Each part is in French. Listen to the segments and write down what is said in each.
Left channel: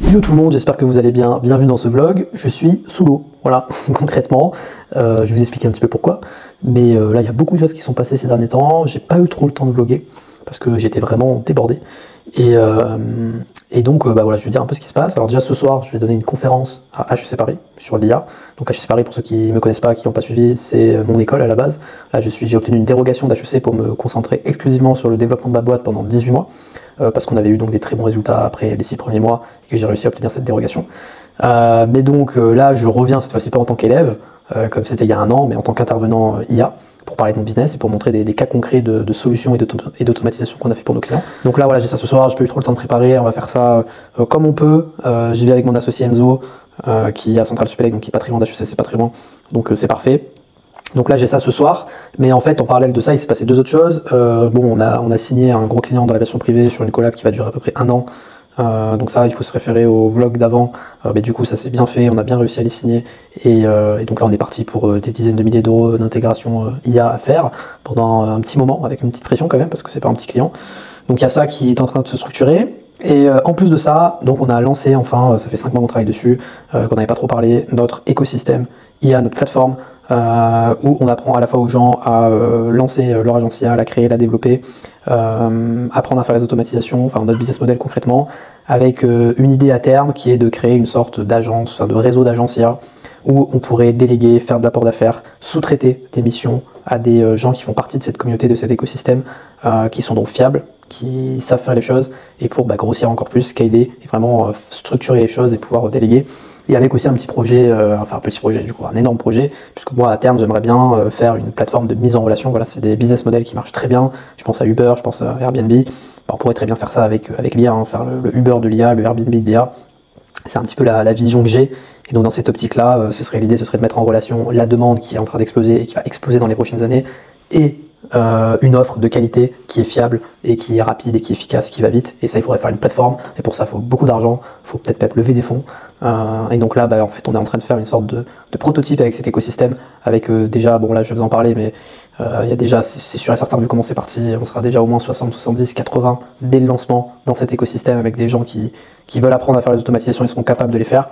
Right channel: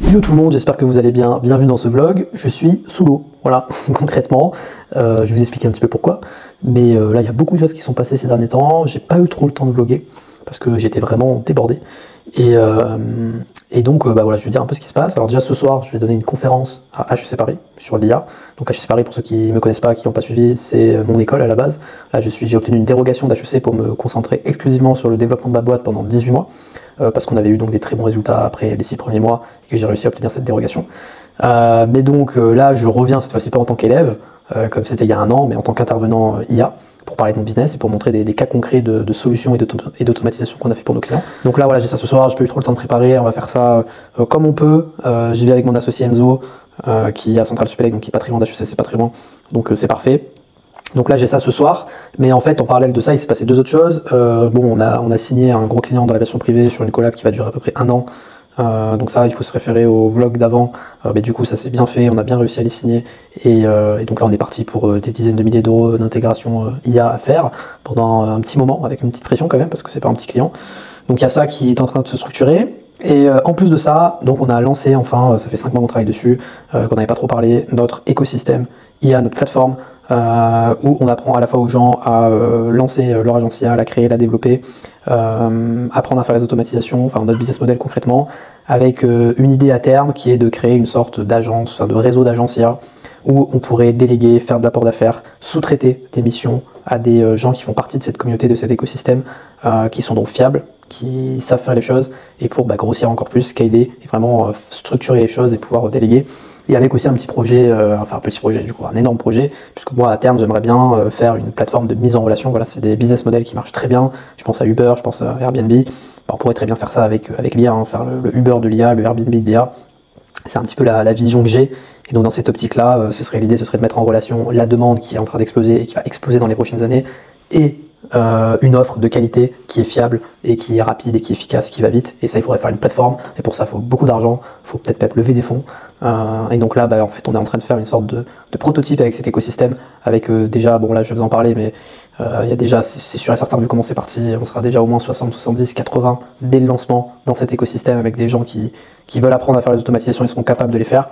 Yo tout le monde, j'espère que vous allez bien, bienvenue dans ce vlog. Je suis sous l'eau, voilà, concrètement. Je vais vous expliquer un petit peu pourquoi. Mais là, il y a beaucoup de choses qui sont passées ces derniers temps. J'ai pas eu trop le temps de vlogger parce que j'étais vraiment débordé. Et donc, voilà, je vais dire un peu ce qui se passe. Alors déjà, ce soir, je vais donner une conférence à HEC Paris sur l'IA. Donc HEC Paris, pour ceux qui ne me connaissent pas, qui n'ont pas suivi, c'est mon école à la base. Là, j'ai obtenu une dérogation d'HEC pour me concentrer exclusivement sur le développement de ma boîte pendant 18 mois. Parce qu'on avait eu donc des très bons résultats après les 6 premiers mois et que j'ai réussi à obtenir cette dérogation. Mais donc là, je reviens cette fois-ci pas en tant qu'élève, comme c'était il y a un an, mais en tant qu'intervenant IA, pour parler de mon business et pour montrer des cas concrets de solutions et d'automatisation qu'on a fait pour nos clients. Donc là, voilà, j'ai ça ce soir, j'ai pas eu trop le temps de préparer, on va faire ça comme on peut. J'y vais avec mon associé Enzo, qui est à Centrale Supélec, donc qui est pas très loin d'HEC, c'est pas très loin, donc c'est parfait. Donc là j'ai ça ce soir, mais en fait en parallèle de ça il s'est passé deux autres choses. On a signé un gros client dans la version privée sur une collab qui va durer à peu près un an. Donc ça il faut se référer au vlog d'avant, mais du coup ça s'est bien fait, on a bien réussi à les signer et donc là on est parti pour des dizaines de milliers d'euros d'intégration IA à faire pendant un petit moment avec une petite pression quand même parce que c'est pas un petit client. Donc il y a ça qui est en train de se structurer. Et en plus de ça, donc on a lancé enfin, ça fait 5 mois qu'on travaille dessus, qu'on n'avait pas trop parlé, notre écosystème IA, notre plateforme, où on apprend à la fois aux gens à lancer leur agence IA, la créer, la développer, apprendre à faire les automatisations, enfin notre business model concrètement, avec une idée à terme qui est de créer une sorte d'agence, de réseau d'agences IA, où on pourrait déléguer, faire de l'apport d'affaires, sous-traiter des missions à des gens qui font partie de cette communauté, de cet écosystème, qui sont donc fiables, qui savent faire les choses, et pour grossir encore plus, scaler, et vraiment structurer les choses et pouvoir déléguer. Et avec aussi un petit projet, enfin un petit projet du coup, un énorme projet, puisque moi à terme j'aimerais bien faire une plateforme de mise en relation. Voilà, c'est des business models qui marchent très bien. Je pense à Uber, je pense à Airbnb. On pourrait très bien faire ça avec l'IA, hein, faire le Uber de l'IA, le Airbnb de l'IA. C'est un petit peu la vision que j'ai. Et donc dans cette optique-là, l'idée ce serait de mettre en relation la demande qui est en train d'exploser et qui va exploser dans les prochaines années, et une offre de qualité qui est fiable et qui est rapide et qui est efficace, qui va vite. Et ça, il faudrait faire une plateforme, et pour ça il faut beaucoup d'argent, il faut peut-être lever des fonds, et donc là en fait on est en train de faire une sorte de prototype avec cet écosystème, avec déjà, bon là je vais vous en parler, mais il y a déjà, c'est sûr et certain, vu comment c'est parti, on sera déjà au moins 60, 70, 80 dès le lancement dans cet écosystème, avec des gens qui veulent apprendre à faire les automatisations et seront capables de les faire.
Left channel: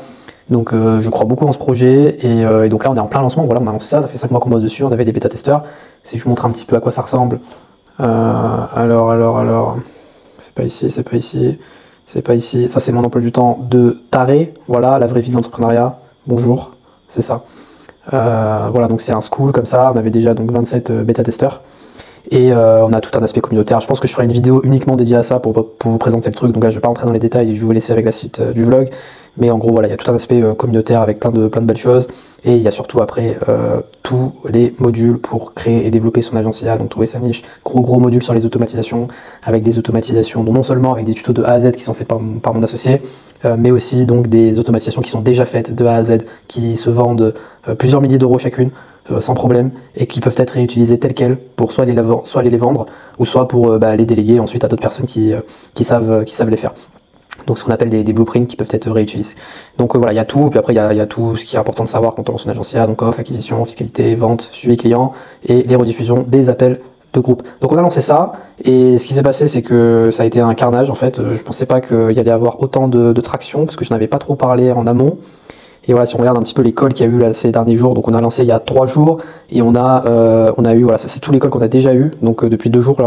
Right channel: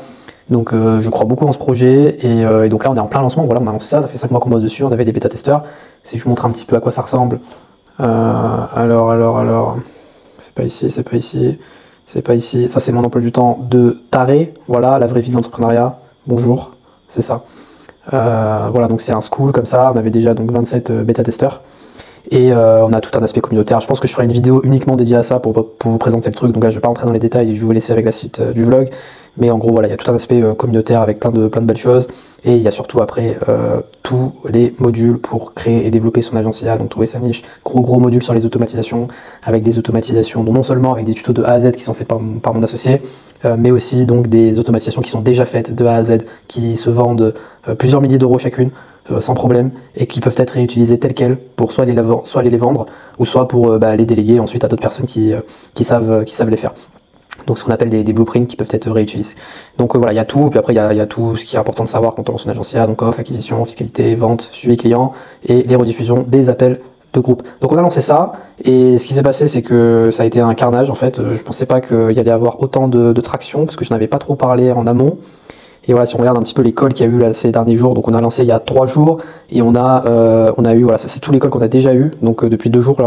Donc je crois beaucoup en ce projet, et donc là on est en plein lancement. Voilà, on a lancé ça fait 5 mois qu'on bosse dessus, on avait des bêta-testeurs. Si je vous montre un petit peu à quoi ça ressemble, alors, c'est pas ici, c'est pas ici, c'est pas ici, ça c'est mon emploi du temps de taré, voilà, la vraie vie de l'entrepreneuriat, bonjour, c'est ça. Voilà, donc c'est un school comme ça, on avait déjà donc 27 bêta-testeurs, et on a tout un aspect communautaire. Je pense que je ferai une vidéo uniquement dédiée à ça pour vous présenter le truc, donc là je vais pas rentrer dans les détails et je vais vous laisser avec la suite du vlog. Mais en gros voilà, il y a tout un aspect communautaire avec plein de belles choses, et il y a surtout après tous les modules pour créer et développer son agence IA, donc trouver sa niche, gros modules sur les automatisations, avec des automatisations, donc non seulement avec des tutos de A à Z qui sont faits par mon associé, mais aussi donc des automatisations qui sont déjà faites de A à Z, qui se vendent plusieurs milliers d'euros chacune, sans problème, et qui peuvent être réutilisées telles quelles pour soit aller les vendre, ou soit pour les déléguer ensuite à d'autres personnes qui savent les faire. Donc ce qu'on appelle des blueprints qui peuvent être réutilisés. Donc voilà, il y a tout, puis après il y a tout ce qui est important de savoir quand on lance une agence IA, donc offre, acquisition, fiscalité, vente, suivi client, et les rediffusions des appels de groupe. Donc on a lancé ça, et ce qui s'est passé c'est que ça a été un carnage en fait. Je pensais pas qu'il y allait avoir autant de traction, parce que je n'avais pas trop parlé en amont. Et voilà, si on regarde un petit peu les calls qu'il y a eu là ces derniers jours, donc on a lancé il y a 3 jours, et on a eu, voilà, ça c'est tous les calls qu'on a déjà eu, donc depuis 2 jours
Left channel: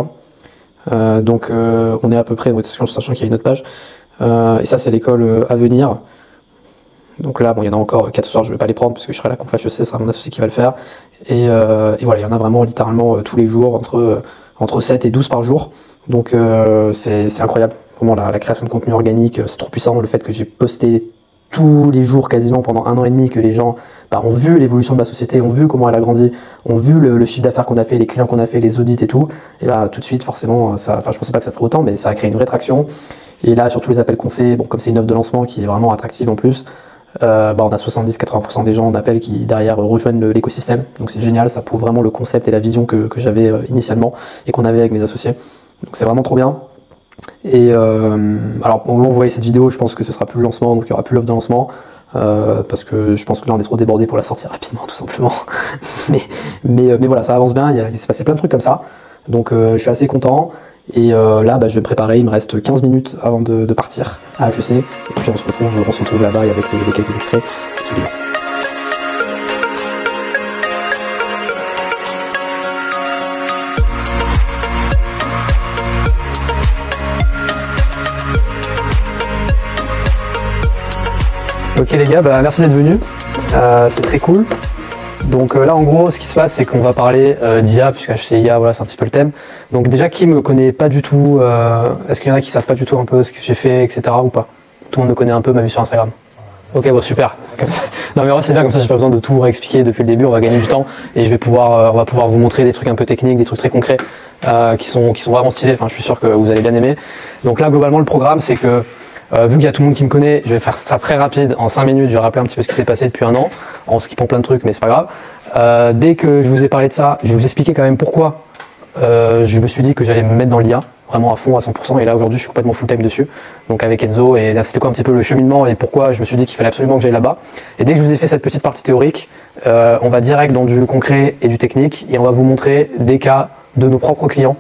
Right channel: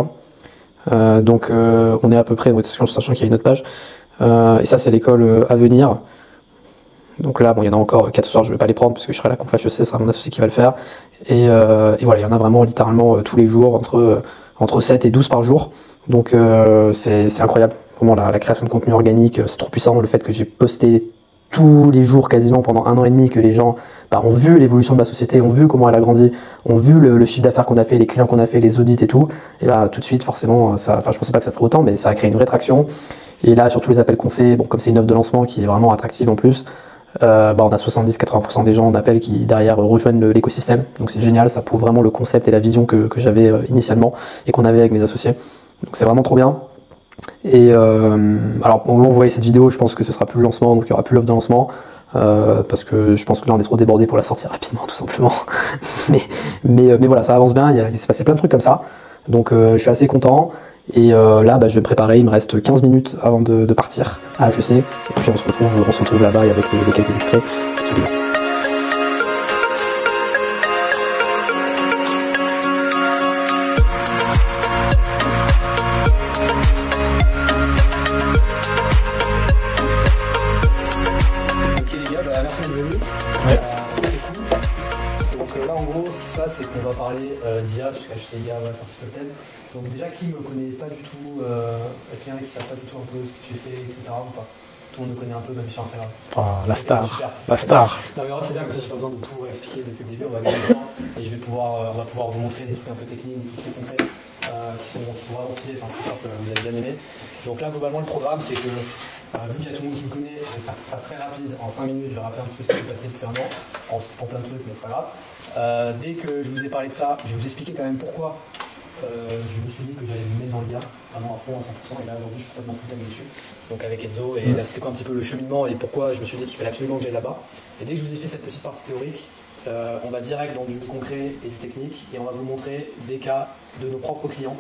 là. Donc on est à peu près, sachant qu'il y a une autre page, et ça c'est l'école à venir. Donc là, bon, il y en a encore 4 soirs, je vais pas les prendre parce que je serai à la conf HEC, ce sera mon associé qui va le faire. Et voilà, il y en a vraiment littéralement tous les jours, entre 7 et 12 par jour. Donc c'est incroyable, vraiment la création de contenu organique, c'est trop puissant. Le fait que j'ai posté tous les jours quasiment pendant 1 an et demi, que les gens ont vu l'évolution de ma société, ont vu comment elle a grandi, ont vu le chiffre d'affaires qu'on a fait, les clients qu'on a fait, les audits et tout, et tout de suite forcément, je pensais pas que ça ferait autant, mais ça a créé une vraie traction. Et là, sur tous les appels qu'on fait, bon, comme c'est une offre de lancement qui est vraiment attractive en plus, on a 70-80% des gens en appel qui derrière rejoignent l'écosystème. Donc c'est génial, ça prouve vraiment le concept et la vision que j'avais initialement et qu'on avait avec mes associés. Donc c'est vraiment trop bien. Et alors au moment où vous voyez cette vidéo, je pense que ce sera plus le lancement, donc il n'y aura plus l'offre de lancement. Parce que je pense que là on est trop débordé pour la sortir rapidement tout simplement. mais voilà, ça avance bien, il s'est passé plein de trucs comme ça. Donc je suis assez content. Et là, je vais me préparer, il me reste 15 minutes avant de partir à HEC. Et puis puis on se retrouve là-bas avec les quelques extraits. Bisous les gars. Ok les gars, bah, merci d'être venus, c'est très cool. Donc là en gros ce qui se passe c'est qu'on va parler d'IA, puisque HCIA voilà, c'est un petit peu le thème. Donc déjà qui me connaît pas du tout, est-ce qu'il y en a qui savent pas du tout un peu ce que j'ai fait, etc. ou pas? Tout le monde me connaît un peu, m'a vu sur Instagram. Ok, bah, super. Non mais c'est bien, comme ça j'ai pas besoin de tout réexpliquer depuis le début, on va gagner du temps et on va pouvoir vous montrer des trucs un peu techniques, des trucs très concrets qui sont vraiment stylés, enfin je suis sûr que vous allez bien aimer. Donc là globalement le programme c'est que vu qu'il y a tout le monde qui me connaît, je vais faire ça très rapide, en 5 minutes, je vais rappeler un petit peu ce qui s'est passé depuis un an, en skippant plein de trucs, mais c'est pas grave. Dès que je vous ai parlé de ça, je vais vous expliquer quand même pourquoi je me suis dit que j'allais me mettre dans l'IA, vraiment à fond, à 100%, et là aujourd'hui je suis complètement full time dessus, donc avec Enzo, et là c'était quoi un petit peu le cheminement et pourquoi je me suis dit qu'il fallait absolument que j'aille là-bas. Et dès que je vous ai fait cette petite partie théorique, on va direct dans du concret et du technique, et on va vous montrer des cas de nos propres clients.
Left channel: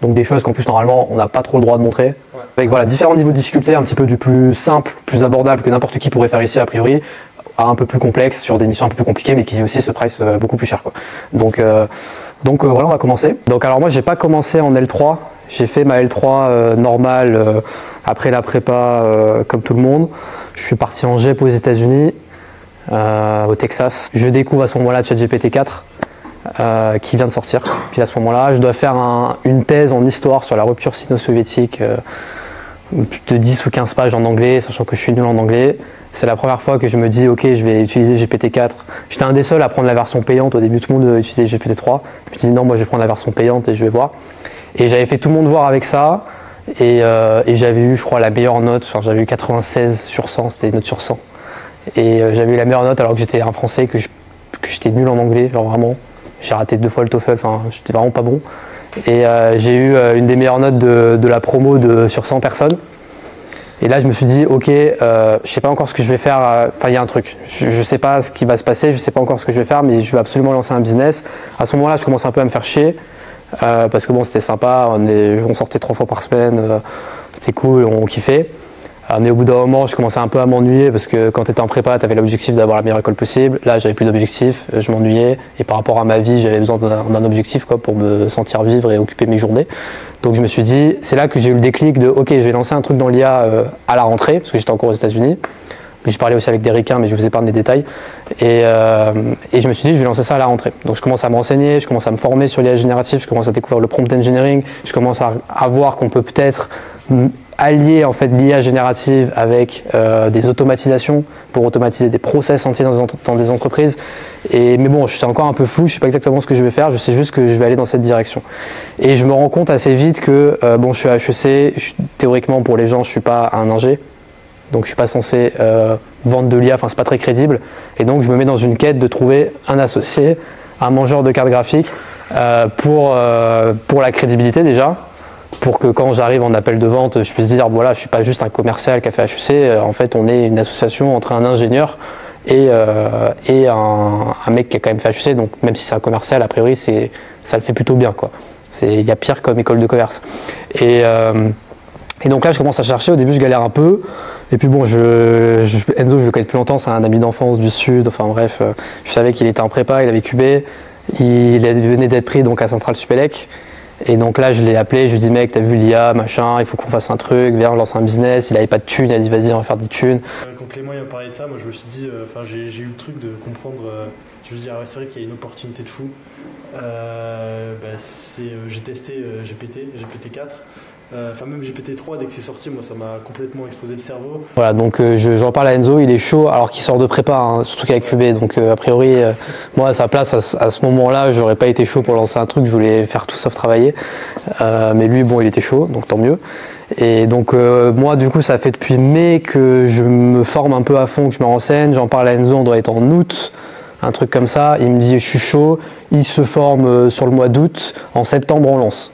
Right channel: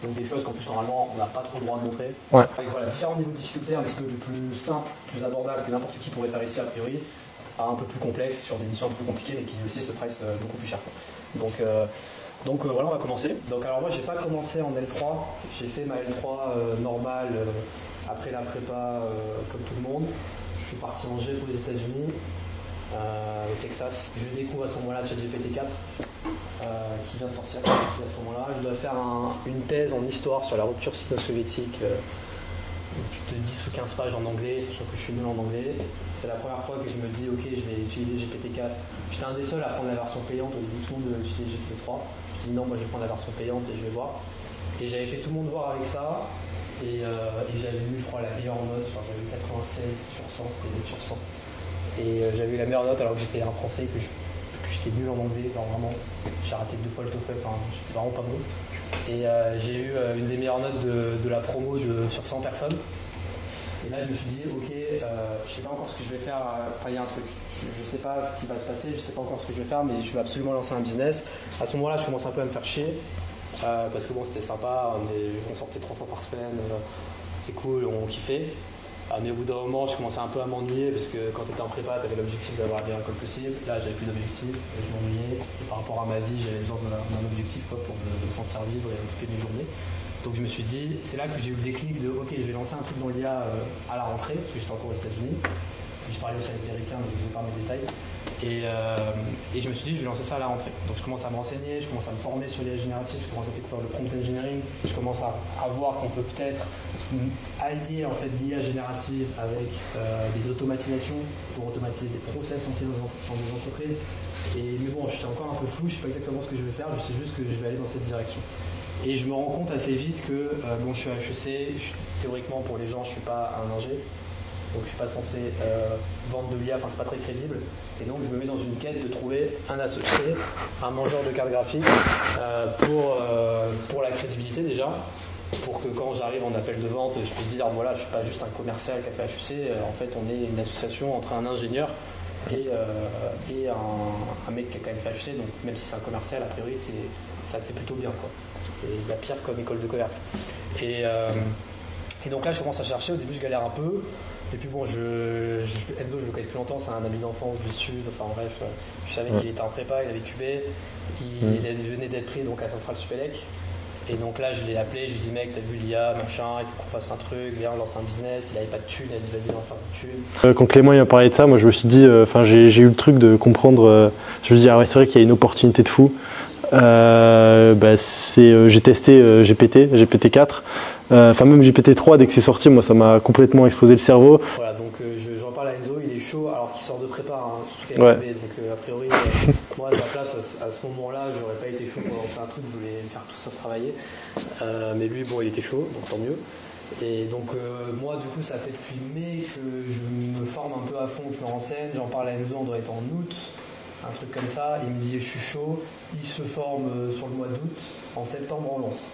Donc des choses qu'en plus normalement on n'a pas trop le droit de montrer. Ouais. Avec voilà, différents niveaux de difficulté, un petit peu du plus simple, plus abordable que n'importe qui pourrait faire ici a priori, à un peu plus complexe sur des missions un peu plus compliquées mais qui aussi se price beaucoup plus cher quoi. Donc voilà, on va commencer. Donc alors moi j'ai pas commencé en L3, j'ai fait ma L3 normale après la prépa comme tout le monde. Je suis parti en GEP aux États-Unis, au Texas. Je découvre à ce moment-là ChatGPT 4. Qui vient de sortir. Puis à ce moment-là, je dois faire une thèse en histoire sur la rupture sino-soviétique de 10 ou 15 pages en anglais, sachant que je suis nul en anglais. C'est la première fois que je me dis, ok, je vais utiliser GPT-4. J'étais un des seuls à prendre la version payante. Au début, tout le monde utilisait GPT-3. Je me suis dit, non, moi, je vais prendre la version payante et je vais voir. Et j'avais fait tout le monde voir avec ça. Et j'avais eu, je crois, la meilleure note. Enfin, j'avais eu 96 sur 100, c'était une note sur 100. Et j'avais eu la meilleure note alors que j'étais un Français, que j'étais nul en anglais, genre vraiment. J'ai raté 2 fois le TOEFL, enfin j'étais vraiment pas bon. Et j'ai eu une des meilleures notes de la promo sur 100 personnes. Et là je me suis dit, ok, je sais pas encore ce que je vais faire, enfin il y a un truc. Je sais pas ce qui va se passer, je sais pas encore ce que je vais faire, mais je vais absolument lancer un business. À ce moment-là je commence un peu à me faire chier, parce que bon c'était sympa, on sortait 3 fois par semaine, c'était cool, on kiffait. Mais au bout d'un moment, je commençais un peu à m'ennuyer parce que quand tu étais en prépa, tu avais l'objectif d'avoir la meilleure école possible. Là, j'avais plus d'objectif, je m'ennuyais. Et par rapport à ma vie, j'avais besoin d'un objectif quoi, pour me sentir vivre et occuper mes journées. Donc je me suis dit, c'est là que j'ai eu le déclic de ok, je vais lancer un truc dans l'IA à la rentrée, parce que j'étais encore aux États-Unis. Puis je parlais aussi avec des ricains, mais je vous épargne les détails. Et je me suis dit, je vais lancer ça à la rentrée. Donc je commence à me renseigner, je commence à me former sur l'IA générative, je commence à découvrir le prompt engineering, je commence à voir qu'on peut peut-être allier en fait l'IA générative avec des automatisations pour automatiser des process entiers dans des entreprises. Mais bon, je suis encore un peu flou, je ne sais pas exactement ce que je vais faire, je sais juste que je vais aller dans cette direction. Et je me rends compte assez vite que bon, je suis à HEC, théoriquement pour les gens, je ne suis pas un ingé. Donc je ne suis pas censé vendre de l'IA, enfin c'est pas très crédible. Et donc je me mets dans une quête de trouver un associé, un mangeur de cartes graphiques pour la crédibilité déjà. Pour que quand j'arrive en appel de vente, je puisse dire voilà, je ne suis pas juste un commercial qui a fait HEC, en fait on est une association entre un ingénieur et un mec qui a quand même fait HEC, donc même si c'est un commercial, a priori ça le fait plutôt bien quoi. Il y a pire comme école de commerce. Et donc là je commence à chercher, au début je galère un peu, et puis bon, Enzo je le connais depuis longtemps, c'est un ami d'enfance du sud, enfin bref, je savais qu'il était en prépa, il avait QB, il venait d'être pris donc à Centrale Supélec. Et donc là, je l'ai appelé, je lui ai dit mec, t'as vu l'IA, machin, il faut qu'on fasse un truc, viens, on lance un business. Il avait pas de thunes, il a dit vas-y, on va faire des thunes. Quand Clément il m'a parlé de ça, moi je me suis dit, j'ai eu le truc de comprendre, je me suis dit ah ouais, c'est vrai qu'il y a une opportunité de fou. J'ai testé GPT-4. Même GPT-3 dès que c'est sorti, moi ça m'a complètement explosé le cerveau. Voilà, donc j'en parle à Enzo, il est chaud alors qu'il sort de prépa, hein, surtout qu'avec QB, donc a priori moi à sa place à ce moment-là j'aurais pas été chaud pour lancer un truc, je voulais faire tout sauf travailler, mais lui bon il était chaud, donc tant mieux. Et donc moi du coup ça fait depuis mai que je me forme un peu à fond, que je me renseigne, j'en parle à Enzo, on doit être en août, un truc comme ça, il me dit je suis chaud, il se forme sur le mois d'août, en septembre on lance.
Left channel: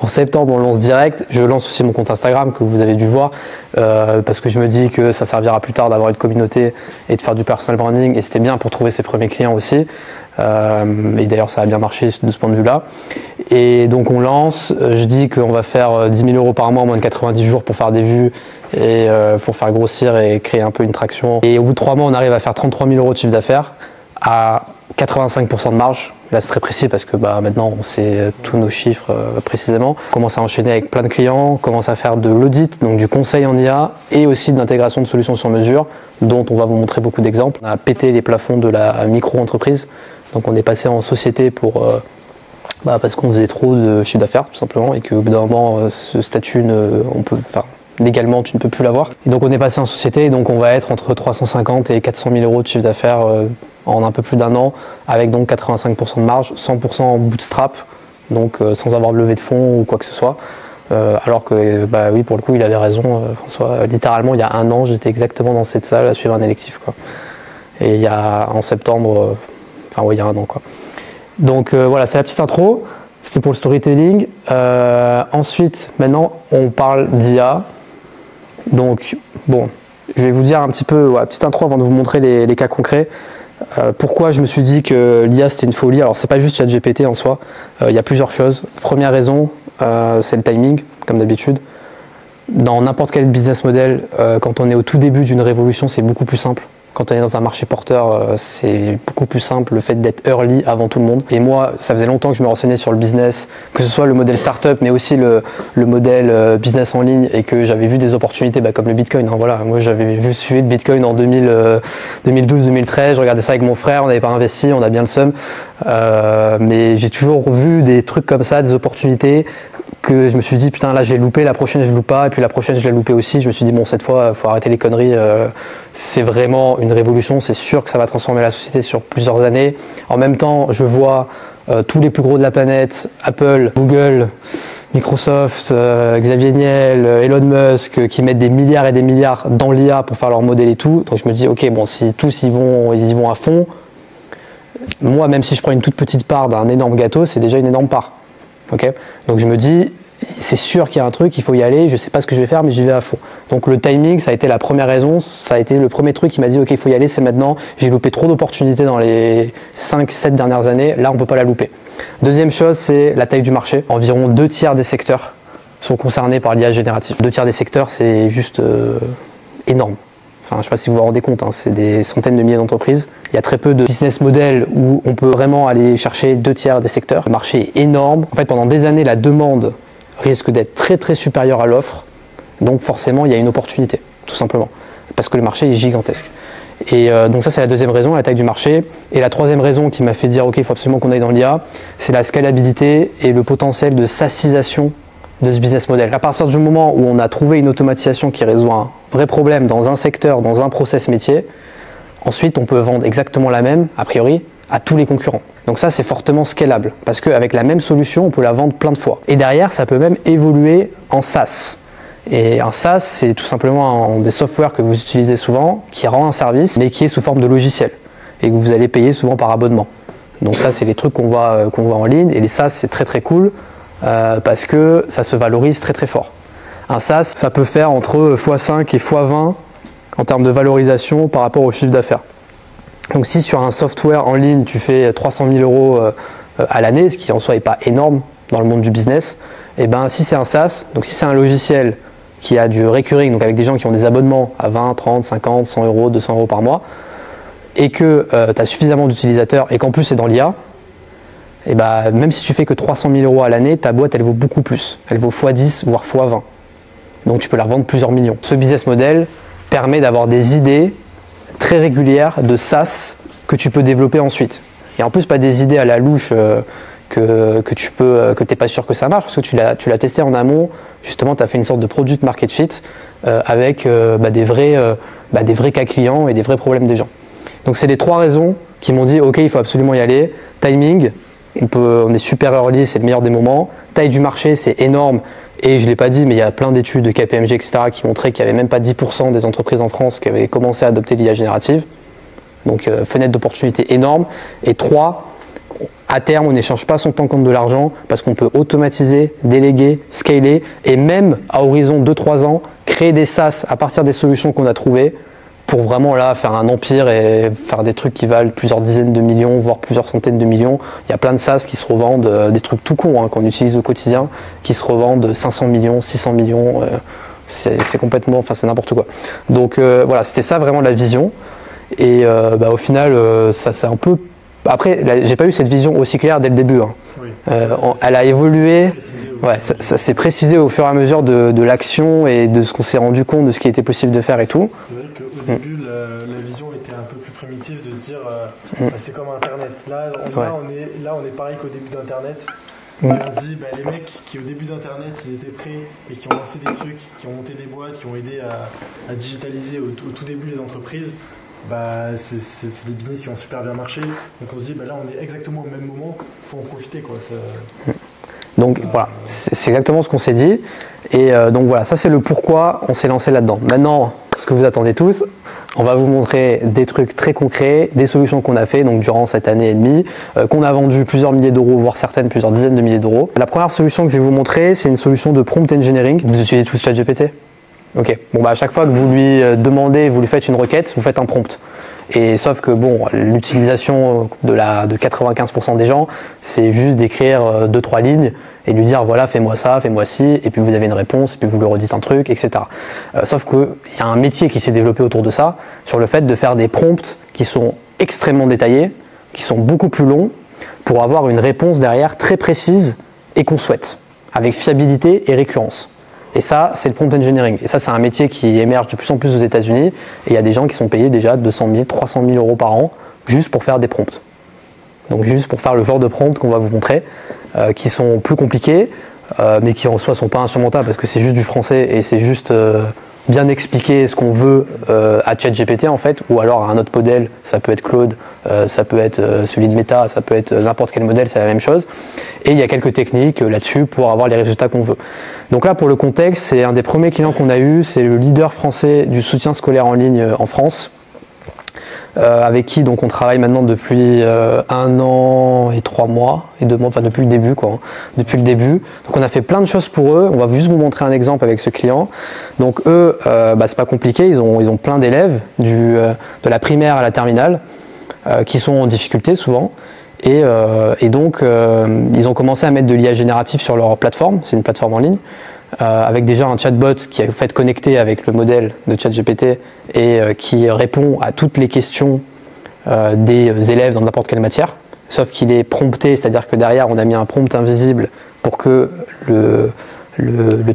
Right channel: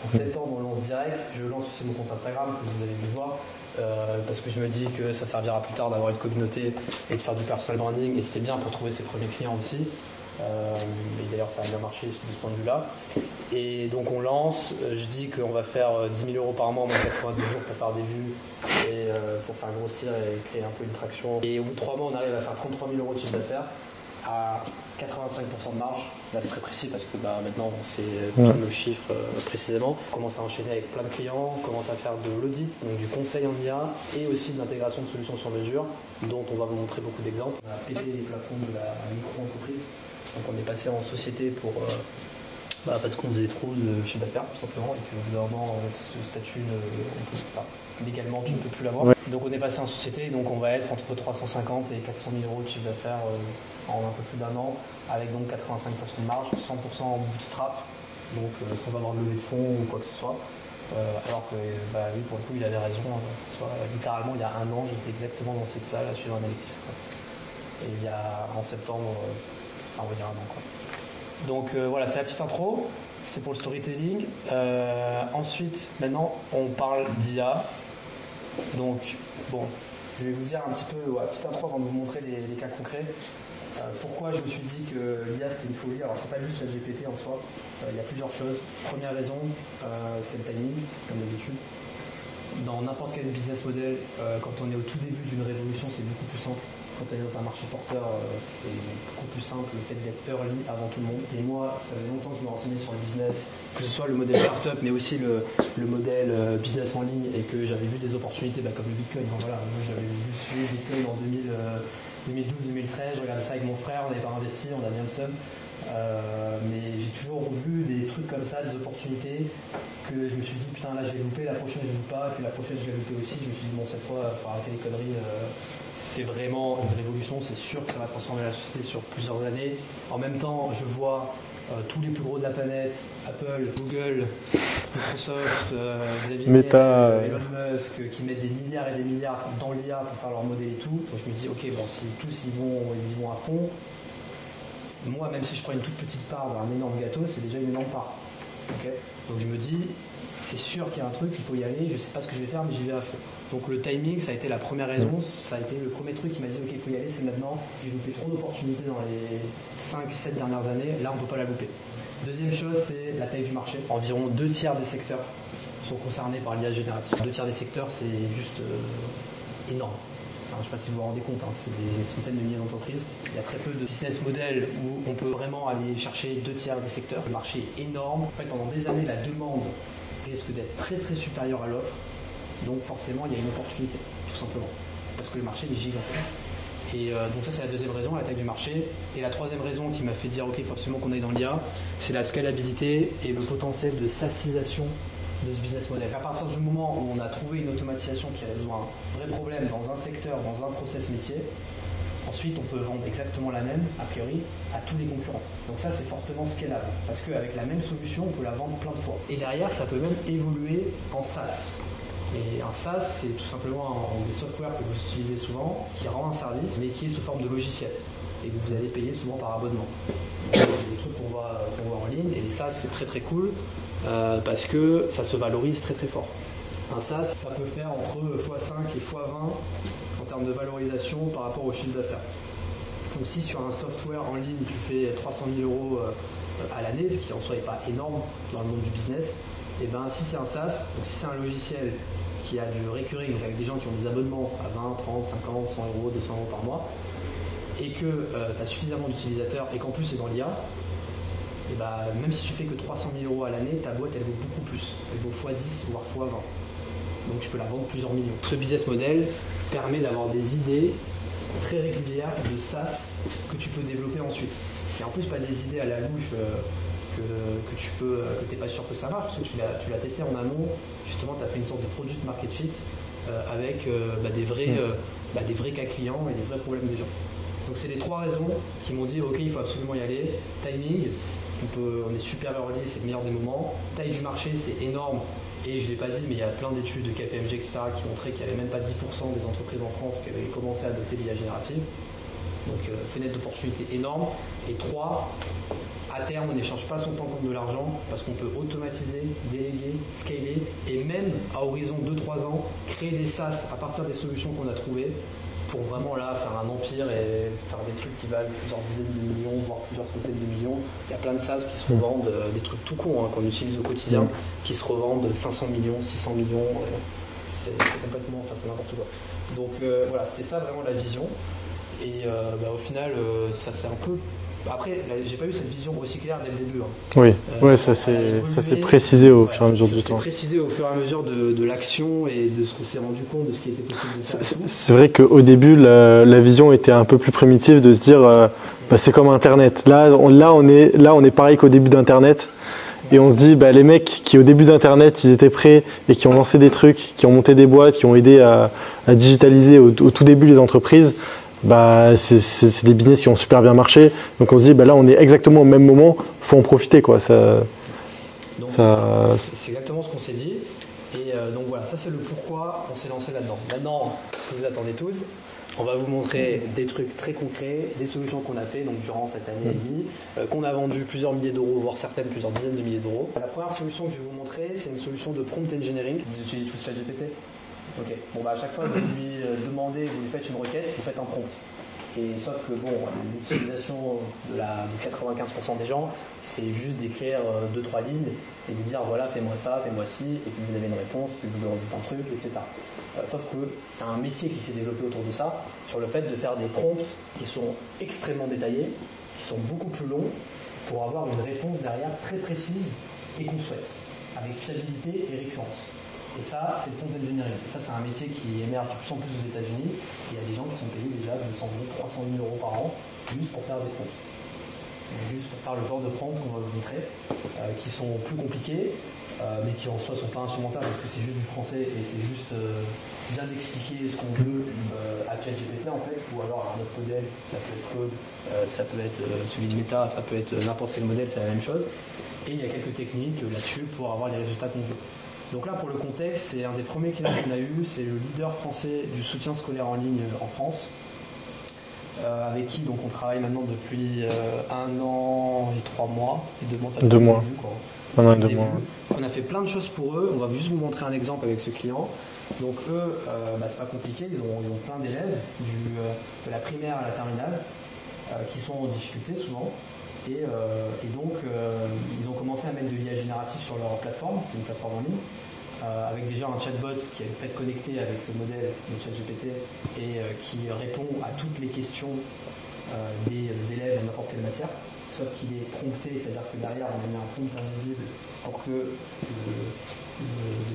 En septembre on lance direct, je lance aussi mon compte Instagram que vous avez dû voir parce que je me dis que ça servira plus tard d'avoir une communauté et de faire du personal branding et c'était bien pour trouver ses premiers clients aussi. Et d'ailleurs ça a bien marché de ce point de vue-là. Et donc on lance, je dis qu'on va faire 10 000 € par mois en moins de 90 jours pour faire des vues et pour faire grossir et créer un peu une traction. Et au bout de 3 mois, on arrive à faire 33 000 € de chiffre d'affaires à 85% de marge. Là c'est très précis parce que maintenant on sait tous nos chiffres précisément. On commence à enchaîner avec plein de clients, on commence à faire de l'audit, donc du conseil en IA et aussi de l'intégration de solutions sur mesure dont on va vous montrer beaucoup d'exemples. On a pété les plafonds de la micro-entreprise, donc on est passé en société pour... parce qu'on faisait trop de chiffre d'affaires tout simplement et qu'au bout d'un moment ce statut légalement tu ne peux plus l'avoir. Donc on est passé en société, donc on va être entre 350 et 400 000 € de chiffre d'affaires en un peu plus d'1 an, avec donc 85% de marge, 100% en bootstrap, donc sans avoir de levée de fonds ou quoi que ce soit. Alors que oui, pour le coup il avait raison François, littéralement il y a 1 an j'étais exactement dans cette salle à suivre un électif quoi. Et il y a en septembre, il y a 1 an quoi. Donc voilà, c'est la petite intro, c'était pour le storytelling. Ensuite, maintenant, on parle d'IA. Donc, bon, je vais vous dire un petit peu, petite intro avant de vous montrer les cas concrets. Pourquoi je me suis dit que l'IA c'était une folie. Alors, c'est pas juste ChatGPT en soi, il y a plusieurs choses. Première raison, c'est le timing, comme d'habitude. Dans n'importe quel business model, quand on est au tout début d'une révolution, c'est beaucoup plus simple. Quand on est dans un marché porteur, c'est beaucoup plus simple, le fait d'être early avant tout le monde. Et moi, ça faisait longtemps que je me renseignais sur le business, que ce soit le modèle startup, mais aussi le modèle business en ligne, et que j'avais vu des opportunités comme le Bitcoin. Voilà. Moi, j'avais suivi le Bitcoin en 2012-2013, je regardais ça avec mon frère, on n'avait pas investi, on a bien le seum. Mais j'ai toujours vu des trucs comme ça, des opportunités, que je me suis dit putain là j'ai loupé, la prochaine je loupe pas, et puis la prochaine je l'ai loupé aussi. Je me suis dit bon, cette fois il faut arrêter les conneries, c'est vraiment une révolution, c'est sûr que ça va transformer la société sur plusieurs années. En même temps je vois tous les plus gros de la planète, Apple, Google, Microsoft, Xavier Niel, Elon Musk, qui mettent des milliards et des milliards dans l'IA pour faire leur modèle et tout. Donc je me dis ok, bon, si tous ils y vont à fond, moi même si je prends une toute petite part d'un énorme gâteau, c'est déjà une énorme part. Okay, donc je me dis, c'est sûr qu'il y a un truc, il faut y aller, je ne sais pas ce que je vais faire, mais j'y vais à fond. Donc le timing, ça a été la première raison, ça a été le premier truc qui m'a dit, ok, il faut y aller, c'est maintenant. J'ai loupé trop d'opportunités dans les 5-7 dernières années, là on ne peut pas la louper. Deuxième chose, c'est la taille du marché. Environ 2/3 des secteurs sont concernés par l'IA générative. 2/3 des secteurs, c'est juste énorme. Enfin, je ne sais pas si vous vous rendez compte, c'est des centaines de milliers d'entreprises. Il y a très peu de business models où on peut vraiment aller chercher 2/3 des secteurs. Le marché est énorme. En fait, pendant des années, la demande risque d'être très très supérieure à l'offre. Donc forcément, il y a une opportunité, tout simplement. Parce que le marché est gigantesque. Et donc ça, c'est la deuxième raison, la taille du marché. Et la troisième raison qui m'a fait dire, ok, il faut absolument qu'on aille dans l'IA, c'est la scalabilité et le potentiel de SaaSisation de ce business model. À partir du moment où on a trouvé une automatisation qui résout un vrai problème dans un secteur, dans un process métier, ensuite on peut vendre exactement la même, a priori, à tous les concurrents. Donc ça, c'est fortement scalable, parce qu'avec la même solution, on peut la vendre plein de fois. Et derrière, ça peut même évoluer en SaaS. Et un SaaS, c'est tout simplement des softwares que vous utilisez souvent, qui rend un service, mais qui est sous forme de logiciel, et que vous allez payer souvent par abonnement. Donc ça, c'est les trucs qu'on voit en ligne, et les SaaS, c'est très très cool, parce que ça se valorise très très fort. Un SaaS, ça peut faire entre x5 et x20 en termes de valorisation par rapport au chiffre d'affaires. Donc si sur un software en ligne, tu fais 300 000 € à l'année, ce qui en soi n'est pas énorme dans le monde du business, et ben si c'est un SaaS, donc si c'est un logiciel qui a du recurring, donc avec des gens qui ont des abonnements à 20, 30, 50, 100 €, 200 € par mois, et que tu as suffisamment d'utilisateurs et qu'en plus c'est dans l'IA, et ben, même si tu fais que 300 000 € à l'année, ta boîte elle vaut beaucoup plus. Elle vaut x10 voire x20. Donc tu peux la revendre plusieurs millions. Ce business model permet d'avoir des idées très régulières de SaaS que tu peux développer ensuite. Et en plus pas des idées à la louche que tu n'es pas sûr que ça marche, parce que tu l'as testé en amont. Justement, tu as fait une sorte de product market fit avec des vrais cas clients et des vrais problèmes des gens. Donc c'est les 3 raisons qui m'ont dit ok, il faut absolument y aller. Timing, on est super early, c'est le meilleur des moments. Taille du marché, c'est énorme. Et je ne l'ai pas dit, mais il y a plein d'études de KPMG, etc., qui montraient qu'il n'y avait même pas 10% des entreprises en France qui avaient commencé à adopter l'IA générative. Donc fenêtre d'opportunité énorme. Et 3, à terme, on n'échange pas son temps contre de l'argent parce qu'on peut automatiser, déléguer, scaler et même à horizon 2-3 ans, créer des SaaS à partir des solutions qu'on a trouvées pour vraiment là faire un empire et faire des trucs qui valent plusieurs dizaines de millions, voire plusieurs centaines de millions. Il y a plein de SaaS qui se revendent, des trucs tout cons qu'on utilise au quotidien, qui se revendent 500 millions, 600 millions, c'est complètement, enfin c'est n'importe quoi. Donc voilà, c'était ça vraiment la vision. Et au final, ça c'est un peu... Après, j'ai pas eu cette vision aussi claire dès le début. Oui. Elle a évolué. Ça s'est précisé au fur et à mesure de l'action et de ce qu'on s'est rendu compte de ce qui était possible de faire et tout. C'est vrai qu'au début, la vision était un peu plus primitive de se dire c'est comme Internet. Là, on est pareil qu'au début d'Internet. Et on se dit, les mecs qui au début d'Internet, ils étaient prêts et qui ont lancé des trucs, qui ont monté des boîtes, qui ont aidé à digitaliser au tout début les entreprises, c'est des business qui ont super bien marché. Donc on se dit, là on est exactement au même moment, il faut en profiter, quoi. Donc voilà, c'est exactement ce qu'on s'est dit. Et donc voilà, ça c'est le pourquoi on s'est lancé là-dedans. Maintenant, ce que vous attendez tous, on va vous montrer des trucs très concrets, des solutions qu'on a fait donc durant cette année et demie, qu'on a vendu plusieurs milliers d'euros, voire certaines plusieurs dizaines de milliers d'euros. La première solution que je vais vous montrer, c'est une solution de prompt engineering. Vous utilisez tous ChatGPT ? Ok, à chaque fois que vous lui demandez, vous lui faites une requête, vous faites un prompt. Et sauf que l'utilisation de 95% des gens, c'est juste d'écrire 2-3 lignes et lui dire voilà, fais-moi ça, fais-moi ci, et puis vous avez une réponse, et puis vous lui redites un truc, etc. Sauf qu'il y a un métier qui s'est développé autour de ça, sur le fait de faire des prompts qui sont extrêmement détaillés, qui sont beaucoup plus longs, pour avoir une réponse derrière très précise et qu'on souhaite, avec fiabilité et récurrence. Et ça, c'est le prompt engineering. Et ça, c'est un métier qui émerge de plus en plus aux États-Unis. Et il y a des gens qui sont payés déjà 200 000, 300 000 euros par an juste pour faire des prompts. Donc juste pour faire le genre de prompt qu'on va vous montrer, qui sont plus compliqués, mais qui en soi sont pas insurmontables parce que c'est juste du français et c'est juste bien expliquer ce qu'on veut à ChatGPT en fait, ou alors à un autre modèle. Ça peut être Claude, ça peut être celui de Meta, ça peut être n'importe quel modèle, c'est la même chose. Et il y a quelques techniques là-dessus pour avoir les résultats qu'on veut. Donc là, pour le contexte, c'est un des premiers clients qu'on a eu, c'est le leader français du soutien scolaire en ligne en France, avec qui donc on travaille maintenant depuis 1 an et 3 mois, et 2 mois, enfin depuis le début quoi. Depuis le début. Donc on a fait plein de choses pour eux, on va juste vous montrer un exemple avec ce client. Donc eux, c'est pas compliqué, ils ont plein d'élèves, de la primaire à la terminale, qui sont en difficulté souvent. Et donc, ils ont commencé à mettre de l'IA générative sur leur plateforme, c'est une plateforme en ligne, avec déjà un chatbot qui est fait connecté avec le modèle de ChatGPT et qui répond à toutes les questions des élèves dans n'importe quelle matière, sauf qu'il est prompté, c'est-à-dire que derrière on a mis un prompt invisible pour que le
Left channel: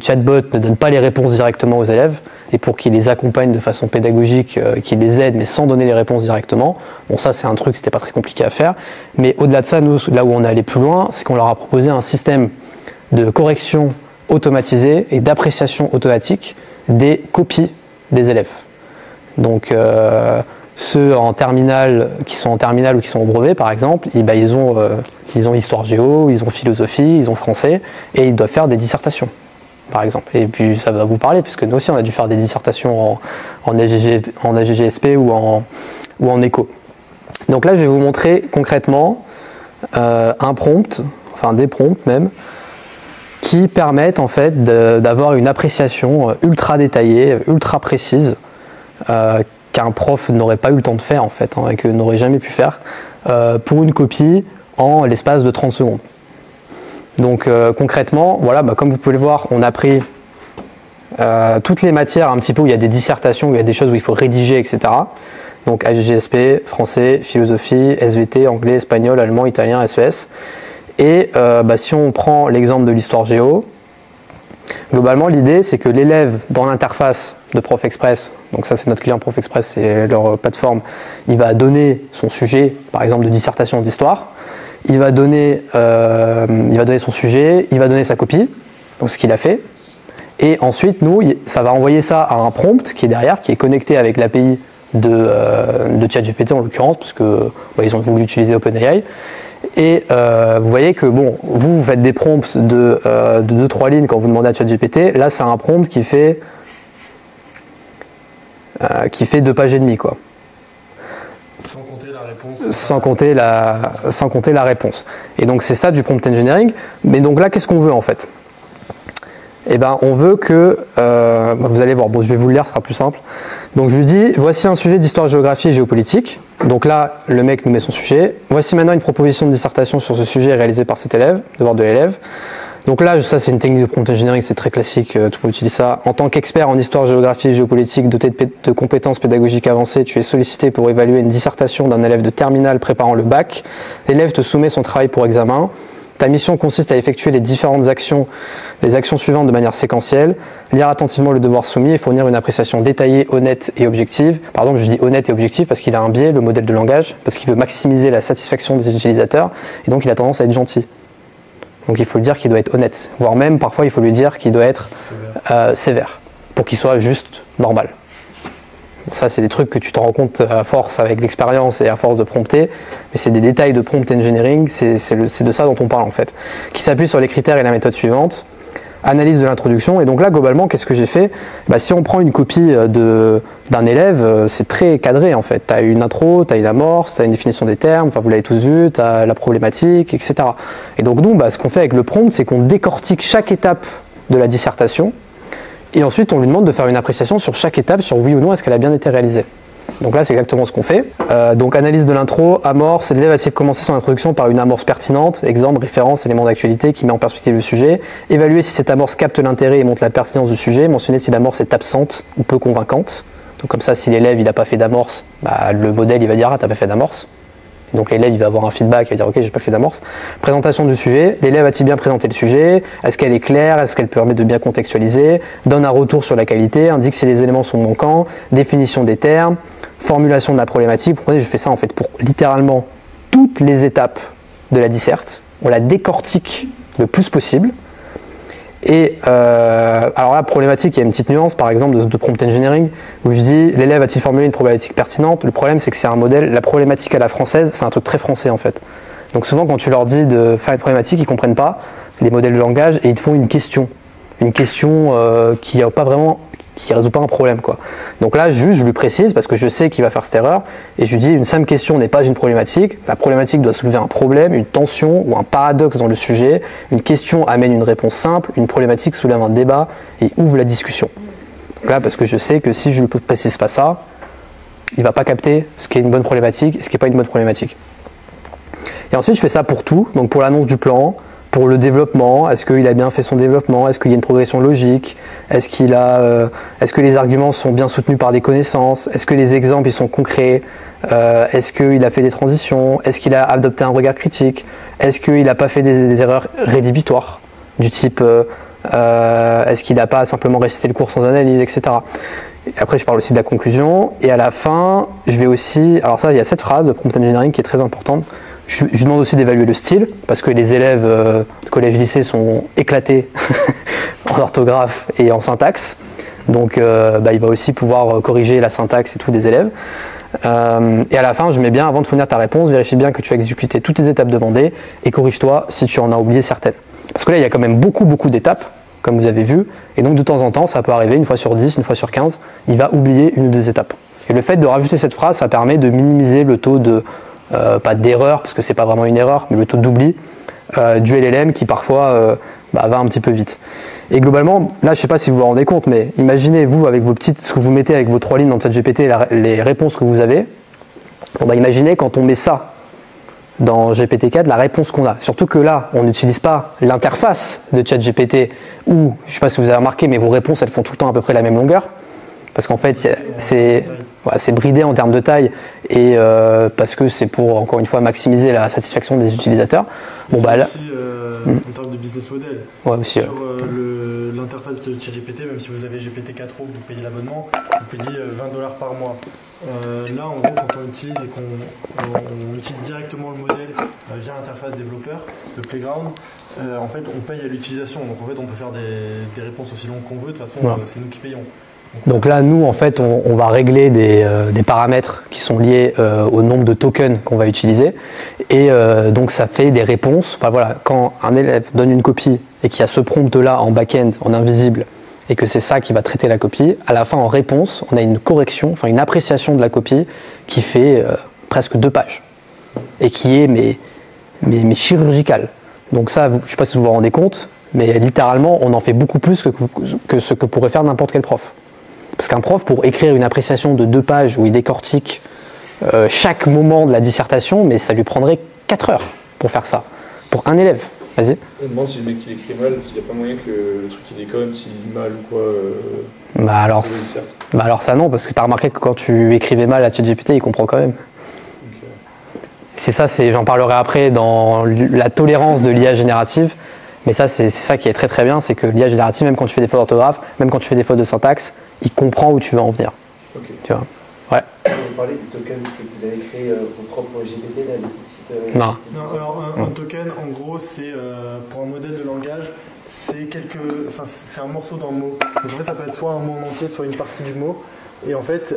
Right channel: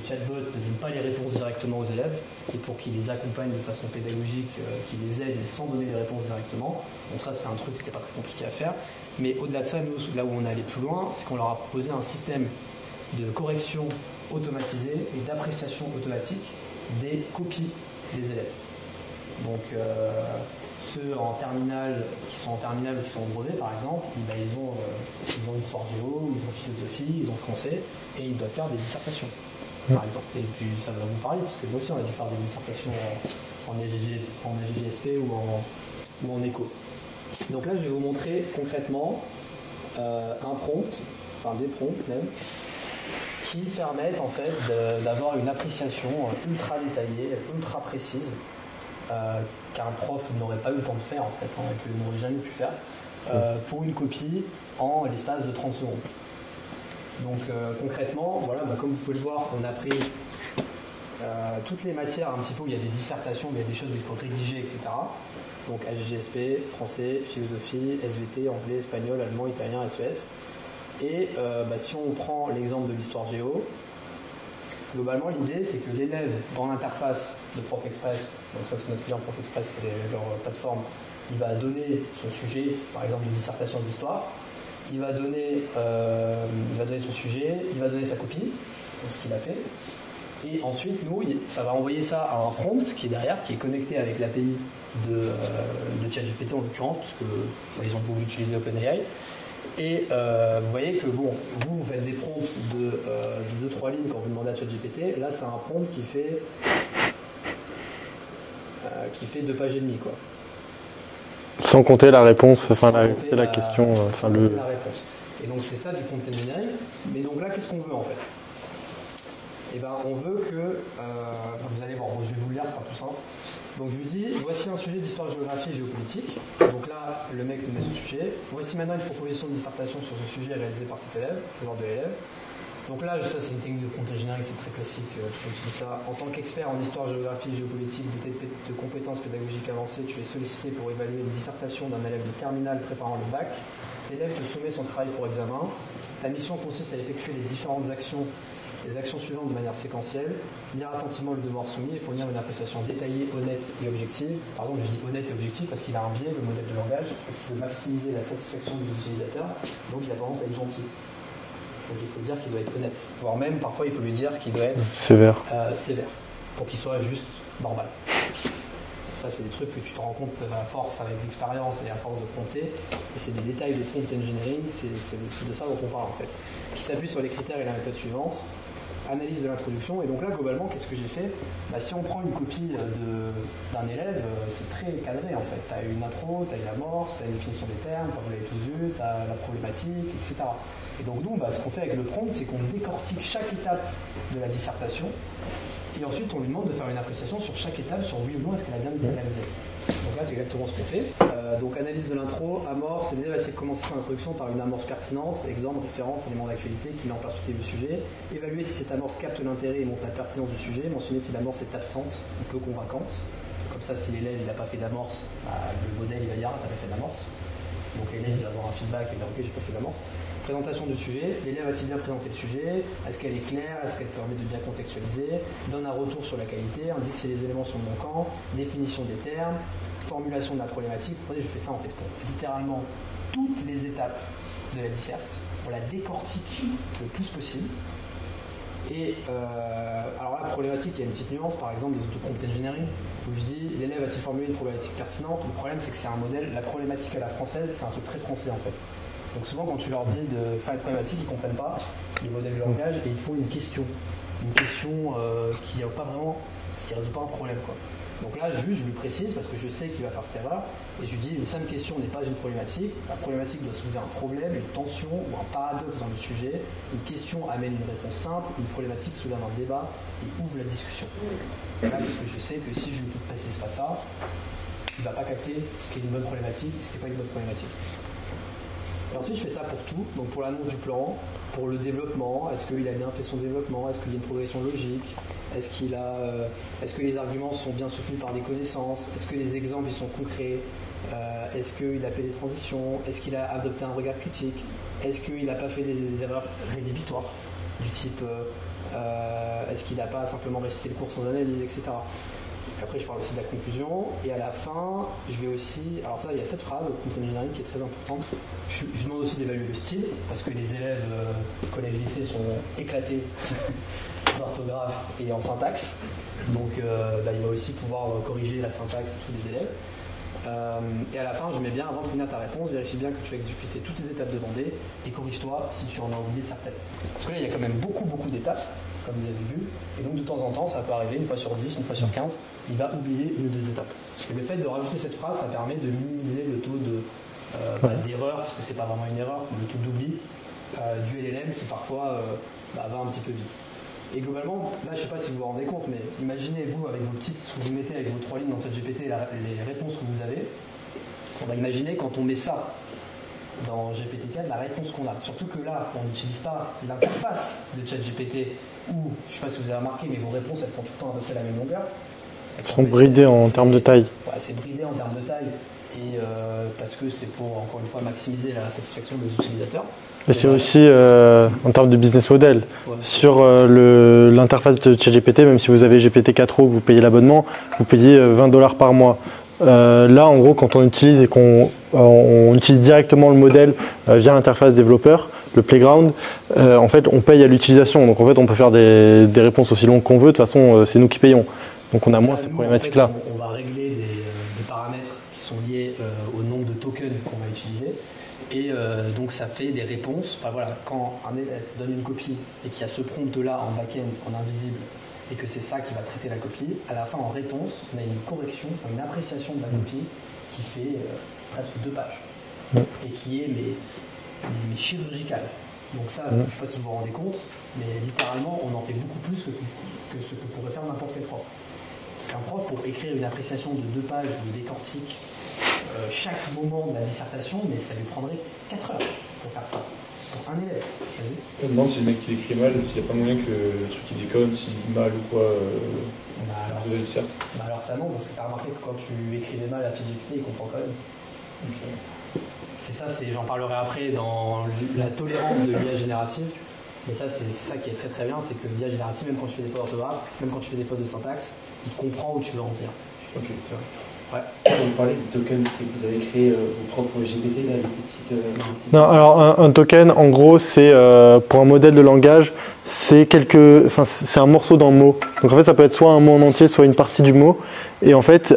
chatbot ne donne pas les réponses directement aux élèves et pour qu'il les accompagne de façon pédagogique, qu'il les aide mais sans donner les réponses directement. Bon, ça c'est un truc, c'était pas très compliqué à faire, mais au-delà de ça, nous, là où on est allé plus loin, c'est qu'on leur a proposé un système de correction automatisée et d'appréciation automatique des copies des élèves. Donc ceux en terminale, qui sont en terminale ou qui sont au brevet par exemple, ils ont histoire géo, ils ont philosophie, ils ont français et ils doivent faire des dissertations par exemple. Et puis ça va vous parler puisque nous aussi on a dû faire des dissertations en AGGSP ou en éco. Donc là je vais vous montrer concrètement un prompt, enfin des prompts même, qui permettent en fait d'avoir une appréciation ultra détaillée, ultra précise, qu'un prof n'aurait pas eu le temps de faire en fait, et que n'aurait jamais pu faire, pour une copie en l'espace de 30 secondes. Donc concrètement, voilà, comme vous pouvez le voir, on a pris toutes les matières un petit peu où il y a des dissertations, où il y a des choses où il faut rédiger, etc. Donc AGGSP, français, philosophie, SVT, anglais, espagnol, allemand, italien, SES. Et si on prend l'exemple de l'histoire géo, globalement l'idée c'est que l'élève dans l'interface de ProfExpress, donc ça c'est notre client ProfExpress, c'est leur plateforme, il va donner son sujet, par exemple de dissertation d'histoire, il va donner son sujet, il va donner sa copie, donc ce qu'il a fait, et ensuite nous, ça va envoyer ça à un prompt qui est derrière, qui est connecté avec l'API de ChatGPT en l'occurrence, parce que ils ont voulu utiliser OpenAI. Et vous voyez que vous faites des prompts de 2-3 lignes quand vous demandez à ChatGPT. Là, c'est un prompt qui fait 2 pages et demie, quoi. Sans compter la réponse. Sans compter la réponse. Et donc c'est ça du prompt engineering. Mais donc là, qu'est-ce qu'on veut en fait? eh ben, on veut que, vous allez voir, bon, je vais vous le lire, ce sera plus simple. Donc je lui dis, voici un sujet d'histoire, géographie et géopolitique. Donc là, le mec nous met son sujet. Voici maintenant une proposition de dissertation sur ce sujet réalisée par cet élève, devoir de l'élève. Donc là, ça c'est une technique de prompt engineering, c'est très classique, tout le monde utilise ça. En tant qu'expert en histoire, géographie et géopolitique, doté de compétences pédagogiques avancées, tu es sollicité pour évaluer une dissertation d'un élève de terminale préparant le bac. L'élève te soumet son travail pour examen. Ta mission consiste à effectuer les différentes actions, les actions suivantes de manière séquentielle, lire attentivement le devoir soumis et fournir une appréciation détaillée, honnête et objective. Pardon, je dis honnête et objective parce qu'il a un biais, le modèle de langage, parce qu'il veut maximiser la satisfaction des utilisateurs et donc il a tendance à être gentil. Donc il faut lui dire qu'il doit être honnête, voire même parfois il faut lui dire qu'il doit être sévère pour qu'il soit juste normal. Ça, c'est des trucs que tu te rends compte à force avec l'expérience et à force de prompter, mais c'est des détails de prompt engineering, c'est de ça dont on parle en fait, qui s'appuie sur les critères et la méthode suivante. Analyse de l'introduction, et donc là globalement qu'est-ce que j'ai fait? Si on prend une copie d'un élève, c'est très cadré en fait. Tu as une intro, tu as une amorce, tu as une définition des termes, enfin vous l'avez tous vu, tu as la problématique, etc. Et donc nous, ce qu'on fait avec le prompt, c'est qu'on décortique chaque étape de la dissertation, et ensuite on lui demande de faire une appréciation sur chaque étape, sur oui ou non est-ce qu'elle a bien été réalisée. Donc là c'est exactement ce qu'on fait. Donc analyse de l'intro, amorce, l'élève va essayer de commencer son introduction par une amorce pertinente, exemple, référence, élément d'actualité qui met en perspective le sujet, évaluer si cette amorce capte l'intérêt et montre la pertinence du sujet, mentionner si l'amorce est absente ou peu convaincante. Donc comme ça si l'élève il n'a pas fait d'amorce, le modèle il va dire ah t'as pas fait d'amorce. Donc l'élève il va avoir un feedback, il va dire ok j'ai pas fait d'amorce. Présentation du sujet, l'élève a-t-il bien présenté le sujet? Est-ce qu'elle est claire? Est-ce qu'elle permet de bien contextualiser? Donne un retour sur la qualité, indique si les éléments sont manquants, définition des termes, formulation de la problématique. Vous comprenez, je fais ça en fait pour littéralement toutes les étapes de la disserte. On la décortique le plus possible. Et alors là, problématique, il y a une petite nuance par exemple de prompt engineering où je dis l'élève a-t-il formulé une problématique pertinente? Le problème c'est que c'est un modèle, la problématique à la française, c'est un truc très français en fait. Donc souvent quand tu leur dis de faire une problématique, ils ne comprennent pas les modèles de langage et ils te font une question qui a pas vraiment, qui résout pas un problème quoi. Donc là juste je lui précise parce que je sais qu'il va faire cette erreur et je lui dis une simple question n'est pas une problématique, la problématique doit soulever un problème, une tension ou un paradoxe dans le sujet, une question amène une réponse simple, une problématique soulève un débat et ouvre la discussion. Donc là parce que je sais que si je ne lui précise pas ça, il va pas capter ce qui est une bonne problématique et ce qui n'est pas une bonne problématique. Et ensuite je fais ça pour tout, donc pour l'annonce du plan, pour le développement, est-ce qu'il a bien fait son développement? Est-ce qu'il y a une progression logique? Est-ce que les arguments sont bien soutenus par des connaissances? Est-ce que les exemples ils sont concrets? Est-ce qu'il a fait des transitions? Est-ce qu'il a adopté un regard critique? Est-ce qu'il n'a pas fait des erreurs rédhibitoires? Du type, est-ce qu'il n'a pas simplement récité le cours sans analyse, etc. Et après, je parle aussi de la conclusion. Et à la fin, je vais aussi... Alors ça, il y a cette phrase de prompt engineering qui est très importante. Je demande aussi d'évaluer le style, parce que les élèves de collège-lycée sont éclatés en orthographe et en syntaxe. Donc il va aussi pouvoir corriger la syntaxe et tout des élèves. Et à la fin, je mets bien, avant de fournir ta réponse, vérifie bien que tu as exécuté toutes les étapes demandées et corrige-toi si tu en as oublié certaines. Parce que là, il y a quand même beaucoup d'étapes, comme vous avez vu. Et donc de temps en temps, ça peut arriver, une fois sur 10, une fois sur 15, il va oublier une ou deux étapes. Et le fait de rajouter cette phrase, ça permet de minimiser le taux de... pas d'erreur, parce que c'est pas vraiment une erreur, mais le taux d'oubli du LLM qui parfois va un petit peu vite. Et globalement, là je sais pas si vous vous rendez compte, mais imaginez vous avec vos petites, ce que vous mettez avec vos 3 lignes dans ChatGPT, les réponses que vous avez. Bon, imaginez quand on met ça dans GPT-4, la réponse qu'on a. Surtout que là, on n'utilise pas l'interface de ChatGPT où, je sais pas si vous avez remarqué, mais vos réponses elles font tout le temps à peu près la même longueur. Parce qu'en fait, c'est bridé en termes de taille et parce que c'est pour, encore une fois, maximiser la satisfaction des utilisateurs. Et aussi en termes de business model. Sur l'interface de ChatGPT, même si vous avez GPT-4o, vous payez l'abonnement, vous payez $20 par mois. Là, en gros, quand on utilise et qu'on utilise directement le modèle via l'interface développeur, le Playground, en fait, on paye à l'utilisation. Donc, en fait, on peut faire des réponses aussi longues qu'on veut. De toute façon, c'est nous qui payons. Donc là, nous, en fait, on va régler des paramètres qui sont liés au nombre de tokens qu'on va utiliser. Et donc, ça fait des réponses. Enfin, voilà, quand un élève donne une copie et qu'il y a ce prompt-là en back-end, en invisible, et que c'est ça qui va traiter la copie, à la fin, en réponse, on a une correction, enfin une appréciation de la copie qui fait presque 2 pages. Et qui est mais chirurgicale. Donc ça, je ne sais pas si vous vous rendez compte, mais littéralement, on en fait beaucoup plus que ce que pourrait faire n'importe quel prof. Parce qu'un prof, pour écrire une appréciation de 2 pages où il décortique chaque moment de la dissertation, mais ça lui prendrait 4 heures pour faire ça, pour un élève. Vas-y. On me demande si le mec il écrit mal, s'il n'y a pas moyen que le truc il déconne, s'il lit mal ou quoi. Alors ça non, parce que tu as remarqué que quand tu écrivais mal à ChatGPT, il comprend quand même. Okay. C'est ça, j'en parlerai après dans la tolérance de l'IA générative, mais ça c'est ça qui est très très bien, c'est que l'IA générative, même quand tu fais des fautes d'orthographe, même quand tu fais des fautes de syntaxe, il comprend où tu veux en venir. Okay. Tu vois. Ouais. Vous parlez du token, c'est que vous avez créé vos propres GPT, là, les petites. Non, alors un token, en gros, c'est pour un modèle de langage, c'est un morceau d'un mot. Donc en fait, ça peut être soit un mot en entier, soit une partie du mot. Et en fait,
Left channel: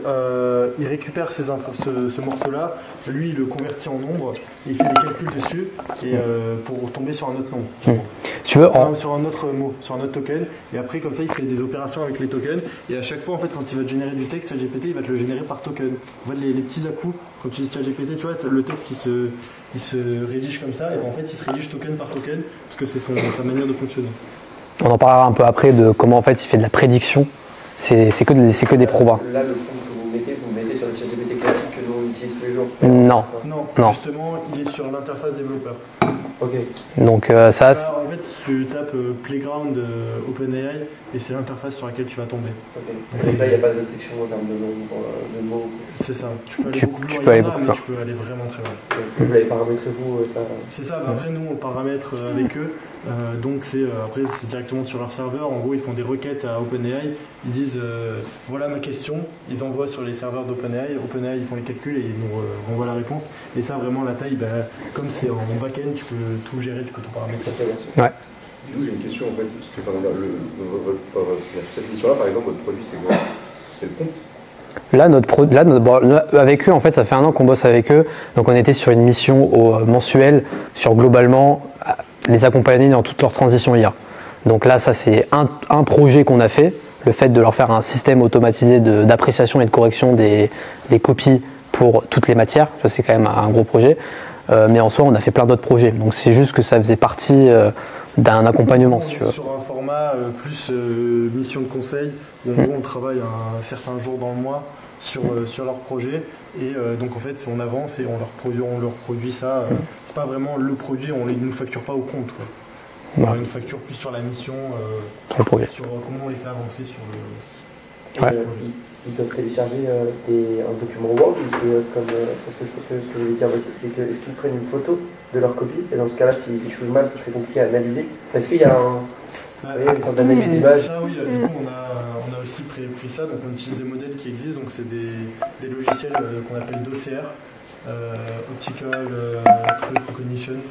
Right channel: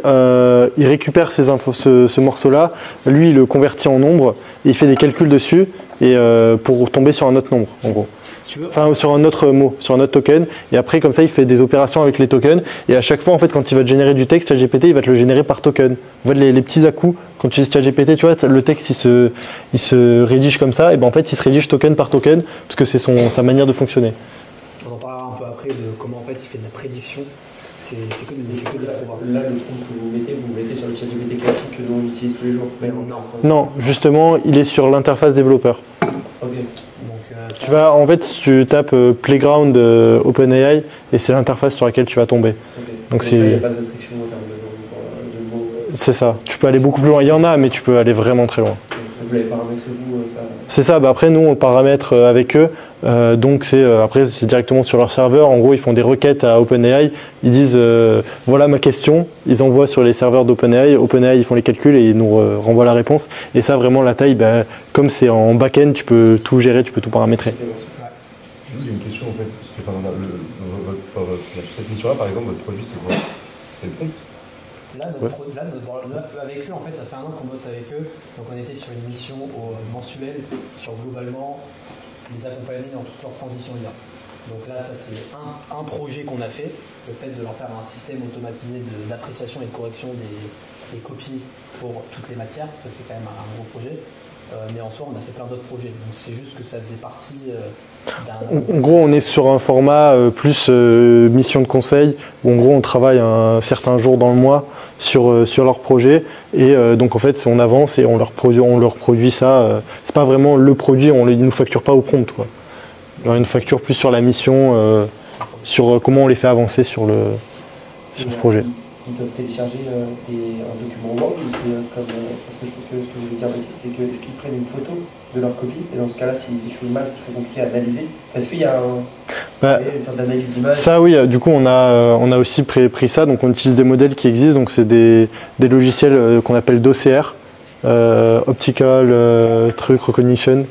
il récupère ces infos, ce morceau-là, lui, il le convertit en nombre, il fait des calculs dessus et pour tomber sur un autre nombre, en gros. Si tu veux, sur un autre mot, sur un autre token, et après comme ça il fait des opérations avec les tokens, et à chaque fois en fait quand il va te générer du texte, ChatGPT il va te le générer par token. En fait les petits à-coups, quand tu utilises ChatGPT, tu vois, le texte il se rédige comme ça, et ben en fait il se rédige token par token, parce que c'est sa manière de fonctionner. On en parlera un peu après de comment en fait il fait de la prédiction, c'est que des probas. Là le prompt que vous mettez sur le ChatGPT classique que nous on utilise tous les jours. Non, justement il est sur l'interface développeur. Okay. Donc en fait tu tapes Playground OpenAI et c'est l'interface sur laquelle tu vas tomber. Okay. Donc là il n'y a pas de restriction en termes de mots. C'est ça, tu peux aller beaucoup plus loin, il y en a mais tu peux aller vraiment très loin. Vous l'avez paramétré vous ça? C'est ça, après nous on le paramètre avec eux, donc après c'est directement sur leur serveur, en gros ils font des requêtes à OpenAI, ils disent voilà ma question, ils envoient sur les serveurs d'OpenAI, OpenAI ils font les calculs et ils nous renvoient la réponse, et ça vraiment la taille, comme c'est en back-end, tu peux tout gérer, tu peux tout paramétrer. Ouais. J'ai une question en fait, cette mission-là par exemple, votre produit c'est quoi? C'est le prompt? Avec eux, en fait, ça fait 1 an qu'on bosse avec eux. Donc, on était sur une mission mensuelle sur globalement les accompagner dans toute leur transition IA. Donc là, ça c'est un projet qu'on a fait, le fait de leur faire un système automatisé d'appréciation et de correction des copies pour toutes les matières. Ça c'est quand même un gros projet. Mais en soi, on a fait plein d'autres projets. Donc c'est juste que ça faisait partie d'un accompagnement. En gros, on est sur un format plus mission de conseil, où en gros on travaille un certain jour dans le mois sur leur projet, et donc en fait on avance et on leur produit ça. C'est pas vraiment le produit, ils ne nous facturent pas au compte, quoi. On nous facture plus sur la mission, sur comment on les fait avancer sur ce projet. Ils peuvent télécharger un document Word, ou parce que je trouve que ce que je voulais dire aussi, c'est que est-ce qu'ils prennent une photo de leur copie, et dans ce cas-là, s'ils écrivent mal, c'est très compliqué à analyser. Est-ce qu'il y a une sorte d'analyse d'image? Ça oui, du coup on a aussi pris ça, donc on utilise des modèles qui existent, donc c'est des logiciels qu'on appelle d'OCR, Optical Recognition,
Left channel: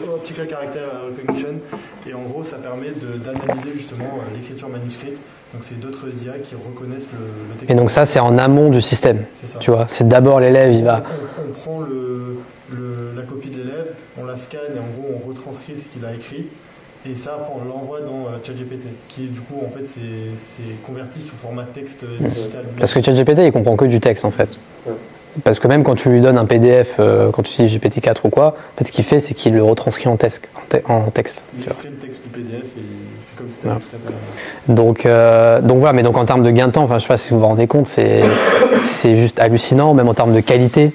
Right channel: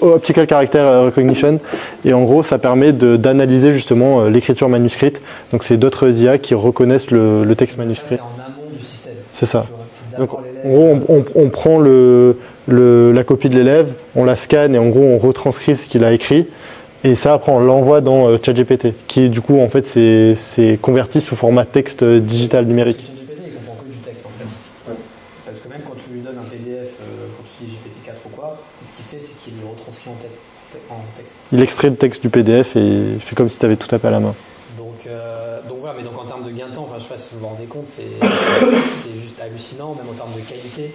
Optical Character Recognition, et en gros ça permet d'analyser justement l'écriture manuscrite. Donc c'est d'autres IA qui reconnaissent le texte. Et donc manuscrit. ça c'est en amont du système. C'est ça. Tu vois, c'est d'abord l'élève. On prend la copie de l'élève, on la scanne et en gros on retranscrit ce qu'il a écrit. Et ça, après, on l'envoie dans ChatGPT, qui du coup, en fait, c'est converti sous format texte digital numérique. Parce que ChatGPT, il comprend que du texte, en fait. Parce que même quand tu lui donnes un PDF, quand tu utilises GPT-4 ou quoi, en fait, ce qu'il fait, c'est qu'il le retranscrit en texte. Il extrait le texte du PDF et il fait comme si tu avais tout tapé à la main. Donc voilà, mais donc en termes de gain de temps, je sais pas si vous vous rendez compte, c'est juste hallucinant, même en termes de qualité.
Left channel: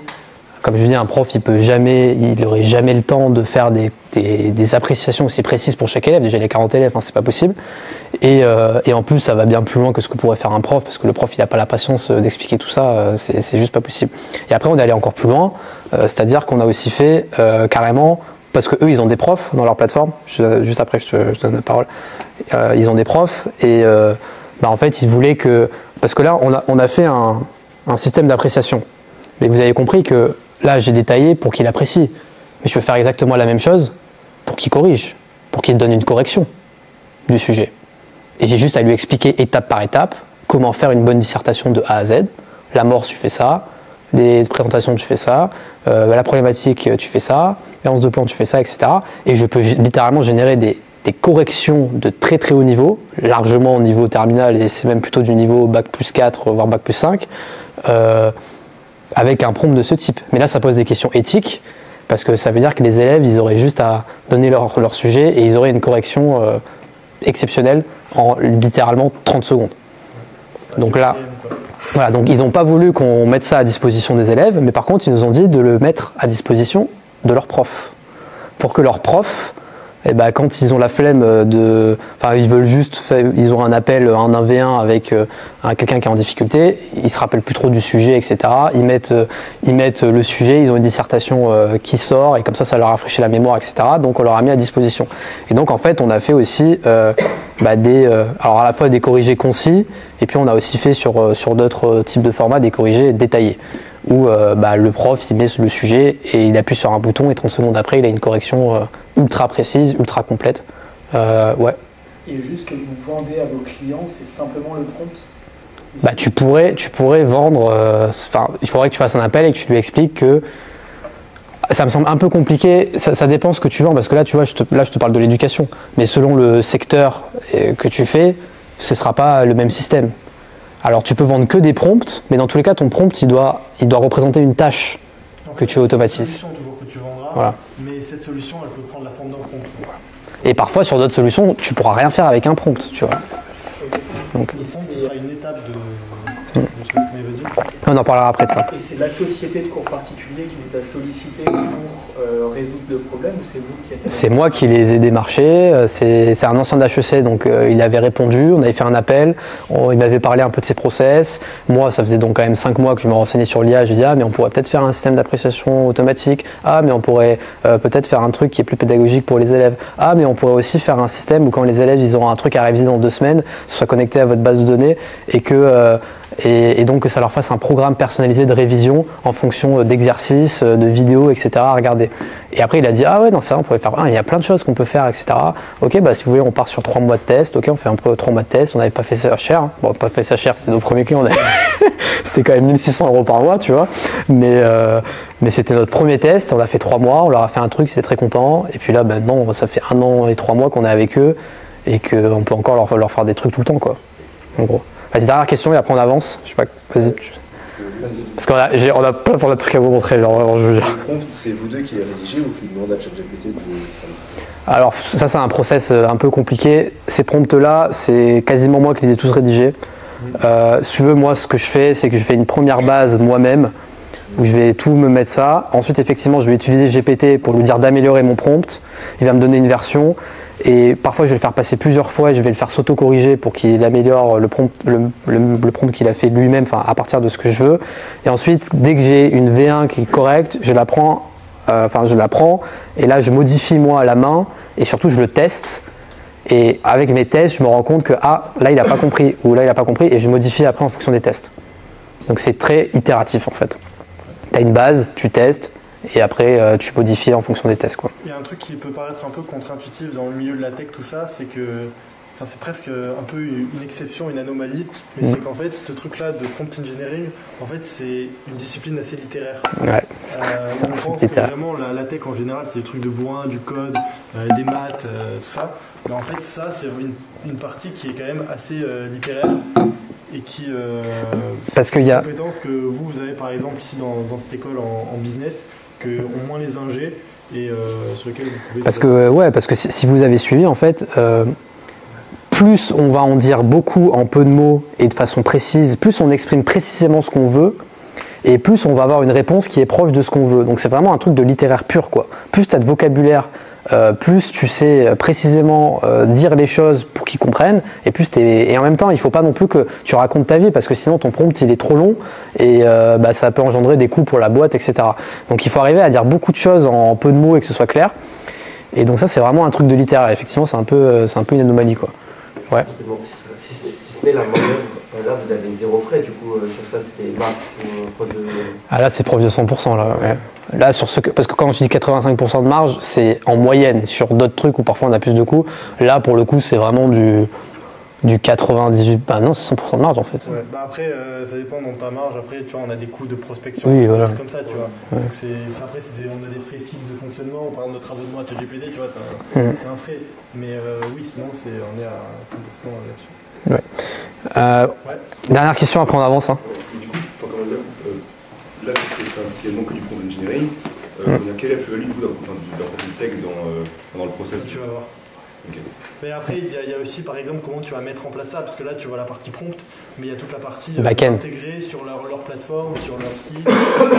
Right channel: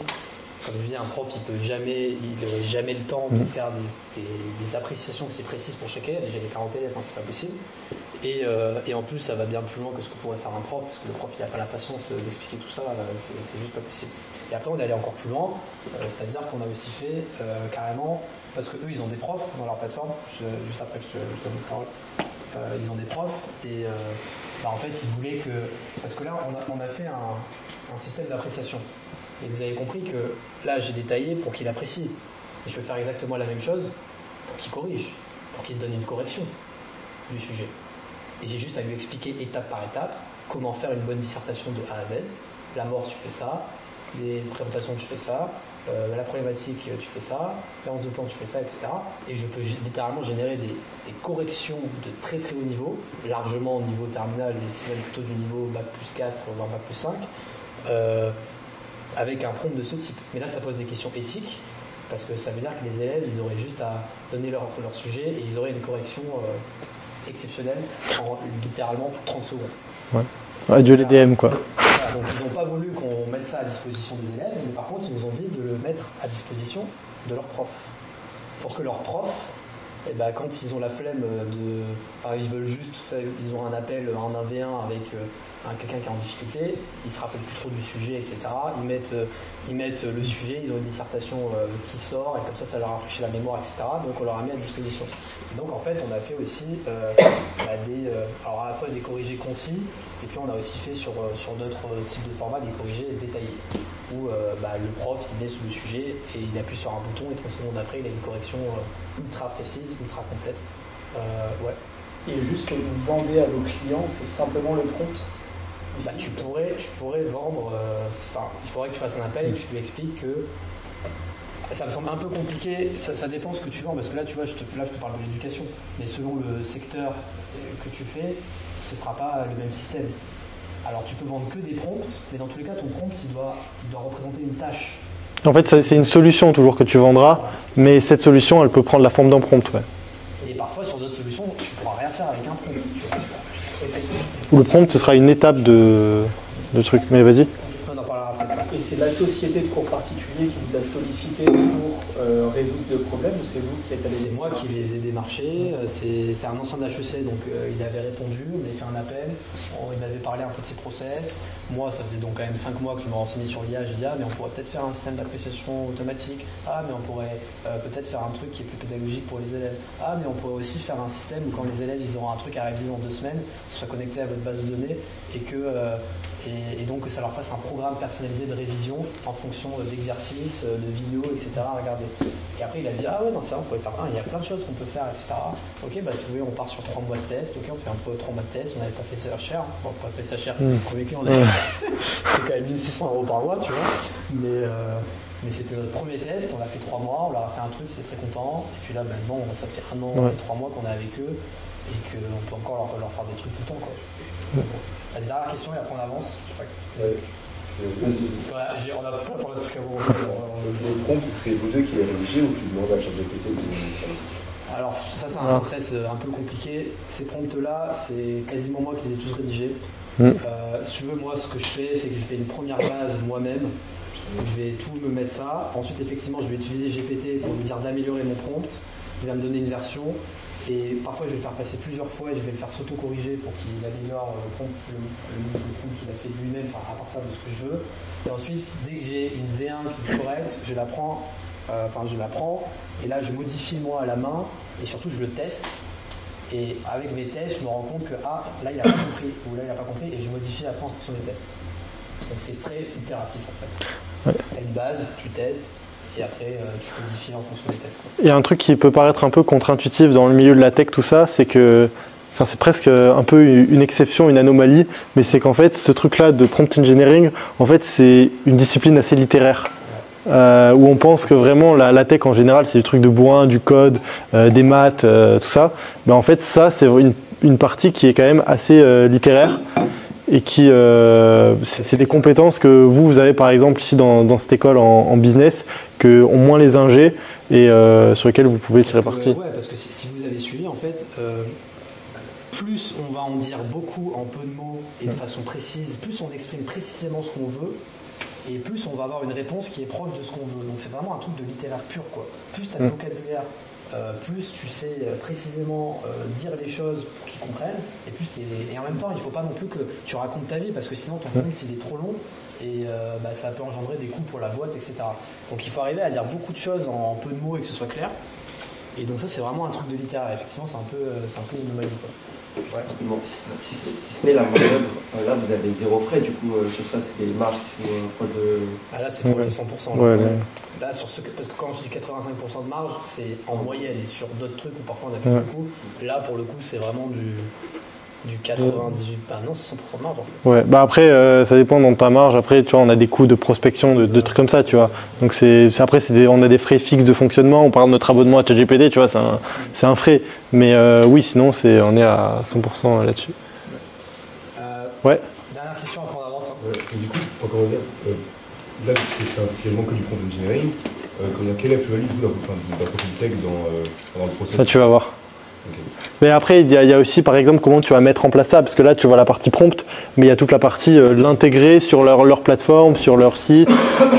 Comme je dis, un prof, il n'aurait jamais le temps de faire des appréciations aussi précises pour chaque élève. Déjà, il y a 40 élèves, c'est pas possible. Et en plus, ça va bien plus loin que ce que pourrait faire un prof, parce que le prof, il n'a pas la patience d'expliquer tout ça, c'est juste pas possible. Et après, on est allé encore plus loin, c'est-à-dire qu'on a aussi fait carrément, parce qu'eux, ils ont des profs dans leur plateforme, juste après, je te donne la parole, ils ont des profs, et en fait, ils voulaient que... Parce que là, on a fait un système d'appréciation. Mais vous avez compris que là, j'ai détaillé pour qu'il apprécie. Mais je peux faire exactement la même chose pour qu'il corrige, pour qu'il donne une correction du sujet. Et j'ai juste à lui expliquer étape par étape comment faire une bonne dissertation de A à Z. L'amorce, tu fais ça. Les présentations, tu fais ça. La problématique, tu fais ça. L'annonce de plan, tu fais ça, etc. Et je peux littéralement générer des corrections de très très haut niveau, largement au niveau terminal, et c'est même plutôt du niveau Bac plus 4, voire Bac plus 5. Avec un prompt de ce type. Mais là, ça pose des questions éthiques, parce que ça veut dire que les élèves, ils auraient juste à donner leur sujet et ils auraient une correction exceptionnel en littéralement 30 secondes. Ouais, donc du là, LDM, quoi. Voilà, donc ils n'ont pas voulu qu'on mette ça à disposition des élèves, mais par contre ils nous ont dit de le mettre à disposition de leurs profs. Pour que leurs profs, eh ben, quand ils ont la flemme enfin ils veulent juste, ils ont un appel, un 1v1 avec quelqu'un qui est en difficulté, ils se rappellent plus trop du sujet, etc. Ils mettent le sujet, ils ont une dissertation qui sort et comme ça leur rafraîchit la mémoire, etc. Donc on leur a mis à disposition. Et donc en fait on a fait aussi alors à la fois des corrigés concis, et puis on a aussi fait sur d'autres types de formats des corrigés détaillés, où le prof il met le sujet et il appuie sur un bouton et 30 secondes après il a une correction ultra précise, ultra complète. Ouais. Et juste que vous vendez à vos clients, c'est simplement le prompt? Tu pourrais vendre, il faudrait que tu fasses un appel et que tu lui expliques que ça me semble un peu compliqué, ça dépend ce que tu vends, parce que là tu vois, je te parle de l'éducation, mais selon le secteur que tu fais, ce ne sera pas le même système. Alors tu peux vendre que des prompts, mais dans tous les cas ton prompt il doit représenter une tâche. En fait, c'est une solution toujours que tu vendras, voilà. Mais cette solution elle peut prendre la forme d'un prompt. Ouais. Et parfois sur d'autres solutions, tu ne pourras rien faire avec un prompt, tu vois. Donc le prompt ce sera une étape de truc, mais vas-y. On en parlera après de ça. Et c'est la société de cours particulier qui vous a sollicité pour résoudre le problème, ou c'est vous qui êtes... C'est moi qui les ai démarchés, c'est un ancien d'HEC, donc il avait répondu, on avait fait un appel, il m'avait parlé un peu de ses process. Moi ça faisait donc quand même 5 mois que je me renseignais sur l'IA, j'ai dit mais on pourrait peut-être faire un système d'appréciation automatique, mais on pourrait peut-être faire un truc qui est plus pédagogique pour les élèves, mais on pourrait aussi faire un système où quand les élèves ils auront un truc à réviser dans 2 semaines, ce soit connecté à votre base de données et donc que ça leur fasse un programme personnalisé de révision en fonction d'exercices, de vidéos, etc. à regarder. Et après il a dit ouais non c'est vrai on pourrait faire, il y a plein de choses qu'on peut faire, etc. Ok si vous voulez on part sur 3 mois de test, ok on fait un peu 3 mois de test, on n'avait pas fait ça cher, bon pas fait ça cher, c'était nos premiers clients, c'était quand même 1 600 € par mois tu vois, mais c'était notre premier test, on a fait 3 mois, on leur a fait un truc, ils étaient très contents, et puis là maintenant ça fait 1 an et 3 mois qu'on est avec eux et qu'on peut encore leur faire des trucs tout le temps quoi, en gros. Vas-y, dernière question et après on avance. Je sais pas, vas-y. Parce qu'on a plein de trucs à vous montrer, genre vraiment, je vous jure. C'est vous deux qui les rédigez ou tu demandes à ChatGPT de... Alors ça c'est un process un peu compliqué. Ces prompts-là, c'est quasiment moi qui les ai tous rédigés. Si tu veux, moi ce que je fais, c'est que je fais une première base moi-même, où je vais tout me mettre ça. Ensuite, effectivement, je vais utiliser GPT pour lui dire d'améliorer mon prompt. Il va me donner une version. Et parfois, je vais le faire passer plusieurs fois et je vais le faire s'auto-corriger pour qu'il améliore le prompt qu'il a fait lui-même, à partir de ce que je veux. Et ensuite, dès que j'ai une V1 qui est correcte, je la prends et là, je modifie moi à la main et surtout, je le teste. Et avec mes tests, je me rends compte que là, il n'a pas compris ou là, il n'a pas compris et je modifie après en fonction des tests. Donc, c'est très itératif en fait. Ouais. Tu as une base, tu testes. Et après, tu modifies en fonction des tests, quoi. Il y a un truc qui peut paraître un peu contre-intuitif dans le milieu de la tech, tout ça, c'est que, c'est presque un peu une exception, une anomalie, mais c'est qu'en fait, ce truc-là de prompt engineering, en fait, c'est une discipline assez littéraire, où on pense que vraiment la tech en général, c'est du truc de bourrin, du code, des maths, tout ça. Mais en fait, ça, c'est une partie qui est quand même assez littéraire. Et qui, c'est des compétences que vous avez par exemple ici dans cette école en business, que ont moins les ingés et sur lesquels vous pouvez... Parce que si vous avez suivi en fait, plus on va en dire beaucoup en peu de mots et de façon précise, plus on exprime précisément ce qu'on veut et plus on va avoir une réponse qui est proche de ce qu'on veut. Donc c'est vraiment un truc de littéraire pur quoi. Plus tu as de vocabulaire, plus tu sais précisément dire les choses pour qu'ils comprennent et en même temps il ne faut pas non plus que tu racontes ta vie parce que sinon ton prompt il est trop long et ça peut engendrer des coûts pour la boîte, etc. Donc il faut arriver à dire beaucoup de choses en peu de mots et que ce soit clair, et donc ça c'est vraiment un truc de littéraire. Effectivement c'est un peu une anomalie quoi. Ouais. Bon, si ce n'est la manœuvre, là vous avez 0 frais du coup sur ça, c'était marge, prod de... Ah là c'est proche de 100% là. Ouais. Là parce que quand je dis 85% de marge, c'est en moyenne. Sur d'autres trucs où parfois on a plus de coûts, là pour le coup c'est vraiment du 98, non c'est 100% de marge en fait. Ouais, après ça dépend dans ta marge, après tu vois on a des coûts de prospection, de trucs comme ça tu vois. Ouais. Donc après on a des frais fixes de fonctionnement, on parle de notre abonnement à ChatGPT, tu vois, c'est un frais. Mais oui sinon on est à 100% là-dessus. Ouais. Dernière question, après on avance. Hein. Ouais. Du coup, comment dire, là c'est quasiment que du prompt engineering. Quelle est la plus-value d'un profil tech dans le processus? Ça tu vas voir. Mais après, il y a aussi, par exemple, comment tu vas mettre en place ça, parce que là, tu vois la partie prompt, mais il y a toute la partie l'intégrer sur leur plateforme, sur leur site,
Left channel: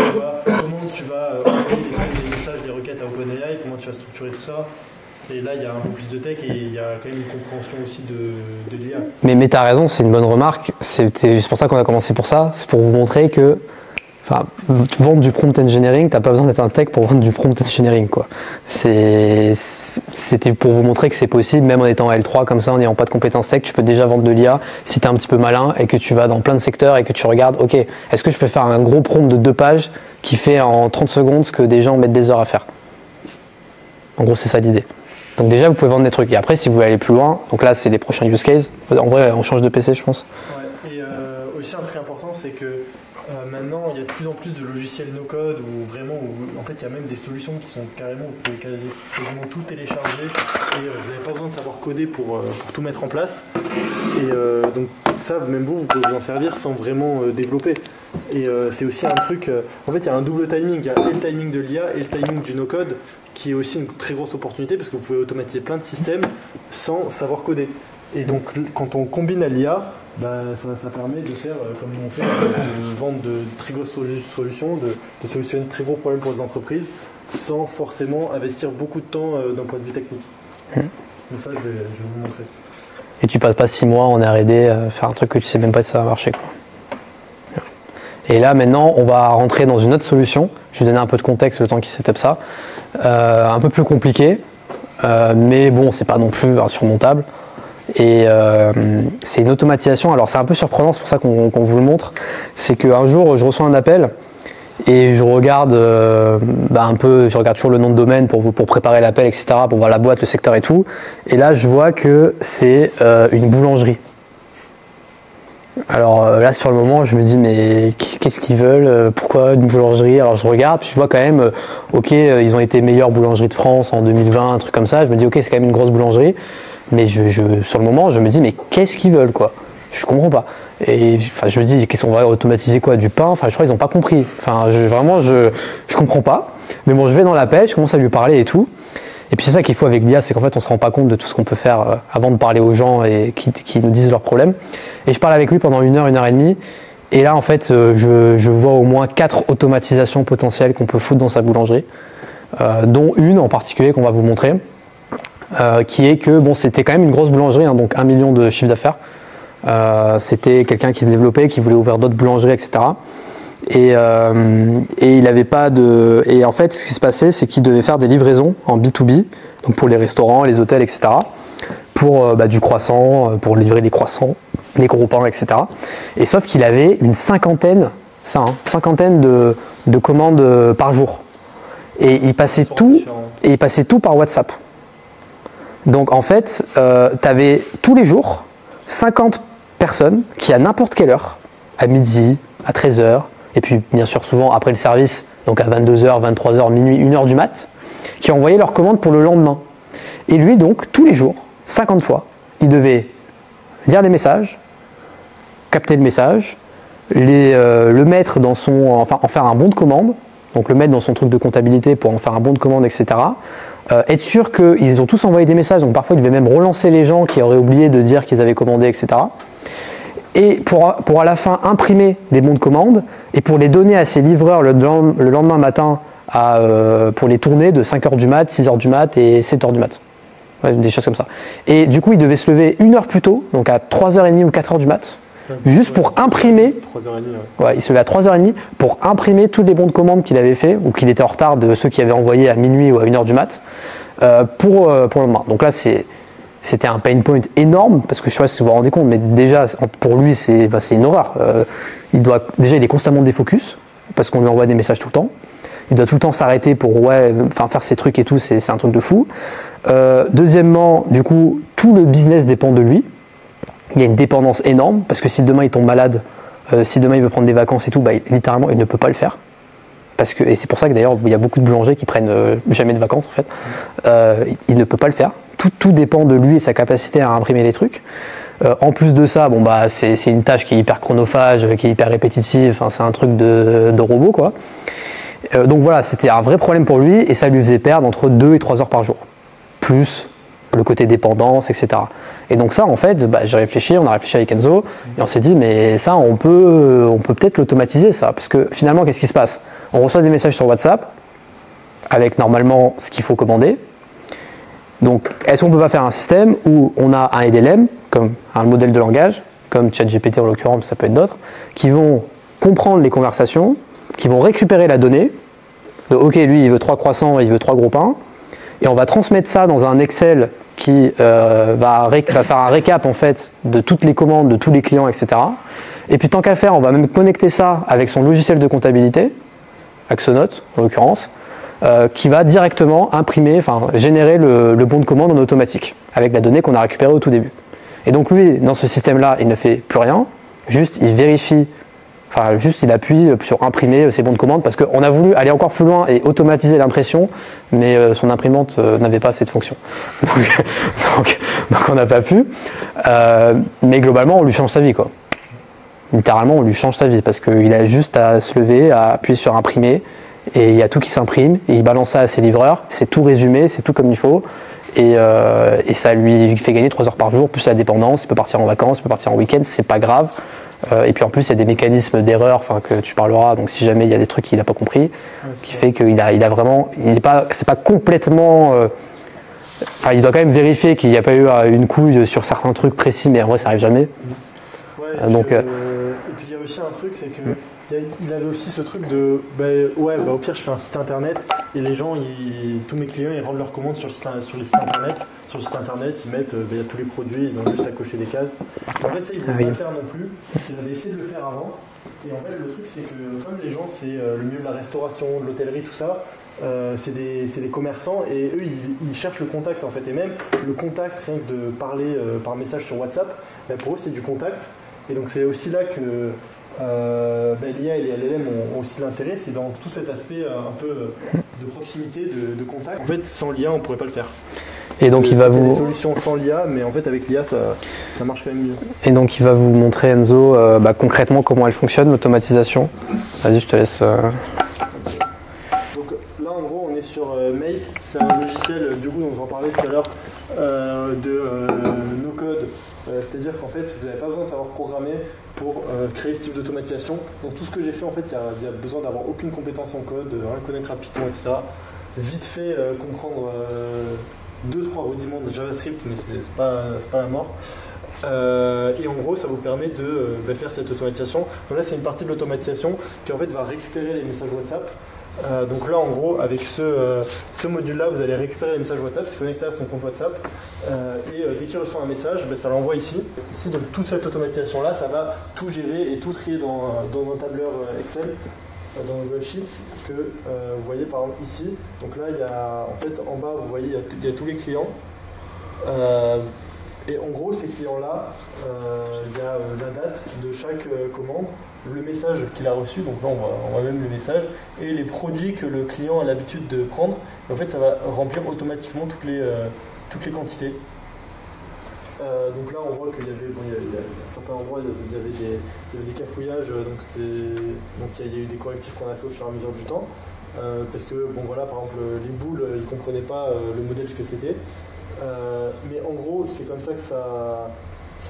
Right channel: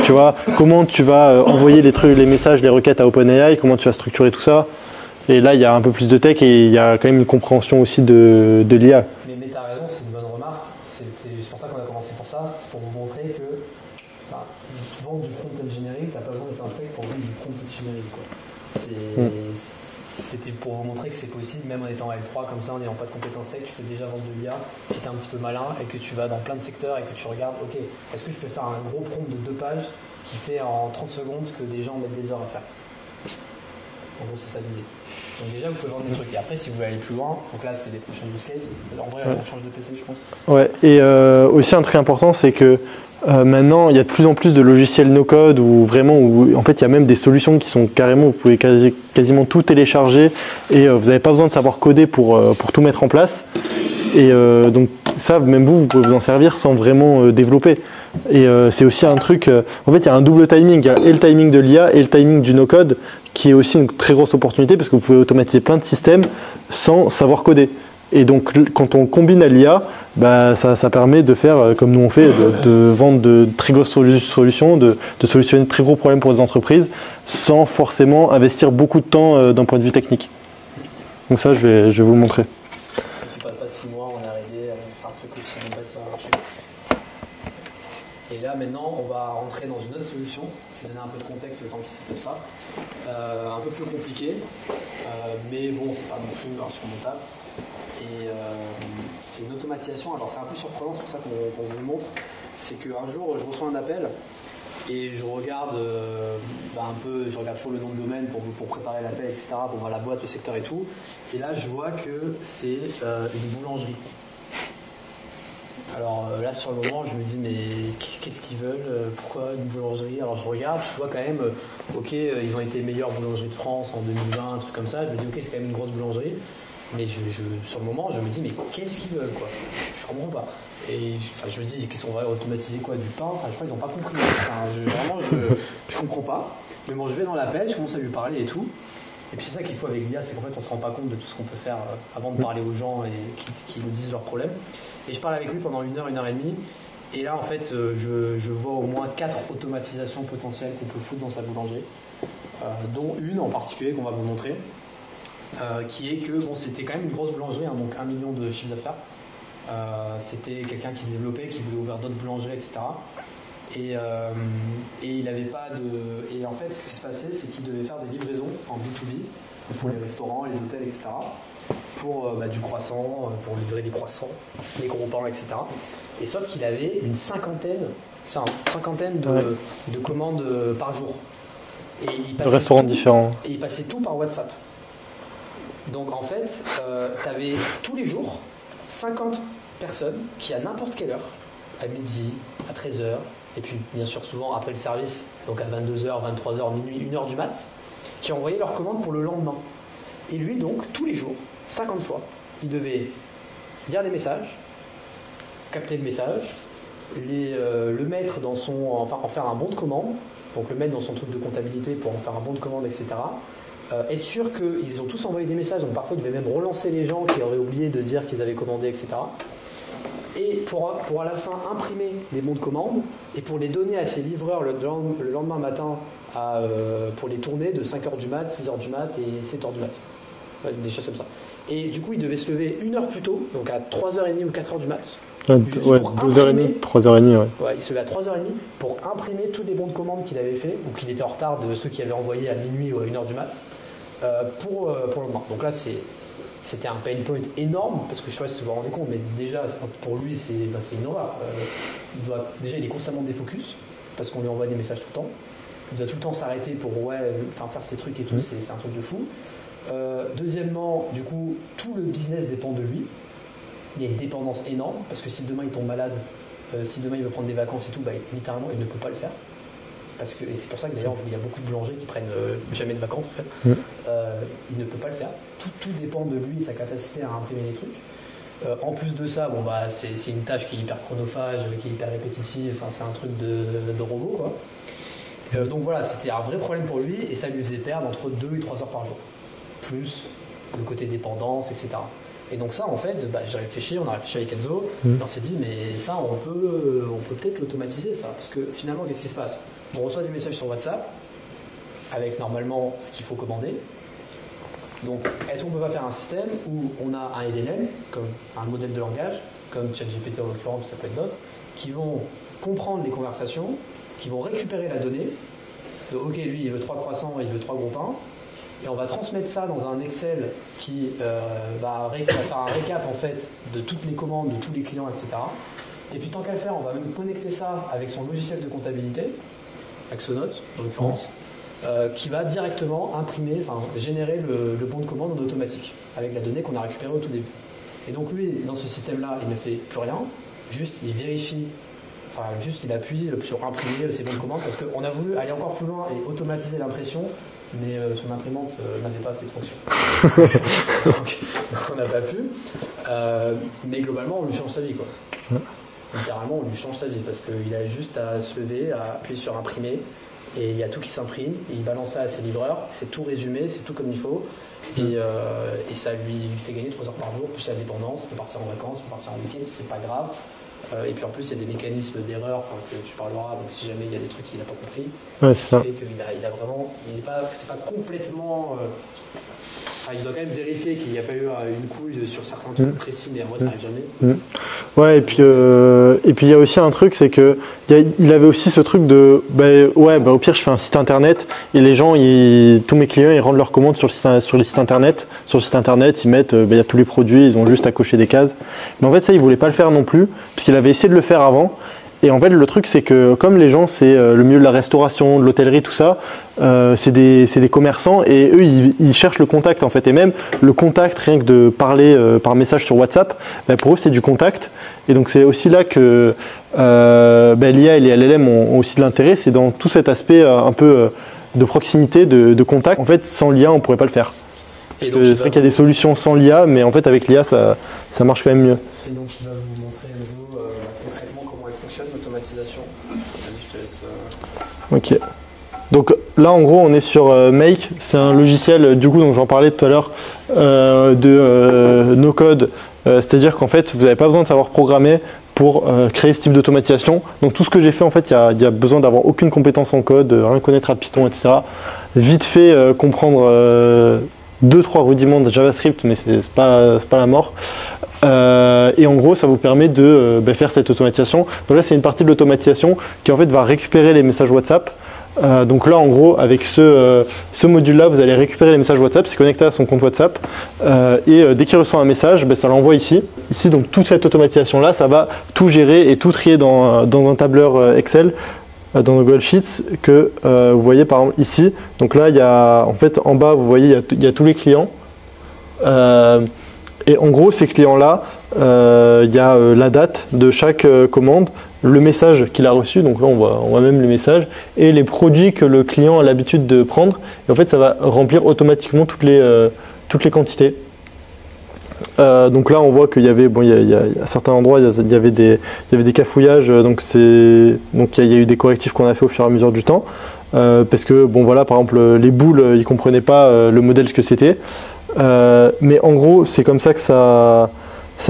tu vois, comment tu vas envoyer les messages, les requêtes à OpenAI, comment tu vas structurer tout ça. Et là, il y a un peu plus de tech et il y a quand même une compréhension aussi de l'IA. Mais tu as raison, c'est une bonne remarque. C'est juste pour ça qu'on a commencé pour ça. C'est pour vous montrer que vendre du prompt engineering, tu n'as pas besoin d'être un tech pour vendre du prompt engineering, quoi. C'était pour vous montrer que c'est possible, même en étant L3 comme ça, en n'ayant pas de compétences tech, tu peux déjà vendre de l'IA si tu es un petit peu malin et que tu vas dans plein de secteurs et que tu regardes, ok, est-ce que je peux faire un gros prompt de 2 pages qui fait en 30 secondes ce que des gens mettent des heures à faire. En gros, c'est ça l'idée. Donc déjà, vous pouvez vendre des trucs. Et après, si vous voulez aller plus loin, donc là, c'est les prochains use cases. En vrai, on change de PC, je pense. Ouais. Et aussi, un truc important, c'est que maintenant, il y a de plus en plus de logiciels no-code où en fait, il y a même des solutions qui sont carrément, vous pouvez quasiment tout télécharger et vous n'avez pas besoin de savoir coder pour tout mettre en place. Et donc ça, même vous pouvez vous en servir sans vraiment développer. Et c'est aussi un truc, en fait, il y a un double timing. Il y a et le timing de l'IA et le timing du no-code qui est aussi une très grosse opportunité parce que vous pouvez automatiser plein de systèmes sans savoir coder. Et donc, quand on combine à l'IA, ça permet de faire comme nous on fait, de vendre de très grosses solutions, de solutionner de très gros problèmes pour les entreprises sans forcément investir beaucoup de temps d'un point de vue technique. Donc ça, je vais vous le montrer. Et tu passes pas 6 mois en R&D faire un truc que tu sais même pas si ça va marcher, quoi. Et là, maintenant, on va rentrer dans une autre solution. Je vais donner un peu de contexte le temps qu'il setup ça. Un peu plus compliqué, mais bon, c'est pas non plus insurmontable. Et c'est une automatisation. Alors, c'est un peu surprenant, c'est pour ça qu'on vous le montre. C'est qu'un jour, je reçois un appel et je regarde un peu, je regarde toujours le nom de domaine pour préparer l'appel, etc., pour voir la boîte, le secteur et tout. Et là, je vois que c'est une boulangerie. Alors là, sur le moment, je me dis, mais qu'est-ce qu'ils veulent? Pourquoi une boulangerie? Alors je regarde, puis je vois quand même, ok, ils ont été meilleure boulangerie de France en 2020, un truc comme ça. Je me dis, ok, c'est quand même une grosse boulangerie. Mais sur le moment, je me dis, mais qu'est-ce qu'ils veulent, quoi? Je comprends pas. Et je me dis, qu'est-ce qu'on va automatiser, quoi? Du pain? Enfin, je crois qu'ils n'ont pas compris. Enfin, je comprends pas. Mais bon, je vais dans l'appel, je commence à lui parler et tout. Et puis c'est ça qu'il faut avec l'IA, c'est qu'en fait on ne se rend pas compte de tout ce qu'on peut faire avant de parler aux gens et qui nous disent leurs problèmes. Et je parle avec lui pendant 1 heure, 1 heure et demie. Et là en fait je vois au moins 4 automatisations potentielles qu'on peut foutre dans sa boulangerie, dont une en particulier qu'on va vous montrer, qui est que bon, c'était quand même une grosse boulangerie, hein, donc 1 million de chiffre d'affaires. C'était quelqu'un qui se développait, qui voulait ouvrir d'autres boulangeries, etc. Et il n'avait pas de. Et en fait, ce qui se passait, c'est qu'il devait faire des livraisons en B2B, donc pour les restaurants, les hôtels, etc. Pour du croissant, pour livrer des croissants, des gros pains, etc. Et sauf qu'il avait une cinquantaine de commandes par jour. Et il passait tout par WhatsApp. Donc en fait, tu avais tous les jours 50 personnes qui, à n'importe quelle heure, à midi, à 13h, et puis bien sûr souvent après le service, donc à 22h, 23h, minuit, 1h du mat, qui envoyaient leurs commandes pour le lendemain. Et lui donc, tous les jours, 50 fois, il devait lire les messages, capter le message, le mettre dans en faire un bon de commande, donc le mettre dans son truc de comptabilité pour en faire un bon de commande, etc. Être sûr qu'ils ont tous envoyé des messages, donc parfois il devait même relancer les gens qui auraient oublié de dire qu'ils avaient commandé, etc. Et pour à la fin imprimer des bons de commande et pour les donner à ses livreurs le lendemain matin pour les tourner de 5h du mat, 6h du mat et 7h du mat. Ouais, des choses comme ça. Et du coup, il devait se lever 1 heure plus tôt, donc à 3h30 ou 4h du mat, juste pour imprimer. 3h30, ouais. Ouais, il se levait à 3h30 pour imprimer tous les bons de commande qu'il avait fait ou qu'il était en retard de ceux qui avaient envoyé à minuit ou à 1h du mat pour le lendemain. Donc là, c'était un pain point énorme parce que je ne sais pas si vous vous rendez compte, mais déjà pour lui c'est une horreur. Il est constamment défocus parce qu'on lui envoie des messages tout le temps. Il doit tout le temps s'arrêter pour faire ses trucs et tout, c'est un truc de fou. Deuxièmement, du coup, tout le business dépend de lui. Il y a une dépendance énorme parce que si demain il tombe malade, si demain il veut prendre des vacances et tout, littéralement il ne peut pas le faire. Et c'est pour ça que d'ailleurs il y a beaucoup de boulangers qui prennent jamais de vacances en fait. Il ne peut pas le faire. Tout dépend de lui et sa capacité à imprimer les trucs. En plus de ça, c'est une tâche qui est hyper chronophage, qui est hyper répétitive. Enfin, c'est un truc de robot quoi. Donc voilà, c'était un vrai problème pour lui et ça lui faisait perdre entre 2 et 3 heures par jour. Plus le côté dépendance, etc. Et donc ça, en fait, j'ai réfléchi, on a réfléchi avec Enzo, et on s'est dit, mais ça, on peut peut-être l'automatiser, ça. Parce que finalement, qu'est-ce qui se passe? On reçoit des messages sur WhatsApp, avec normalement ce qu'il faut commander. Donc, est-ce qu'on ne peut pas faire un système où on a un LLM, comme un modèle de langage, comme ChatGPT en l'occurrence, ça peut être d'autres, qui vont comprendre les conversations, qui vont récupérer la donnée, de OK, lui, il veut 3 croissants, il veut 3 gros pains, et on va transmettre ça dans un Excel qui va faire un récap en fait de toutes les commandes, de tous les clients, etc. Et puis tant qu'à faire, on va même connecter ça avec son logiciel de comptabilité, Axonote en l'occurrence, qui va directement générer le bon de commande en automatique, avec la donnée qu'on a récupérée au tout début. Et donc lui, dans ce système-là, il ne fait plus rien, juste il vérifie, il appuie sur imprimer ses bons de commande, parce qu'on a voulu aller encore plus loin et automatiser l'impression, mais son imprimante n'avait pas assez de fonctions. donc on n'a pas pu. Mais globalement, on lui change sa vie, quoi. Littéralement, on lui change sa vie, parce qu'il a juste à se lever, à appuyer sur imprimer, et il y a tout qui s'imprime, et il balance ça à ses livreurs, c'est tout résumé, c'est tout comme il faut, et ça lui fait gagner 3 heures par jour, plus la dépendance, il peut partir en vacances, il peut partir en week-end, c'est pas grave. Et puis en plus, il y a des mécanismes d'erreur que tu parleras, donc si jamais il y a des trucs qu'il n'a pas compris, ce qui fait qu'il a vraiment, c'est pas complètement... il doit quand même vérifier qu'il n'y a pas eu une couille sur certains trucs précis, mais en vrai, ça n'arrive jamais. Ouais, et puis il y a aussi un truc, c'est que il avait aussi ce truc de au pire je fais un site internet et les gens, tous mes clients, ils rendent leurs commandes sur les sites internet. Sur le site internet, ils mettent il y a tous les produits, ils ont juste à cocher des cases. Mais en fait ça, il voulait pas le faire non plus, parce qu'il avait essayé de le faire avant. Et en fait le truc, c'est que comme les gens, c'est le milieu de la restauration, de l'hôtellerie, tout ça, c'est des commerçants, et eux ils cherchent le contact en fait, et même le contact, rien que de parler par message sur WhatsApp, pour eux c'est du contact. Et donc c'est aussi là que l'IA et les LLM ont aussi de l'intérêt, c'est dans tout cet aspect un peu de proximité, de contact. En fait, sans l'IA, on ne pourrait pas le faire. Et donc il y a des solutions sans l'IA, mais en fait avec l'IA, ça marche quand même mieux. Et donc il va vous montrer, Enzo, concrètement comment elle fonctionne, l'automatisation. Vas-y, je te laisse. Ok. Donc là, en gros, on est sur Make. C'est un logiciel, du coup, dont j'en parlais tout à l'heure, de no-code. C'est-à-dire qu'en fait, vous n'avez pas besoin de savoir programmer pour créer ce type d'automatisation. Donc tout ce que j'ai fait, en fait, il y a besoin d'avoir aucune compétence en code, rien connaître à Python, etc. Vite fait comprendre 2-3 rudiments de JavaScript, mais c'est pas la mort. Et en gros, ça vous permet de faire cette automatisation. Donc là, c'est une partie de l'automatisation qui en fait va récupérer les messages WhatsApp. Donc là, en gros, avec ce module-là, vous allez récupérer les messages WhatsApp, c'est connecté à son compte WhatsApp, et dès qu'il reçoit un message, ça l'envoie ici. Ici, donc toute cette automatisation-là, ça va tout gérer et tout trier dans un tableur Excel, dans Google Sheets, que vous voyez par exemple ici. Donc là, il y a, en fait, en bas, vous voyez, il y a tous les clients. Et en gros, ces clients-là, il y a la date de chaque commande, le message qu'il a reçu, donc là on voit même le message, et les produits que le client a l'habitude de prendre. Et en fait, ça va remplir automatiquement toutes les quantités. Donc là, on voit qu'il y avait, à certains endroits, il y avait des cafouillages, donc il y a eu des correctifs qu'on a fait au fur et à mesure du temps, parce que par exemple, les boules, ils ne comprenaient pas le modèle ce que c'était. Mais en gros, c'est comme ça que ça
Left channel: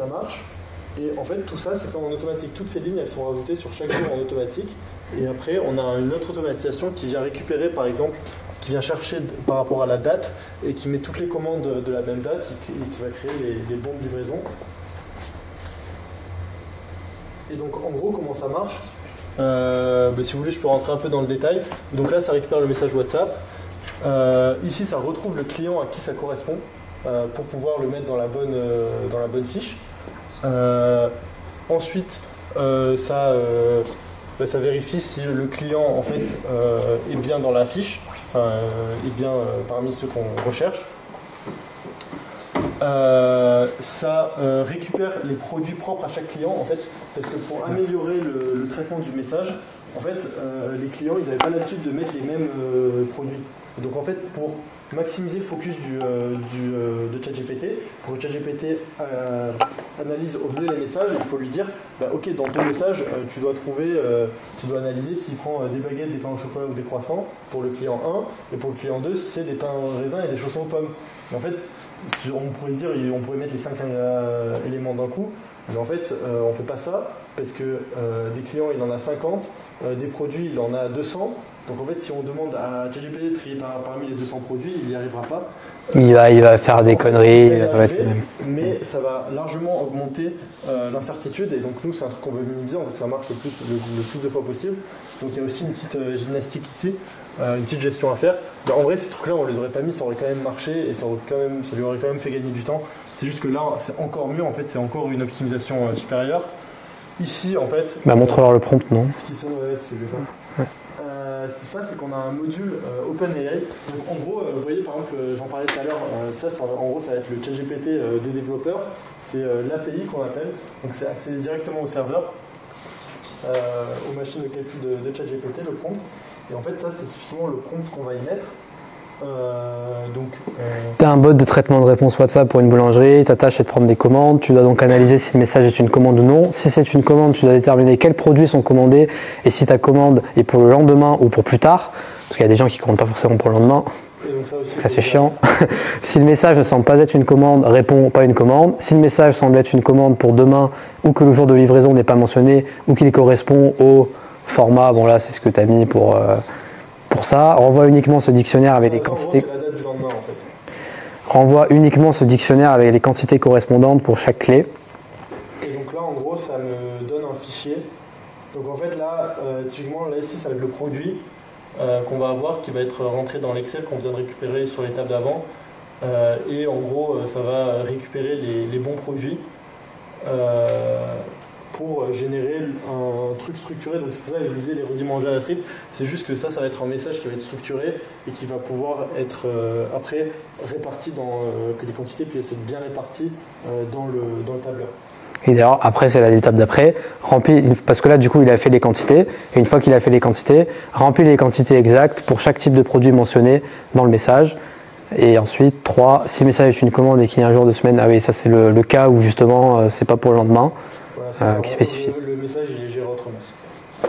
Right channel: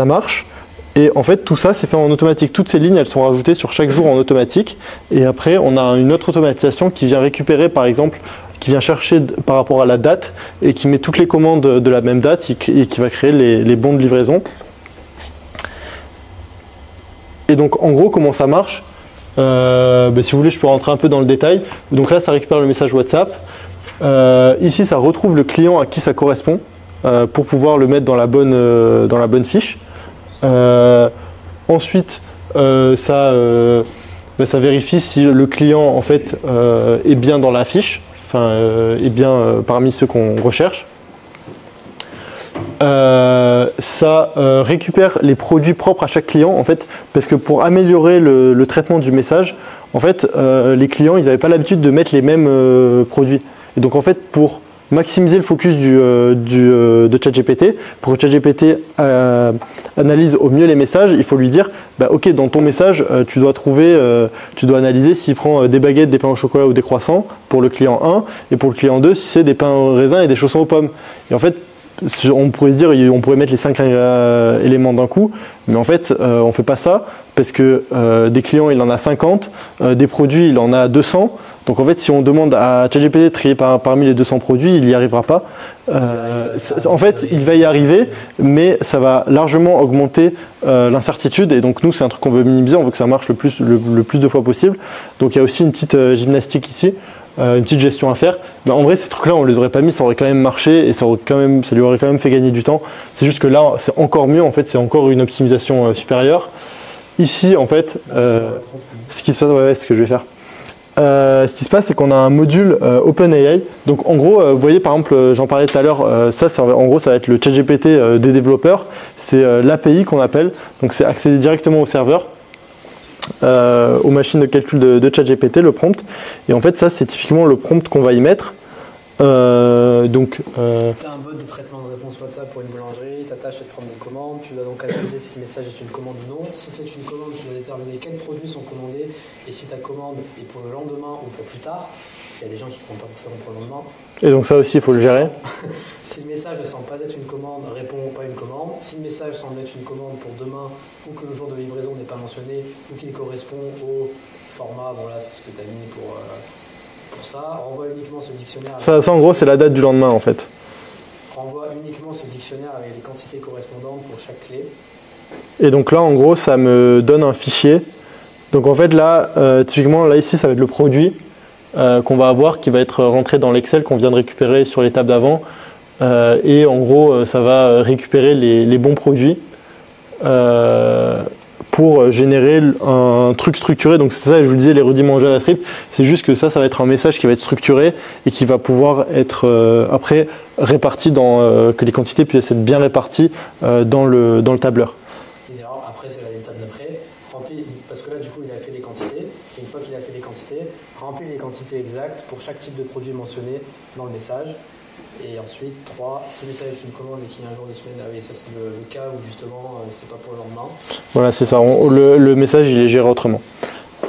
marche. Et en fait, tout ça, c'est fait en automatique. Toutes ces lignes, elles sont rajoutées sur chaque jour en automatique. Et après, on a une autre automatisation qui vient récupérer, par exemple, qui vient chercher par rapport à la date et qui met toutes les commandes de la même date et qui va créer les bons de livraison. Et donc, en gros, comment ça marche ? Si vous voulez, je peux rentrer un peu dans le détail. Donc là, ça récupère le message WhatsApp. Ici, ça retrouve le client à qui ça correspond pour pouvoir le mettre dans la bonne fiche. Ensuite, ça vérifie si le client en fait est bien dans la fiche, est bien parmi ceux qu'on recherche. Ça récupère les produits propres à chaque client en fait, parce que pour améliorer le traitement du message, en fait, les clients ils n'avaient pas l'habitude de mettre les mêmes produits. Et donc en fait, pour maximiser le focus de ChatGPT, pour que ChatGPT analyse au mieux les messages, il faut lui dire ok, dans ton message, tu dois analyser s'il prend des baguettes, des pains au chocolat ou des croissants pour le client 1, et pour le client 2, si c'est des pains au raisin et des chaussons aux pommes. Et en fait, on pourrait se dire, on pourrait mettre les 5 éléments d'un coup, mais en fait, on ne fait pas ça parce que des clients, il en a 50, des produits, il en a 200. Donc en fait, si on demande à ChatGPT de trier parmi les 200 produits, il n'y arrivera pas. Il va faire des conneries. En fait, il va y arriver, mais ça va largement augmenter l'incertitude. Et donc nous, c'est un truc qu'on veut minimiser, on veut que ça marche le plus de fois possible. Donc il y a aussi une petite gymnastique ici. Une petite gestion à faire. Ben, en vrai, ces trucs-là, on les aurait pas mis, ça aurait quand même marché et ça lui aurait quand même fait gagner du temps. C'est juste que là, c'est encore mieux, en fait, c'est encore une optimisation supérieure. Ici, en fait, montre-leur le prompt, non ? Ce qui se passe, c'est ce que je vais faire. Ce qui se passe, c'est qu'on a un module OpenAI. Donc, en gros, vous voyez, par exemple, j'en parlais tout à l'heure, en gros, ça va être le ChatGPT des développeurs. C'est l'API qu'on appelle. Donc, c'est accéder directement au serveur. Aux machines de calcul de ChatGPT, le prompt. Et en fait, ça, c'est typiquement le prompt qu'on va y mettre. Tu as un bot de traitement de réponse WhatsApp pour une boulangerie, ta tâche est de prendre des commandes, tu dois donc analyser si le message est une commande ou non. Si c'est une commande, tu dois déterminer quels produits sont commandés et si ta commande est pour le lendemain ou pour plus tard, parce qu'il y a des gens qui ne commandent pas forcément pour le lendemain. Et donc ça aussi, il faut le gérer. Si le message ne semble pas être une commande, réponds pas une commande. Si le message semble être une commande pour demain ou que le jour de livraison n'est pas mentionné ou qu'il correspond au format, bon là c'est ce que tu as mis pour ça, renvoie uniquement ce dictionnaire avec les quantités. En gros, c'est la date du lendemain en fait. Renvoie uniquement ce dictionnaire avec les quantités correspondantes pour chaque clé. Et donc là, en gros, ça me donne un fichier. Donc en fait là, typiquement, là ici, ça va être le produit. Qu'on va avoir qui va être rentré dans l'Excel qu'on vient de récupérer sur l'étape d'avant et en gros ça va récupérer les bons produits pour générer un truc structuré. Donc c'est ça, je vous disais, les rudiments JavaScript, c'est juste que ça va être un message qui va être structuré et qui va pouvoir être après réparti que les quantités puissent être bien réparties dans le tableur. Et d'ailleurs, après, c'est l'étape d'après, parce que là, du coup, il a fait les quantités, et une fois qu'il a fait les quantités, remplit les quantités exactes pour chaque type de produit mentionné dans le message. Et ensuite, 3, si le message est une commande et qu'il y a un jour de semaine, ah oui, ça c'est le cas où justement, c'est pas pour le lendemain. Voilà, c'est ça, le message, il est géré autrement.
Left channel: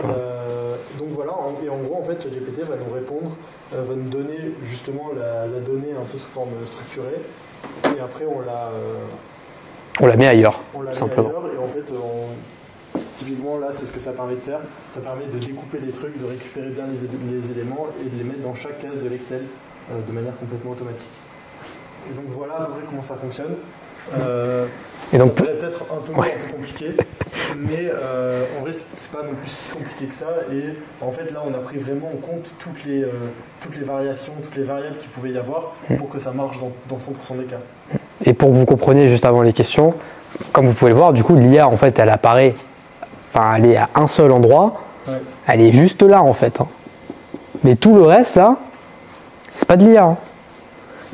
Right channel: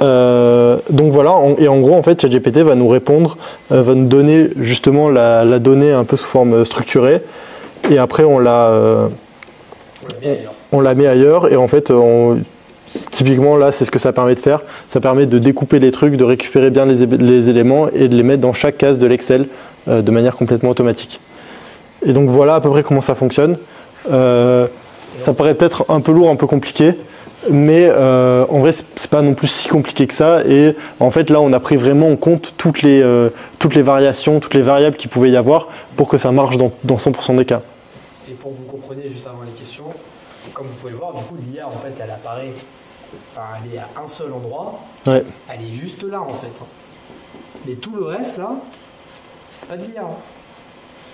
Donc voilà, et en gros, en fait, ChatGPT va nous répondre, va nous donner justement la donnée un peu sous forme structurée, et après, on la met ailleurs. On la met ailleurs et en fait, typiquement là, c'est ce que ça permet de faire. Ça permet de découper les trucs, de récupérer bien les éléments et de les mettre dans chaque case de l'Excel de manière complètement automatique. Et donc voilà à peu près comment ça fonctionne. Et donc, ça paraît peut-être un peu lourd, un peu compliqué, mais en vrai, c'est pas non plus si compliqué que ça. Et en fait, là, on a pris vraiment en compte toutes les variations, toutes les variables qu'il pouvait y avoir pour que ça marche dans 100% des cas. Et pour que vous compreniez juste avant les questions, comme vous pouvez le voir, du coup, l'IA, en fait, elle apparaît, enfin, elle est à un seul endroit, ouais. Elle est juste là, en fait. Mais tout le reste, là, c'est pas de l'IA.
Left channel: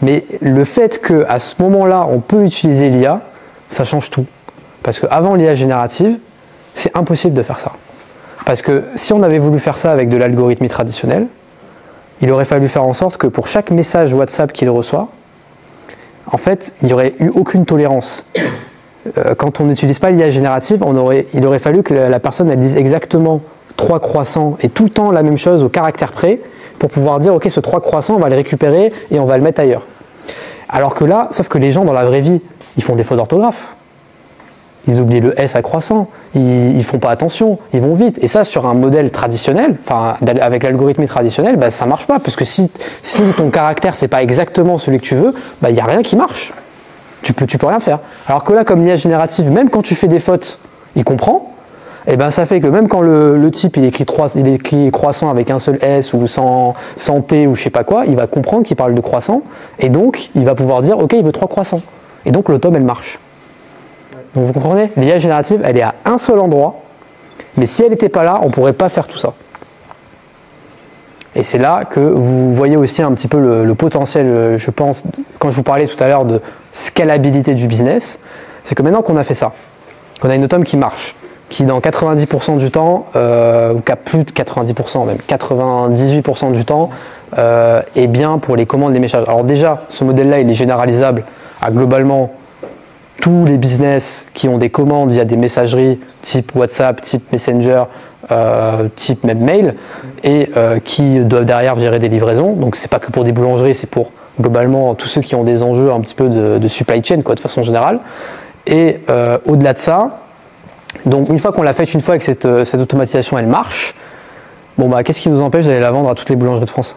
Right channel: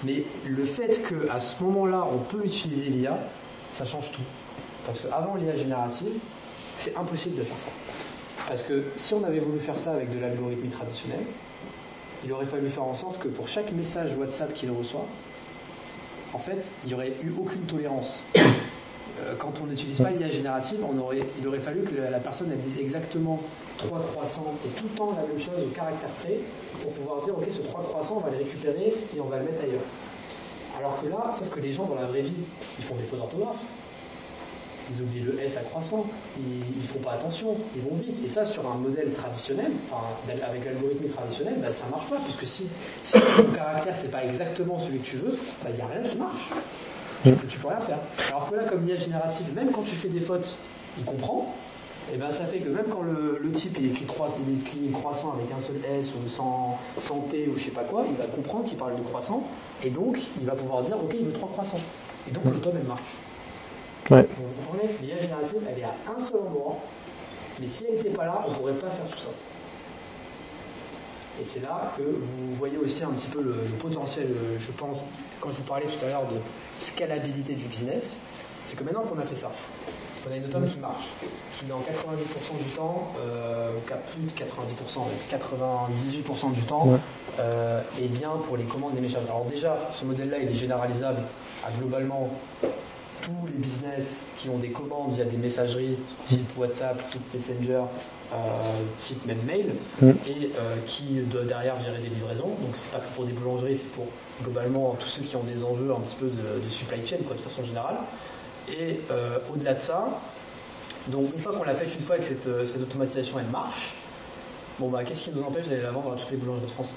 Mais le fait qu'à ce moment-là, on peut utiliser l'IA, ça change tout. Parce qu'avant l'IA générative, c'est impossible de faire ça. Parce que si on avait voulu faire ça avec de l'algorithmie traditionnelle, il aurait fallu faire en sorte que pour chaque message WhatsApp qu'il reçoit, en fait, il n'y aurait eu aucune tolérance. Quand on n'utilise pas l'IA générative, il aurait fallu que la personne elle dise exactement 3 croissants et tout le temps la même chose au caractère près pour pouvoir dire ok, ce 3 croissants, on va le récupérer et on va le mettre ailleurs. Alors que là, sauf que les gens dans la vraie vie, ils font des fautes d'orthographe. Ils oublient le S à croissant, ils font pas attention, ils vont vite. Et ça, sur un modèle traditionnel, enfin avec l'algorithmie traditionnelle, bah, ça marche pas. Parce que si ton caractère, c'est pas exactement celui que tu veux, bah, y a rien qui marche. Tu peux rien faire. Alors que là, comme l'IA générative, même quand tu fais des fautes, il comprend. Et ben ça fait que même quand le type il écrit croissant avec un seul S ou sans T ou je sais pas quoi, il va comprendre qu'il parle de croissant. Et donc, il va pouvoir dire ok, il veut 3 croissants. Et donc, l'autome, elle marche. Ouais. Donc vous comprenez, l'IA générative, elle est à un seul endroit, mais si elle n'était pas là, on ne pourrait pas faire tout ça. Et c'est là que vous voyez aussi un petit peu le potentiel, je pense, quand je vous parlais tout à l'heure de scalabilité du business, c'est que maintenant qu'on a fait ça, qu'on a une automne qui marche, qui dans 90% du temps, ou qu'à plus de 90%, même 98% du temps, est bien pour les commandes des messages. Alors déjà, ce modèle-là, il est généralisable à globalement tous les business qui ont des commandes via des messageries type WhatsApp, type Messenger, type même mail, et qui doivent derrière gérer des livraisons. Donc c'est pas que pour des boulangeries, c'est pour globalement tous ceux qui ont des enjeux un petit peu de supply chain, quoi, de façon générale. Et au-delà de ça, donc une fois qu'on l'a faite une fois et que cette automatisation elle marche, bon bah qu'est-ce qui nous empêche d'aller la vendre à toutes les boulangeries de France?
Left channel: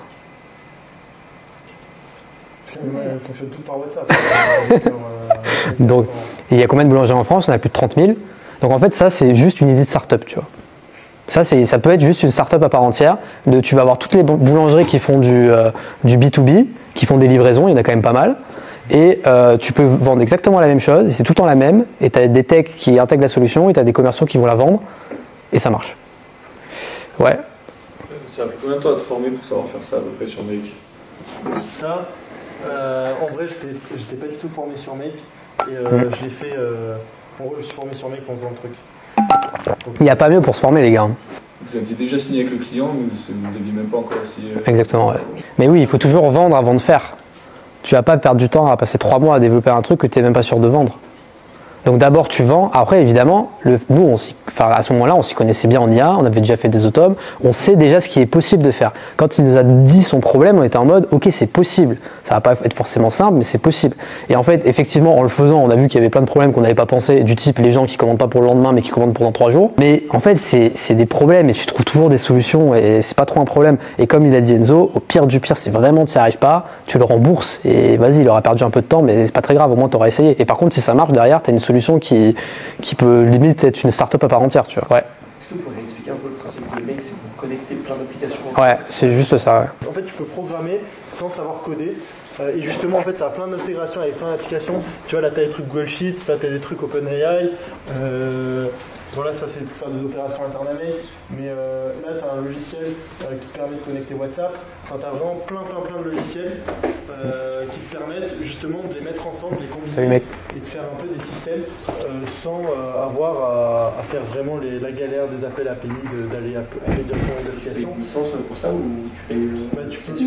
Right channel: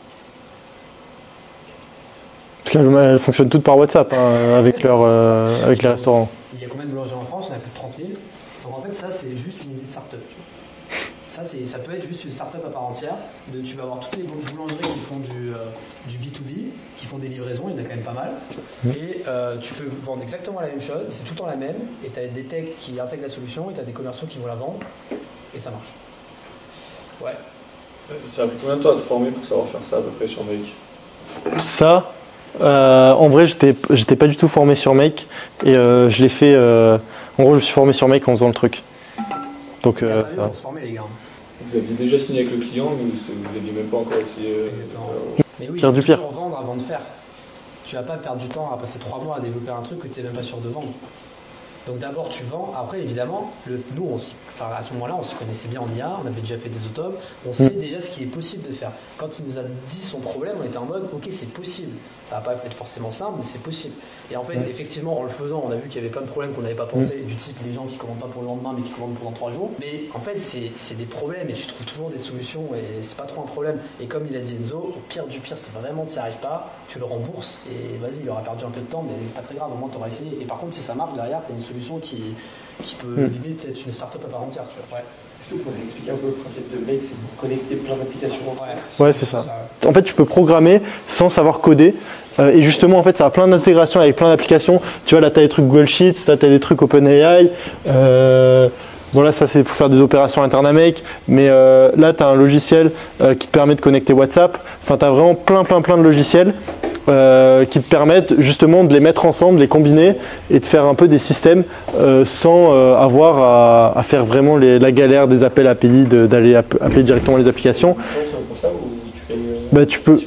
Parce qu'elles fonctionnent toutes par WhatsApp avec les restaurants. Il y a combien de boulangeries en France? On a plus de 30 000. Donc en fait ça c'est juste une idée de start-up, tu vois. Ça peut être juste une start-up à part entière. Tu vas avoir toutes les boulangeries qui font du B2B, qui font des livraisons, il y en a quand même pas mal. Et tu peux vendre exactement la même chose, c'est tout le temps la même, et tu as des techs qui intègrent la solution, et tu as des commerciaux qui vont la vendre, et ça marche. Ouais. Ça a pris combien de temps à te former pour savoir faire ça à peu près sur Make? Ça, en vrai, j'étais pas du tout formé sur Make, et je l'ai fait. En gros, je me suis formé sur Make en faisant le truc. Donc, il n'y a pas mieux pour se former, les gars. Vous aviez déjà signé avec le client, mais vous n'aviez même pas encore essayé. Exactement, ouais. Mais oui, il faut toujours vendre avant de faire. Tu vas pas perdre du temps à passer 3 mois à développer un truc que tu n'es même pas sûr de vendre. Donc d'abord tu vends, après évidemment, nous à ce moment-là on s'y connaissait bien en IA, on avait déjà fait des automes, on sait déjà ce qui est possible de faire. Quand il nous a dit son problème, on était en mode ok c'est possible, ça va pas être forcément simple mais c'est possible. Et en fait effectivement en le faisant on a vu qu'il y avait plein de problèmes qu'on n'avait pas pensé, du type les gens qui commandent pas pour le lendemain mais qui commandent pendant 3 jours. Mais en fait c'est des problèmes et tu trouves toujours des solutions et c'est pas trop un problème. Et comme il a dit Enzo, au pire du pire si vraiment tu n'y arrives pas, tu le rembourses et vas-y il aura perdu un peu de temps mais c'est pas très grave, au moins tu auras essayé. Et par contre si ça marche derrière tu as une solution qui peut limite être une start-up à part entière, tu vois. Ouais. Est-ce que vous pouvez expliquer un peu le principe de Make, c'est pour connecter plein d'applications? Ouais, c'est juste ça. Ouais. En fait, tu peux programmer sans savoir coder. Et justement, en fait, ça a plein d'intégrations avec plein d'applications. Tu vois, là, tu as des trucs Google Sheets, là, tu as des trucs OpenAI. Bon, là, ça, c'est pour faire des opérations internes à Make. Mais là, tu as un logiciel qui te permet de connecter WhatsApp. Enfin, tu as vraiment plein de logiciels qui te permettent justement de les mettre ensemble, les combiner et de faire un peu des systèmes sans avoir à faire vraiment la galère des appels API, d'aller appeler directement les applications. Pour ça, ou tu peux.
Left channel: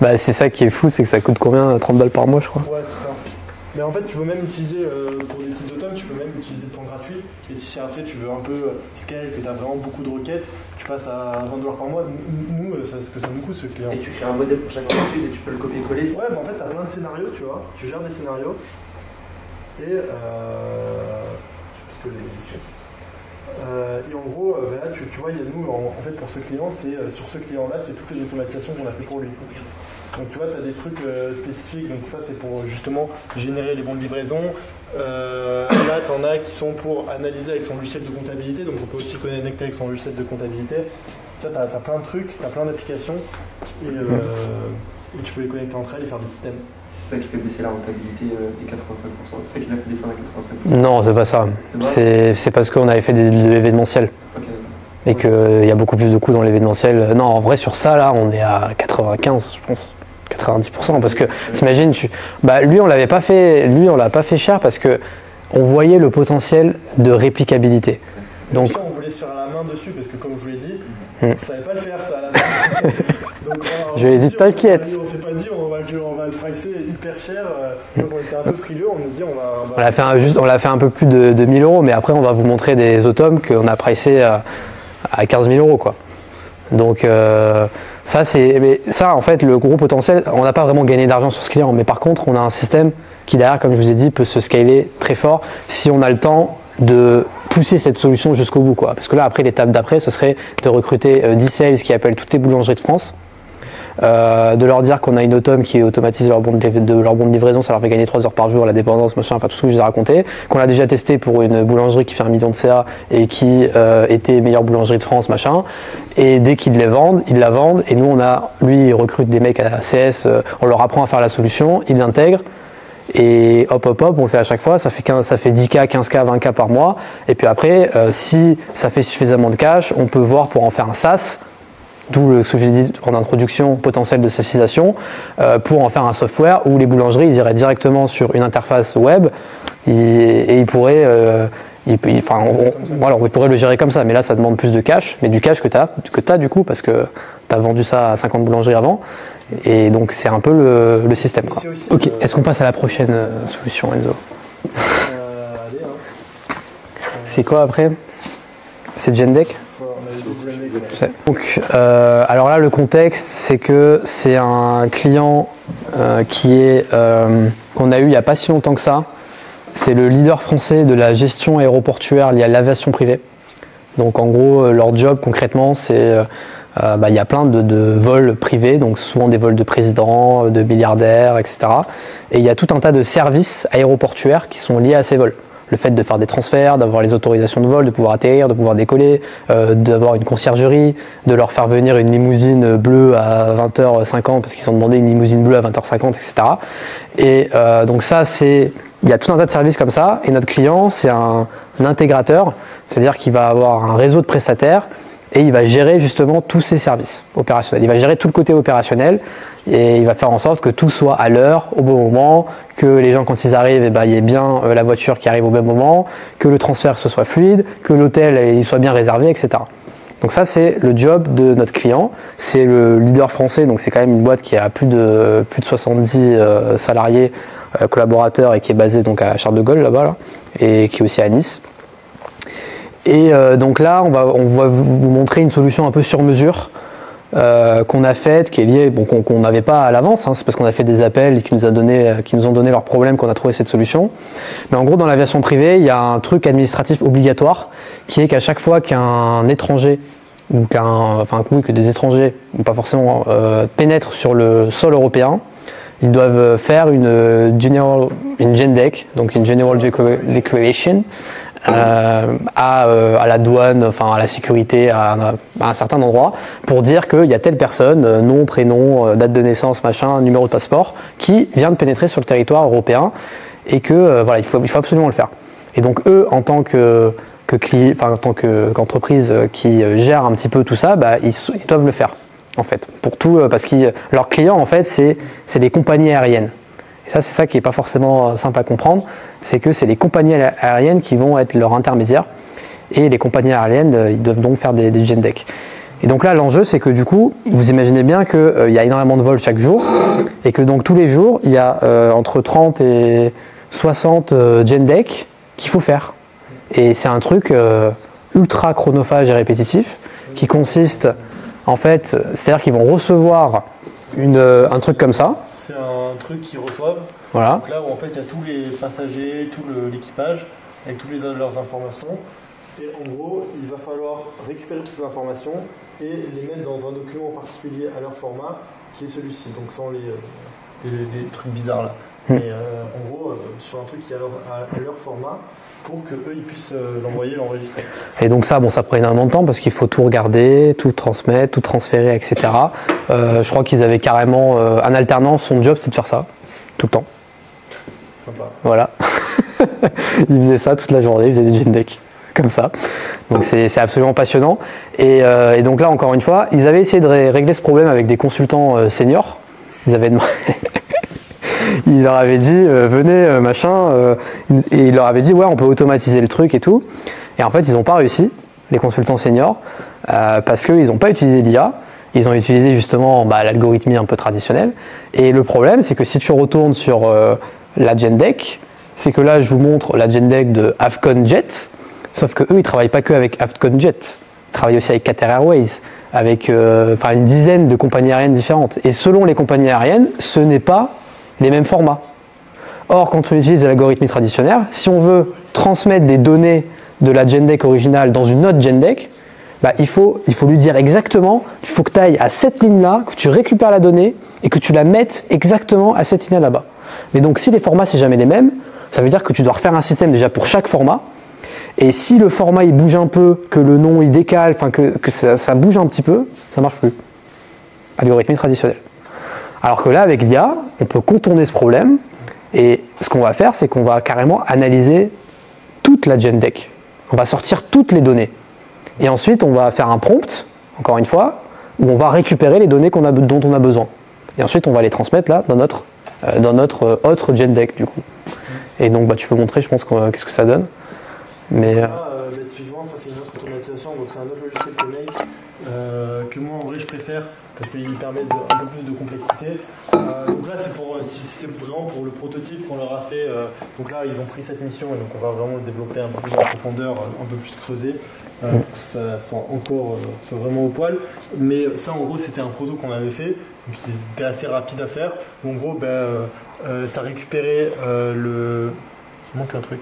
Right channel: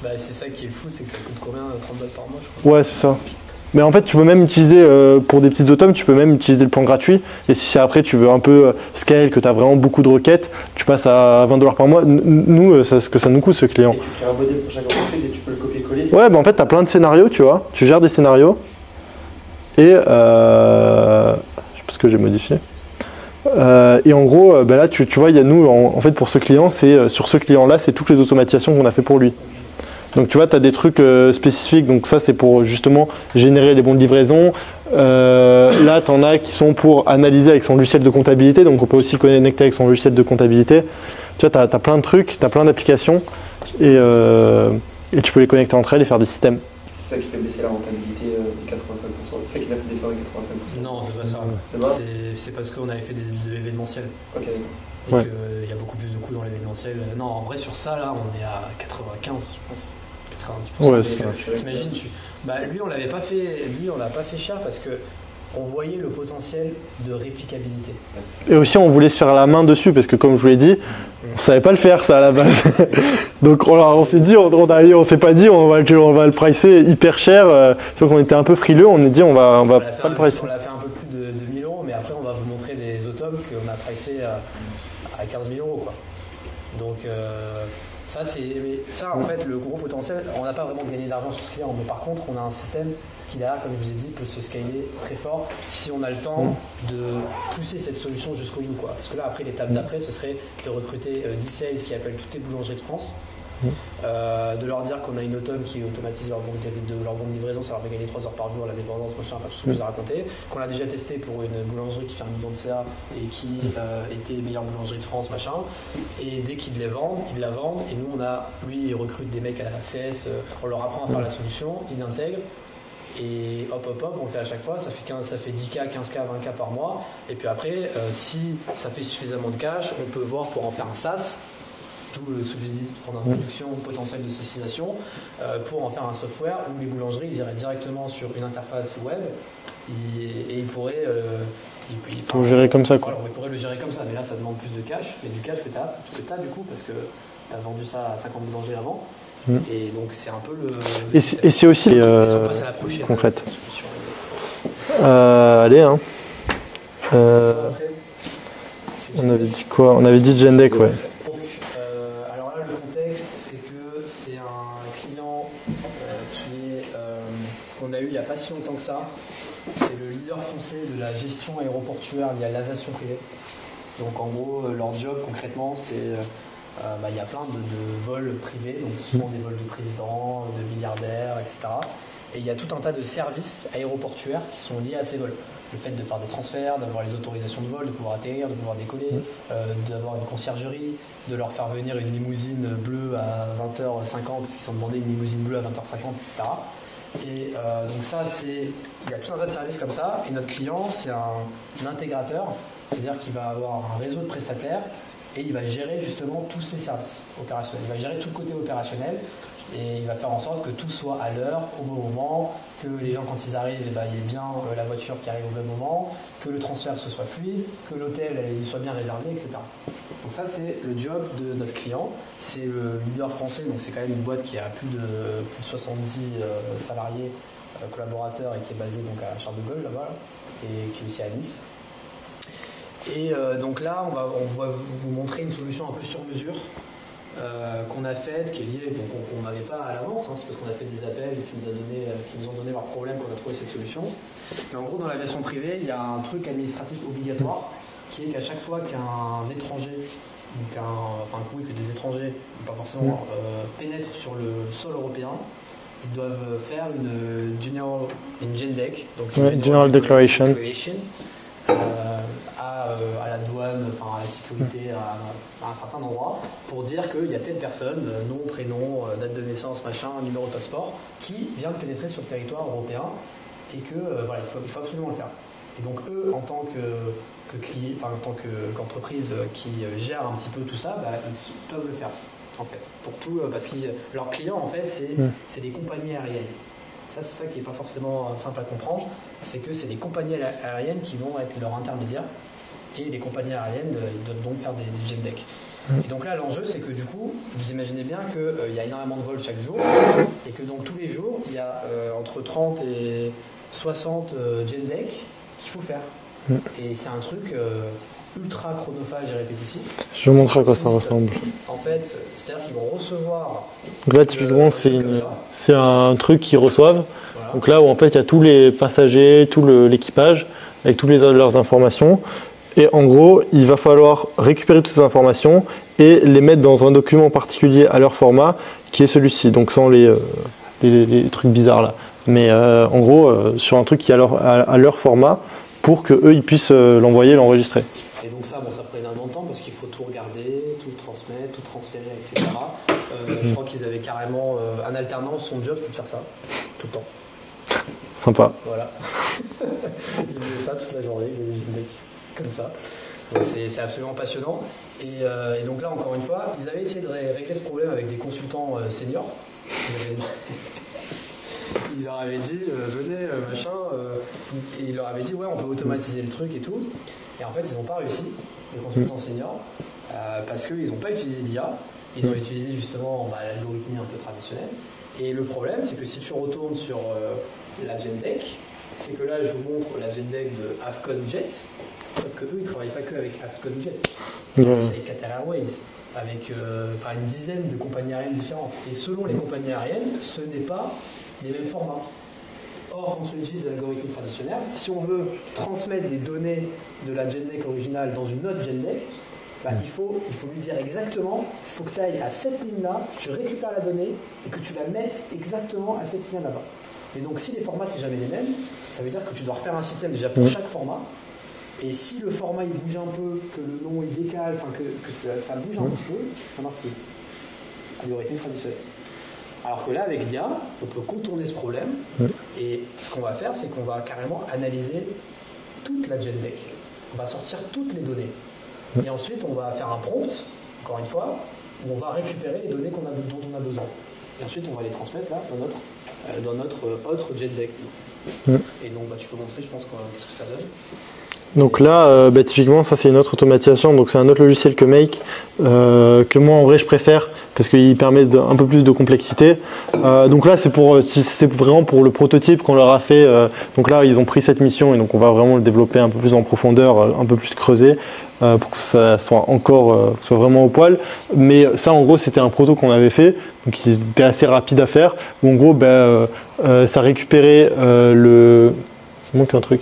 Bah, c'est ça qui est fou, c'est que ça coûte combien? 30 balles par mois, je crois. Ouais, c'est ça. Mais en fait, tu peux même utiliser, pour des petites automes, tu peux même utiliser le plan gratuit. Et si après tu veux un peu scale, que tu as vraiment beaucoup de requêtes, tu passes à 20 $ par mois. Nous, c'est ce que ça nous coûte, ce client. Et tu crées un modèle pour chaque entreprise et tu peux le copier-coller. Ouais, bah en fait, tu as plein de scénarios, tu vois. Tu gères des scénarios. Et je sais pas ce que j'ai modifié. Et en gros, bah là, tu vois, il y a nous, en fait, pour ce client, sur ce client-là, c'est toutes les automatisations qu'on a fait pour lui. Donc tu vois, tu as des trucs spécifiques, donc ça c'est pour justement générer les bons de livraison. Là, tu en as qui sont pour analyser avec son logiciel de comptabilité, donc on peut aussi connecter avec son logiciel de comptabilité. Tu vois, tu as plein de trucs, tu as plein d'applications et tu peux les connecter entre elles et faire des systèmes. C'est ça qui fait baisser la rentabilité des 85%, c'est ça qui l'a fait descendre à 85%. Non, c'est pas ça. C'est parce qu'on avait fait de l'événementiel. Okay. Et qu'il y a beaucoup plus de coûts dans l'événementiel. Non, en vrai, sur ça, là, on est à 95, je pense. 90%. Parce que, t'imagines, lui, on l'a pas fait cher parce que on voyait le potentiel de réplicabilité. Et donc, aussi, on voulait se faire la main dessus parce que, comme je vous l'ai dit, on savait pas le faire, ça, à la base. Donc, on s'est dit, on s'est pas dit, on va le pricer hyper cher. Donc, on était un peu frileux, on a dit, on l'a fait un peu plus de 1000 €, mais après, on va vous montrer des automes qu'on a pricé à 15 000 €, quoi. Donc, ça, en fait, le gros potentiel, on n'a pas vraiment gagné d'argent sur ce client, mais par contre, on a un système qui, derrière, comme je vous ai dit, peut se scaler très fort si on a le temps de pousser cette solution jusqu'au bout, quoi. Parce que là, après, l'étape d'après, ce serait de recruter 10 sales qui appellent toutes les boulangeries de France, de leur dire qu'on a une autom qui automatise leur bon de livraison, ça leur fait gagner 3 heures par jour, la dépendance, machin, enfin tout ce que je vous ai raconté, qu'on a déjà testé pour une boulangerie qui fait 1 million de CA et qui était meilleure boulangerie de France, machin, et dès qu'ils la vendent, et nous lui il recrute des mecs à CS, on leur apprend à faire la solution, ils l'intègrent, et hop, on le fait à chaque fois, ça fait 10K, 15K, 20K par mois, et puis après, si ça fait suffisamment de cash, on peut voir pour en faire un SaaS, d'où ce que j'ai dit en introduction, potentiel de SaaSisation, pour en faire un software où les boulangeries ils iraient directement sur une interface web et ils pourraient on pourrait le gérer comme ça, mais là ça demande plus de cash, mais du cash que tu as du coup, parce que tu as vendu ça à 50 boulangeries avant, et donc c'est un peu le système. Et c'est aussi Est-ce qu'on passe à la prochaine solution, Enzo? Allez, hein. C'est quoi après? C'est Gendeck. Quoi? On avait dit Gendeck, ouais. Donc, alors là, le contexte, c'est que c'est un client qu'on a eu il n'y a pas si longtemps que ça. C'est le leader français de la gestion aéroportuaire liée à l'aviation privée. Donc en gros, leur job concrètement, c'est il y a plein de vols privés, donc souvent des vols de présidents, de milliardaires, etc. Et il y a tout un tas de services aéroportuaires qui sont liés à ces vols. Le fait de faire des transferts, d'avoir les autorisations de vol, de pouvoir atterrir, de pouvoir décoller, d'avoir une conciergerie, de leur faire venir une limousine bleue à 20h50 parce qu'ils ont demandé une limousine bleue à 20h50, etc. Et donc ça, il y a tout un tas de services comme ça. Et notre client, c'est un intégrateur, c'est-à-dire qu'il va avoir un réseau de prestataires et il va gérer justement tous ces services opérationnels. Il va gérer tout le côté opérationnel et il va faire en sorte que tout soit à l'heure, au bon moment, que les gens quand ils arrivent, il y ait bien la voiture qui arrive au même moment, que le transfert ce soit fluide, que l'hôtel il soit bien réservé, etc. Donc ça c'est le job de notre client. C'est le leader français, donc c'est quand même une boîte qui a plus de 70 salariés, collaborateurs et qui est basée donc à Charles de Gaulle là-bas et qui est aussi à Nice. Et donc là, on va vous montrer une solution un peu sur mesure qu'on a faite, qui est liée, qu'on n'avait pas à l'avance, c'est parce qu'on a fait des appels et qui nous ont donné leurs problèmes qu'on a trouvé cette solution. Mais en gros, dans l'aviation privée, il y a un truc administratif obligatoire qui est qu'à chaque fois qu'un étranger ou que des étrangers, pas forcément, pénètrent sur le sol européen, ils doivent faire une GenDec, donc une General Declaration. À la douane, à la sécurité, à un certain endroit, pour dire qu'il y a telle personne, nom, prénom, date de naissance, machin, numéro de passeport, qui vient de pénétrer sur le territoire européen et que il faut absolument le faire. Et donc eux, en tant qu'entreprise qui gère un petit peu tout ça, ils doivent le faire en fait, pour tout, parce que leurs clients en fait, c'est des compagnies aériennes. Et ça, c'est ça qui n'est pas forcément simple à comprendre, c'est que c'est les compagnies aériennes qui vont être leurs intermédiaires. Et les compagnies aériennes, ils doivent donc faire des GenDec. Et donc là, l'enjeu, c'est que du coup, vous imaginez bien qu'il y a énormément de vols chaque jour, et que donc tous les jours, il y a entre 30 et 60 GenDec qu'il faut faire. Et c'est un truc ultra chronophage et répétitif, qui consiste, en fait, c'est-à-dire qu'ils vont recevoir un truc comme ça. C'est un truc qu'ils reçoivent. Voilà. Donc là où en fait il y a tous les passagers, tout l'équipage avec toutes leurs informations. Et en gros, il va falloir récupérer toutes ces informations et les mettre dans un document particulier à leur format qui est celui-ci. Donc sans les trucs bizarres là. Mais en gros, sur un truc qui est à leur format pour qu'eux ils puissent l'envoyer, l'enregistrer. Et donc ça prend énormément de temps parce qu'il faut tout regarder, tout transmettre, tout transférer, etc. Je crois qu'ils avaient carrément un alternant, son job c'est de faire ça, tout le temps. Sympa. Voilà. Il faisait ça toute la journée, il faisait des GenDec, comme ça. Donc c'est absolument passionnant. Et donc là, encore une fois, ils avaient essayé de régler ce problème avec des consultants seniors. Ils leur avaient dit, venez, machin. Et ils leur avaient dit, ouais, on peut automatiser le truc et tout. Et en fait, ils n'ont pas réussi, les consultants seniors, parce qu'ils n'ont pas utilisé l'IA. Ils ont utilisé justement l'algorithmie un peu traditionnelle. Et le problème, c'est que si tu retournes sur la GenDec, c'est que là, je vous montre la GenDec de Avcon Jet, sauf que eux, ils travaillent pas que avec Avcon Jet, ils travaillent aussi avec Qatar Airways, avec une dizaine de compagnies aériennes différentes. Et selon les compagnies aériennes, ce n'est pas les mêmes formats. Or, quand on utilise l'algorithmie traditionnelle, si on veut transmettre des données de la GenDec originale dans une autre GenDec, il faut lui dire exactement, il faut que tu ailles à cette ligne-là, que tu récupères la donnée et que tu la mettes exactement à cette ligne là-bas. Mais donc si les formats c'est jamais les mêmes, ça veut dire que tu dois refaire un système déjà pour chaque format. Et si le format il bouge un peu, que le nom il décale, que ça bouge un petit peu, ça marche plus. Algorithmie traditionnelle. Alors que là avec l'IA, on peut contourner ce problème. Et ce qu'on va faire, c'est qu'on va carrément analyser toute la GenDec. On va sortir toutes les données. Et ensuite, on va faire un prompt, encore une fois, où on va récupérer les données dont on a besoin. Et ensuite, on va les transmettre là dans notre autre GenDec du coup. Et donc, tu peux montrer, je pense, qu'est-ce que ça donne. Donc là, typiquement, ça c'est une autre automatisation. Donc c'est un autre logiciel que Make, que moi en vrai je préfère parce qu'il permet un peu plus de complexité. Donc là c'est vraiment pour le prototype qu'on leur a fait. Donc là ils ont pris cette mission et donc on va vraiment le développer un peu plus en profondeur, un peu plus creusé. pour que ça soit soit vraiment au poil. Mais ça, en gros, c'était un proto qu'on avait fait, donc il était assez rapide à faire. Où en gros, ça récupérait Il manque un truc.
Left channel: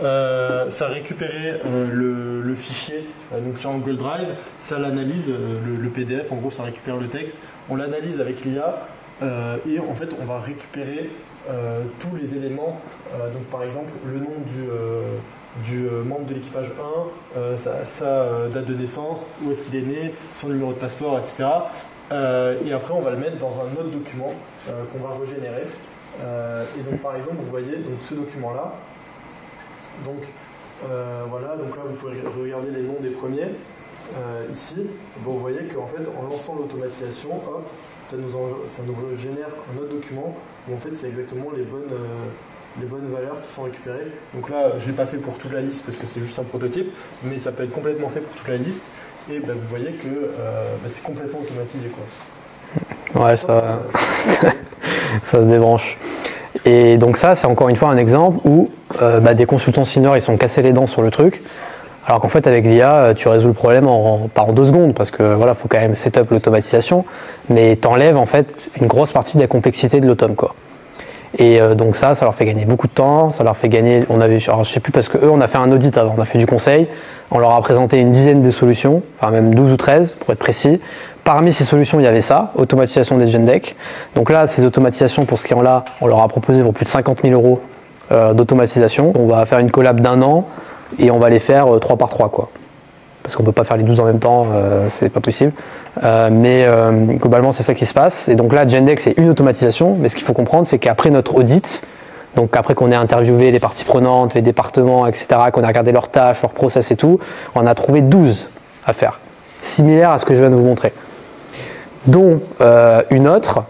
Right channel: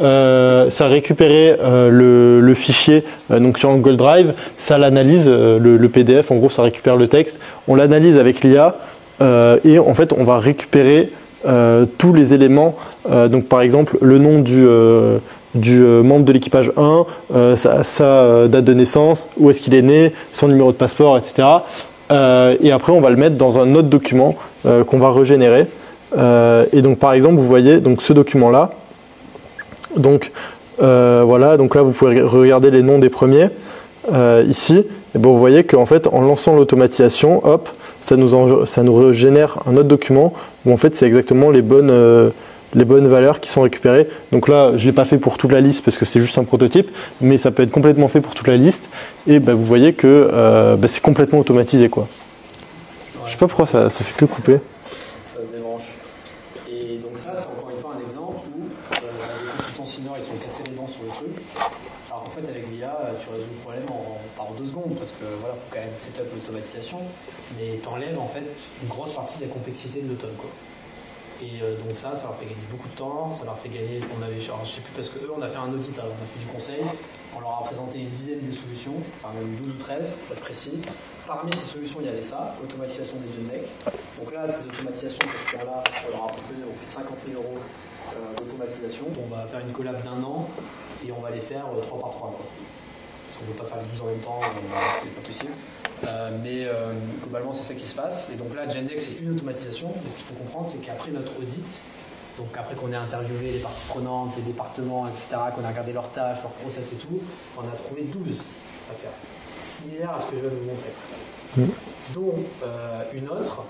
Ça récupérait le fichier donc sur un Google Drive, ça l'analyse, le PDF, en gros, ça récupère le texte. On l'analyse avec l'IA et en fait, on va récupérer tous les éléments. Donc, par exemple, le nom du membre de l'équipage 1, sa date de naissance, où est-ce qu'il est né, son numéro de passeport, etc. Et après, on va le mettre dans un autre document qu'on va régénérer. Et donc, par exemple, vous voyez donc, ce document-là. Donc, voilà, donc là, vous pouvez regarder les noms des premiers. Ici, et vous voyez qu'en fait, en lançant l'automatisation, hop, ça nous régénère un autre document où en fait, c'est exactement les bonnes valeurs qui sont récupérées. Donc là, je ne l'ai pas fait pour toute la liste parce que c'est juste un prototype, mais ça peut être complètement fait pour toute la liste. Et vous voyez que c'est complètement automatisé, quoi. Ouais, je sais pas pourquoi ça tout coupé. Ça se débranche. Et donc ça, c'est encore une fois un exemple où des consultants seniors, ils sont cassés les dents sur le truc. Alors qu'en fait, avec l'IA, tu résous le problème pas en 2 secondes, parce que voilà, faut quand même setup l'automatisation, mais t'enlèves en fait une grosse partie de la complexité de l'autome, quoi. Et donc ça leur fait gagner beaucoup de temps, ça leur fait gagner, alors je sais plus parce que eux, on a fait un audit avant, on a fait du conseil, on leur a présenté une dizaine de solutions, enfin même 12 ou 13 pour être précis. Parmi ces solutions, il y avait ça, automatisation des GenDeck. Donc là, ces automatisations, pour ce client-là, on leur a proposé pour plus de 50 000 € d'automatisation. On va faire une collab d'1 an et on va les faire 3 par 3, quoi. Parce qu'on ne peut pas faire les 12 en même temps, c'est pas possible. Mais globalement, c'est ça qui se passe. Et donc là, GenDeck, c'est une automatisation. Mais ce qu'il faut comprendre, c'est qu'après notre audit, donc après qu'on ait interviewé les parties prenantes, les départements, etc., qu'on a regardé leurs tâches, leurs process et tout, on a trouvé 12 à faire, similaires à ce que je viens de vous montrer. Dont une autre,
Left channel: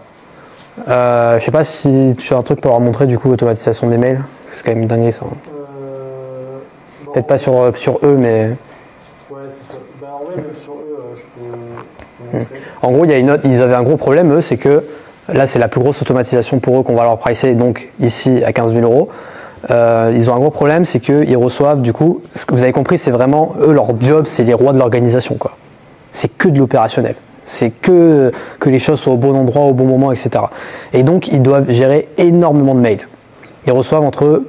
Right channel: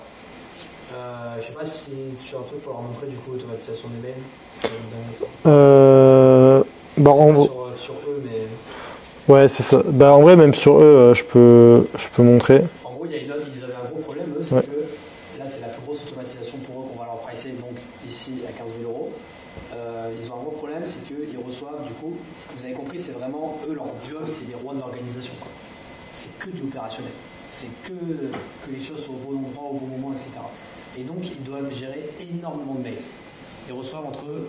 je ne sais pas si tu as un truc pour leur montrer du coup l'automatisation des mails, c'est quand même dingue ça. Peut-être pas sur eux, mais... Ouais, c'est ça. En vrai, même sur eux, je peux montrer. En gros, ils avaient un gros problème, eux, c'est que là, c'est la plus grosse automatisation pour eux qu'on va leur pricer, donc ici à 15 000 €. Ils ont un gros problème, c'est qu'ils reçoivent, du coup, ce que vous avez compris, c'est vraiment, eux, leur job, c'est les rois de l'organisation, quoi. C'est que de l'opérationnel. C'est que les choses soient au bon endroit, au bon moment, etc. Et donc, ils doivent gérer énormément de mails. Ils reçoivent entre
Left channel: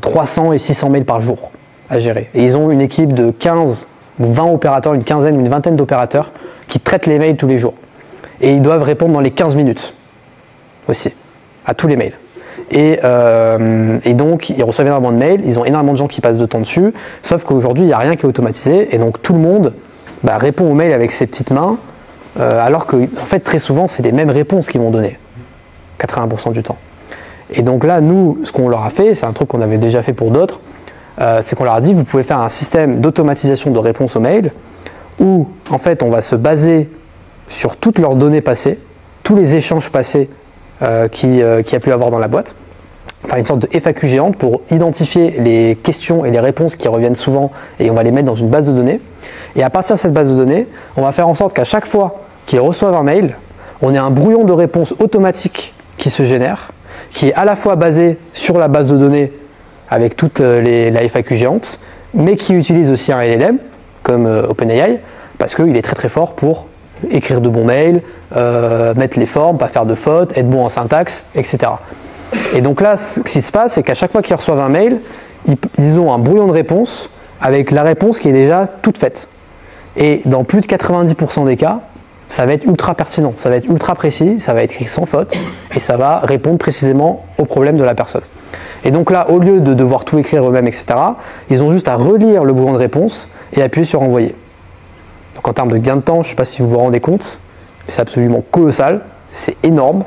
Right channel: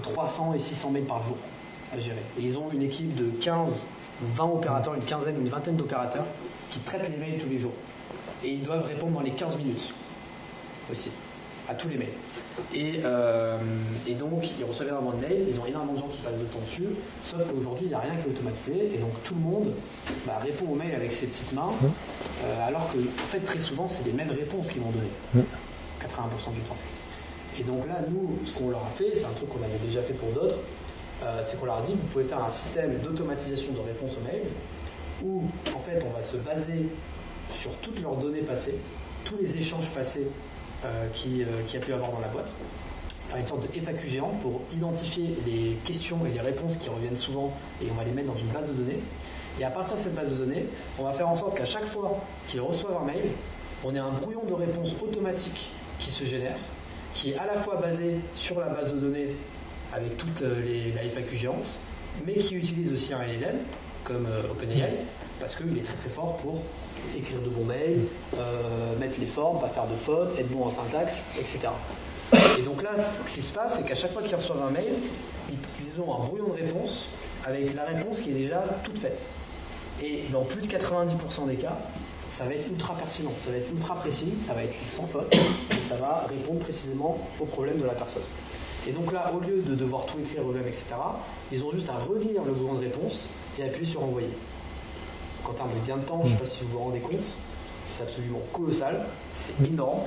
300 et 600 mails par jour à gérer. Et ils ont une équipe de 15 ou 20 opérateurs, une quinzaine ou une vingtaine d'opérateurs qui traitent les mails tous les jours. Et ils doivent répondre dans les 15 minutes aussi, à tous les mails. Et donc, ils reçoivent énormément de mails, ils ont énormément de gens qui passent de temps dessus, sauf qu'aujourd'hui, il n'y a rien qui est automatisé, et donc tout le monde répond aux mails avec ses petites mains, alors que, en fait, très souvent, c'est les mêmes réponses qu'ils vont donner, 80% du temps. Et donc là, nous, ce qu'on leur a fait, c'est un truc qu'on avait déjà fait pour d'autres, c'est qu'on leur a dit, vous pouvez faire un système d'automatisation de réponse aux mails, où, en fait, on va se baser sur toutes leurs données passées, tous les échanges passés qu'il y a pu avoir dans la boîte, enfin une sorte de FAQ géante pour identifier les questions et les réponses qui reviennent souvent, et on va les mettre dans une base de données. Et à partir de cette base de données, on va faire en sorte qu'à chaque fois qu'ils reçoivent un mail, on ait un brouillon de réponse automatique qui se génère, qui est à la fois basé sur la base de données avec toute la FAQ géante, mais qui utilise aussi un LLM, comme OpenAI, parce qu'il est très très fort pour écrire de bons mails, mettre les formes, pas faire de fautes, être bon en syntaxe, etc. Et donc là, ce qui se passe, c'est qu'à chaque fois qu'ils reçoivent un mail, ils ont un brouillon de réponse avec la réponse qui est déjà toute faite. Et dans plus de 90% des cas, ça va être ultra pertinent, ça va être ultra précis, ça va être écrit sans faute, et ça va répondre précisément au problème de la personne. Et donc là, au lieu de devoir tout écrire eux-mêmes, etc., ils ont juste à relire le brouillon de réponse et appuyer sur envoyer. Donc en termes de gain de temps, je ne sais pas si vous vous rendez compte, c'est absolument colossal, c'est énorme,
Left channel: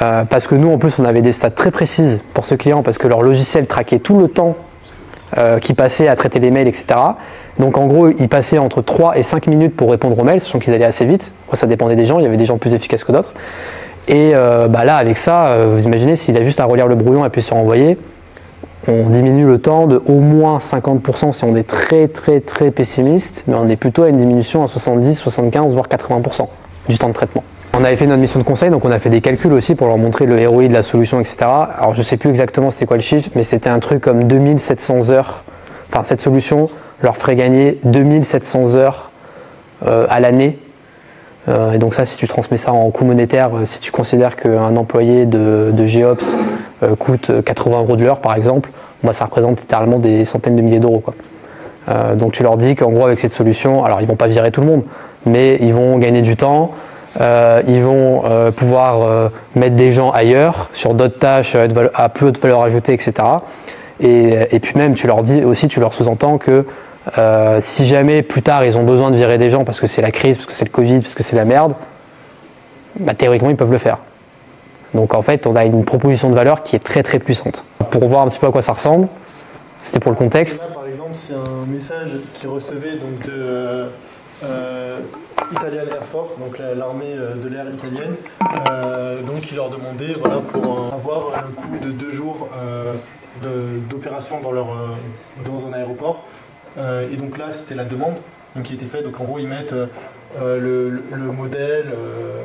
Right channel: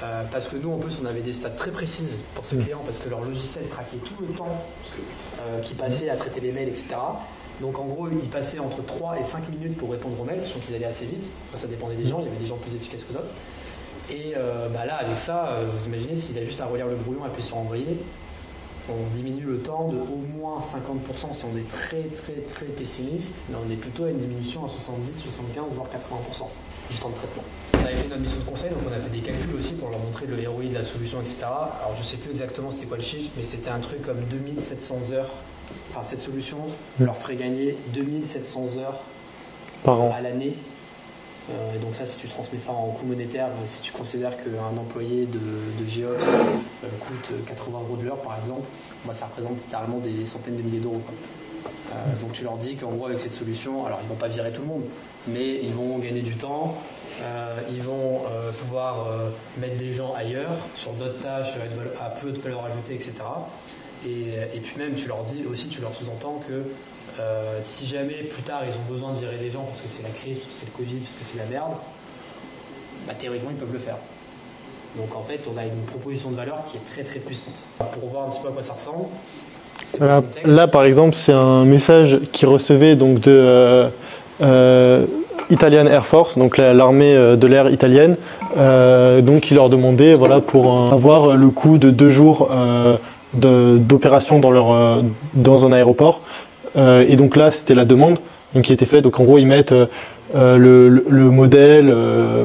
parce que nous, en plus, on avait des stats très précises pour ce client, parce que leur logiciel traquait tout le temps qui passait à traiter les mails, etc. Donc en gros, ils passaient entre 3 et 5 minutes pour répondre aux mails, sachant qu'ils allaient assez vite. Après, ça dépendait des gens, il y avait des gens plus efficaces que d'autres. Et là, avec ça, vous imaginez, s'il a juste à relire le brouillon et puis sur envoyer, on diminue le temps de au moins 50% si on est très très très pessimiste, mais on est plutôt à une diminution à 70, 75, voire 80% du temps de traitement. On avait fait notre mission de conseil, donc on a fait des calculs aussi pour leur montrer le ROI de la solution, etc. Alors je ne sais plus exactement c'était quoi le chiffre, mais c'était un truc comme 2700 heures enfin cette solution leur ferait gagner 2700 heures à l'année. Et donc ça, si tu transmets ça en coût monétaire, si tu considères qu'un employé de GEOps coûte 80 € de l'heure par exemple, bah, ça représente littéralement des centaines de milliers d'euros, quoi. Donc tu leur dis qu'en gros avec cette solution, alors ils vont pas virer tout le monde, mais ils vont gagner du temps, ils vont pouvoir mettre des gens ailleurs, sur d'autres tâches à plus haute valeur ajoutée, etc. Et puis même tu leur dis aussi, tu leur sous-entends que si jamais plus tard ils ont besoin de virer des gens parce que c'est la crise, parce que c'est le Covid, parce que c'est la merde, bah, théoriquement ils peuvent le faire. Donc en fait on a une proposition de valeur qui est très très puissante. Pour voir un petit peu à quoi ça ressemble, c'était pour le contexte. Là par exemple c'est un message qu'ils recevaient donc de Italian Air Force, donc l'armée de l'air italienne, donc ils leur demandaient voilà, pour avoir le coût de 2 jours d'opération dans un aéroport. Et donc là, c'était la demande donc, qui était faite. Donc en gros, ils mettent le modèle,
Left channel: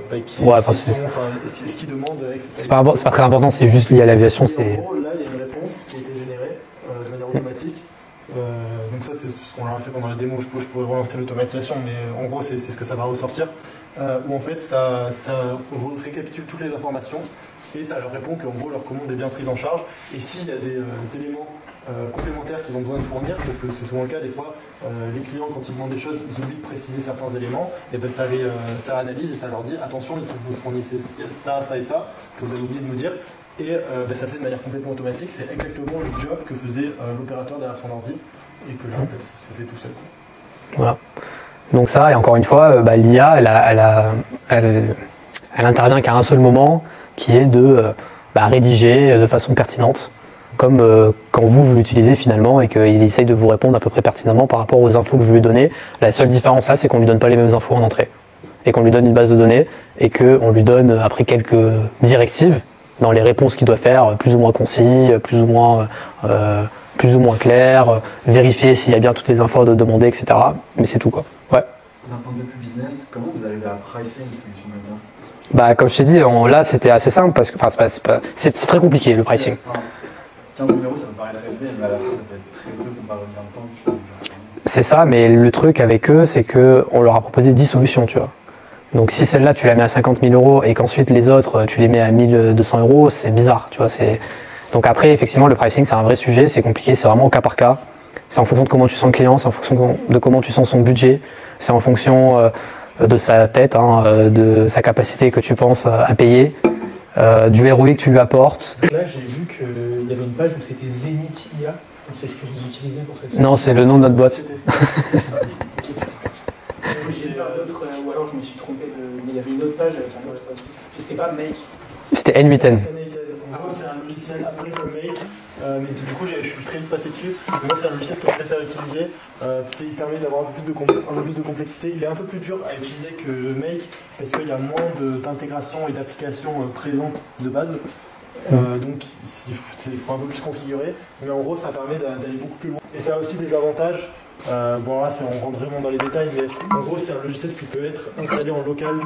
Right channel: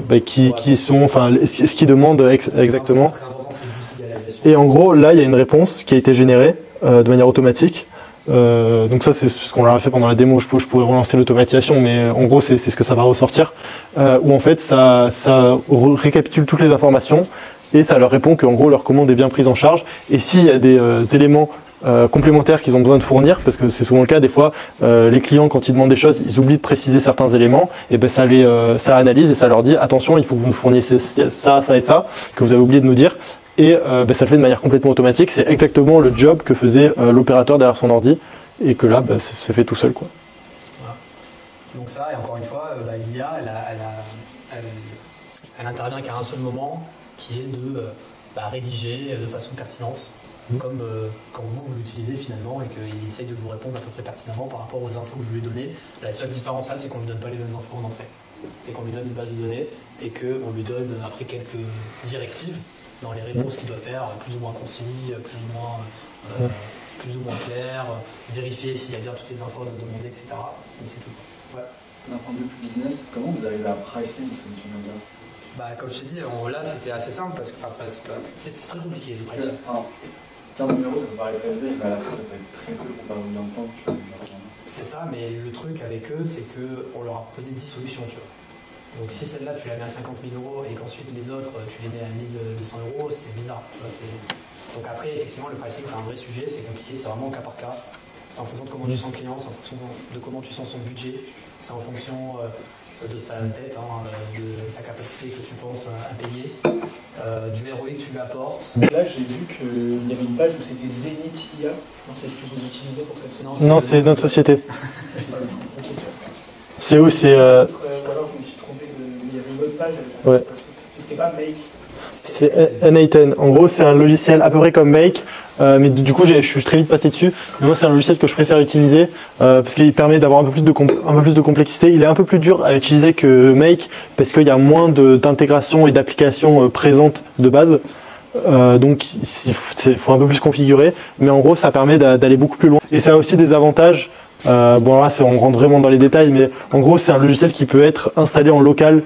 ce qu'ils demandent exactement. C'est pas très important, c'est juste lié à l'aviation. Et en gros, là, il y a une réponse qui a été générée de manière automatique. Donc ça, c'est ce qu'on leur a fait pendant la démo. Je pourrais relancer l'automatisation, mais en gros, c'est ce que ça va ressortir. Où en fait, ça récapitule toutes les informations et ça leur répond qu'en gros, leur commande est bien prise en charge. Et s'il y a des éléments complémentaires qu'ils ont besoin de fournir, parce que c'est souvent le cas des fois, les clients quand ils demandent des choses, ils oublient de préciser certains éléments, et ben ça analyse et ça leur dit attention, il faut que vous nous fournissiez ça, ça et ça que vous avez oublié de nous dire, et ça le fait de manière complètement automatique. C'est exactement le job que faisait l'opérateur derrière son ordi, et que là c'est fait tout seul, quoi. Voilà. Donc ça, et encore une fois, l'IA elle intervient qu'à un seul moment, qui est de rédiger de façon pertinente, comme quand vous l'utilisez finalement et qu'il essaye de vous répondre à peu près pertinemment par rapport aux infos que vous lui donnez. La seule différence là, c'est qu'on ne lui donne pas les mêmes infos en entrée et qu'on lui donne une base de données et qu'on lui donne après quelques directives dans les réponses qu'il doit faire, plus ou moins concis, plus ou moins clair, vérifier s'il y a bien toutes les infos demander, etc. Mais c'est tout, quoi. Ouais. D'un point de vue plus business, comment vous arrivez à pricer une solution comme ça ? Comme je t'ai dit, là c'était assez simple parce que c'est très compliqué le pricing. 15 000 €, ça me paraît très élevé, mais à la fin, ça peut être très peu comparé au gain de temps que tu as. C'est ça, mais le truc avec eux, c'est qu'on leur a proposé 10 solutions, tu vois. Donc si celle-là, tu la mets à 50 000 € et qu'ensuite les autres, tu les mets à 1 200 €, c'est bizarre, tu vois. Donc après, effectivement, le pricing, c'est un vrai sujet, c'est compliqué, c'est vraiment au cas par cas. C'est en fonction de comment tu sens le client, c'est en fonction de comment tu sens son budget, c'est en fonction de sa tête, de sa capacité que tu penses à payer. Du ROI que tu lui apportes. Là, j'ai vu qu'il y avait une page où c'était Zenith IA. Donc c'est ce que vous utilisez pour cette société. Non, c'est le nom de notre société. C'est où c'est Ou alors je me suis trompé, mais il y avait une autre page. Ouais. C'était pas Make. C'était N8N. N8N. En gros, c'est un logiciel à peu près comme Make, mais du coup, je suis très vite passé dessus. Mais moi, c'est un logiciel que je préfère utiliser parce qu'il permet d'avoir un peu plus de complexité. Il est un peu plus dur à utiliser que Make parce qu'il y a moins d'intégration et d'applications présentes de base. Donc, il faut un peu plus configurer. Mais en gros, ça permet d'aller beaucoup plus loin. Et ça a aussi des avantages. Bon là on rentre vraiment dans les détails, mais en gros c'est un logiciel qui peut être installé en local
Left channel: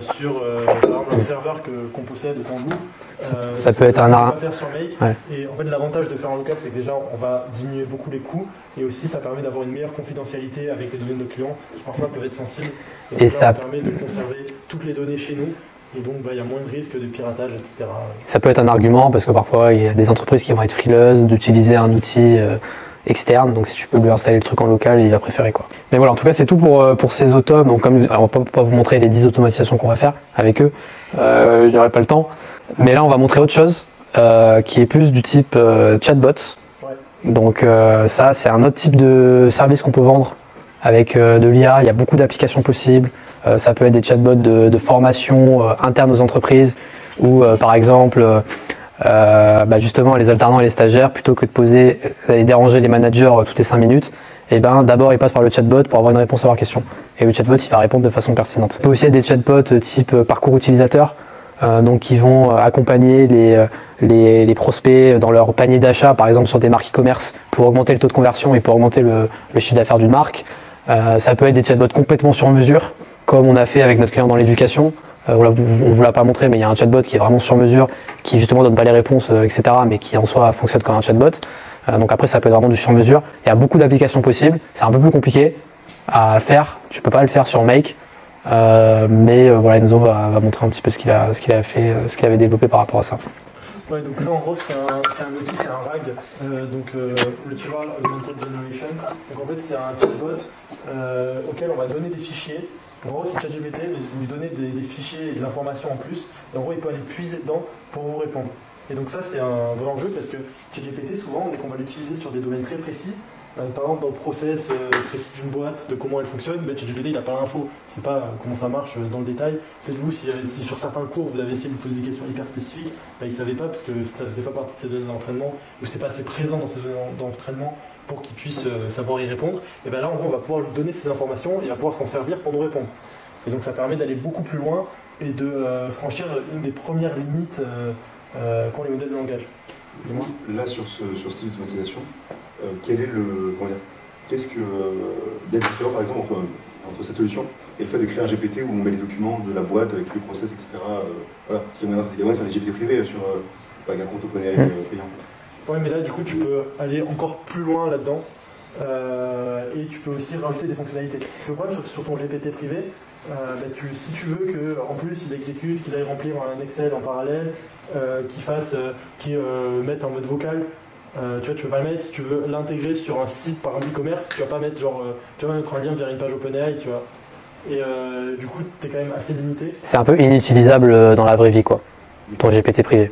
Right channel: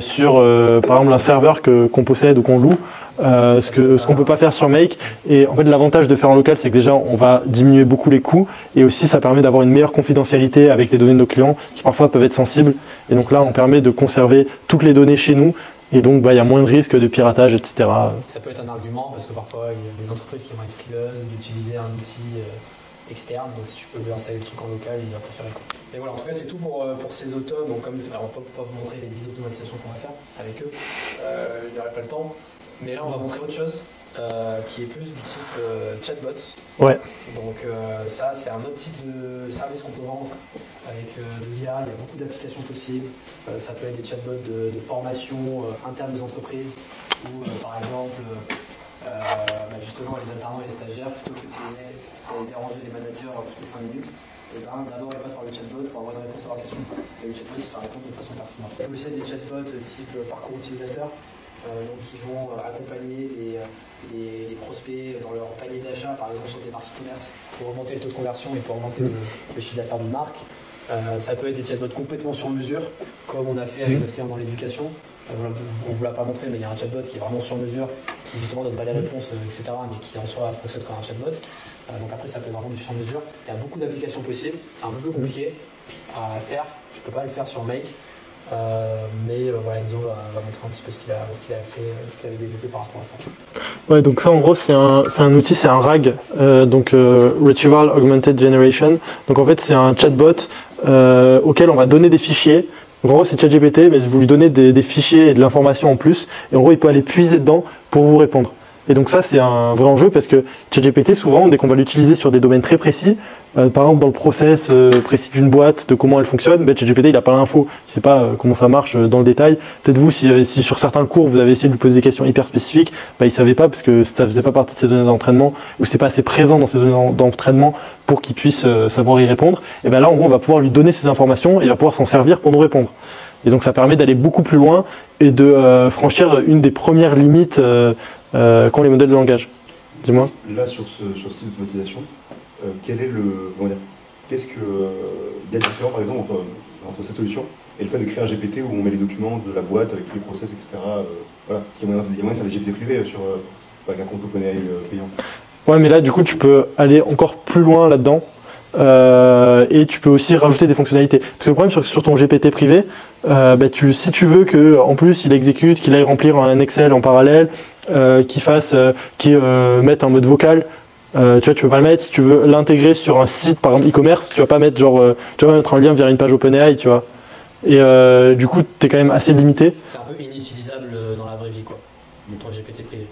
sur par exemple un serveur qu'on possède ou qu'on loue, ce qu'on ne peut pas faire sur Make. Ouais. Et en fait l'avantage de faire en local, c'est que déjà on va diminuer beaucoup les coûts et aussi ça permet d'avoir une meilleure confidentialité avec les données de nos clients qui parfois peuvent être sensibles, et donc là on permet de conserver toutes les données chez nous. Et donc, il y a moins de risques de piratage, etc. Ça peut être un argument parce que parfois il y a des entreprises qui vont être frileuses d'utiliser un outil externe, donc si tu peux lui installer le truc en local, il va préférer, quoi. Mais voilà, en tout cas c'est tout pour ces autos. Donc comme on va pas vous montrer les 10 automatisations qu'on va faire avec eux, il n'y aurait pas le temps, mais là on va montrer autre chose qui est plus du type chatbot. Ouais. Donc ça c'est un autre type de service qu'on peut vendre avec de l'IA. Il y a beaucoup d'applications possibles. Ça peut être des chatbots de formation interne aux entreprises ou par exemple justement les alternants et les stagiaires, plutôt que d'aller déranger les managers toutes les 5 minutes, d'abord ils passent par le chatbot pour avoir une réponse à leurs questions. Et le chatbot il va répondre de façon pertinente. Il peut aussi être des chatbots type parcours utilisateur, donc qui vont accompagner les prospects dans leur panier d'achat, par exemple sur des marques e-commerce, pour augmenter le taux de conversion et pour augmenter le chiffre d'affaires d'une marque. Ça peut être des chatbots complètement sur mesure, comme on a fait avec notre client dans l'éducation, Voilà, on ne vous l'a pas montré, mais il y a un chatbot qui est vraiment sur mesure, qui justement donne pas les réponses, etc., mais qui en soi fonctionne comme un chatbot. Donc après, ça peut être vraiment du sur mesure. Il y a beaucoup d'applications possibles. C'est un peu plus compliqué à faire. Tu peux pas le faire sur Make. Mais voilà, Enzo va montrer un petit peu ce qu'il avait développé par rapport à ça. Ouais, donc ça en gros c'est un outil, c'est un RAG, Retrieval Augmented Generation. Donc en fait c'est un chatbot auquel on va donner des fichiers. Donc en gros c'est ChatGPT, mais vous lui donnez des fichiers et de l'information en plus, et en gros il peut aller puiser dedans pour vous répondre. Et donc ça c'est un vrai enjeu parce que ChatGPT souvent dès qu'on va l'utiliser sur des domaines très précis, par exemple dans le process précis d'une boîte, de comment elle fonctionne, ChatGPT il n'a pas l'info, il ne sait pas comment ça marche dans le détail. Peut-être vous si sur certains cours vous avez essayé de lui poser des questions hyper spécifiques, il ne savait pas parce que ça ne faisait pas partie de ses données d'entraînement ou c'est pas assez présent dans ses données d'entraînement pour qu'il puisse savoir y répondre. Et bien là en gros on va pouvoir lui donner ces informations et il va pouvoir s'en servir pour nous répondre. Et donc ça permet d'aller beaucoup plus loin et de franchir une des premières limites qu'ont les modèles de langage. Dis-moi. Là, sur ce style d'automatisation, qu'est-ce qu'il y a de différent, par exemple, entre cette solution et le fait de créer un GPT où on met les documents de la boîte avec tous les process, etc. Voilà. Parce qu'il y a moyen de faire des GPT privés avec un compte OpenAI payant. Ouais, mais là, du coup, tu peux aller encore plus loin là-dedans. Et tu peux aussi rajouter des fonctionnalités. Parce que le problème sur ton GPT privé, si tu veux qu'en plus il exécute, qu'il aille remplir un Excel en parallèle, qu'il mette en mode vocal, tu peux pas le mettre. Si tu veux l'intégrer sur un site par exemple e-commerce, tu vas pas mettre tu vas mettre un lien vers une page OpenAI, tu vois. Et du coup, tu es quand même assez limité. C'est un peu inutilisable dans la vraie vie, quoi, ton GPT privé.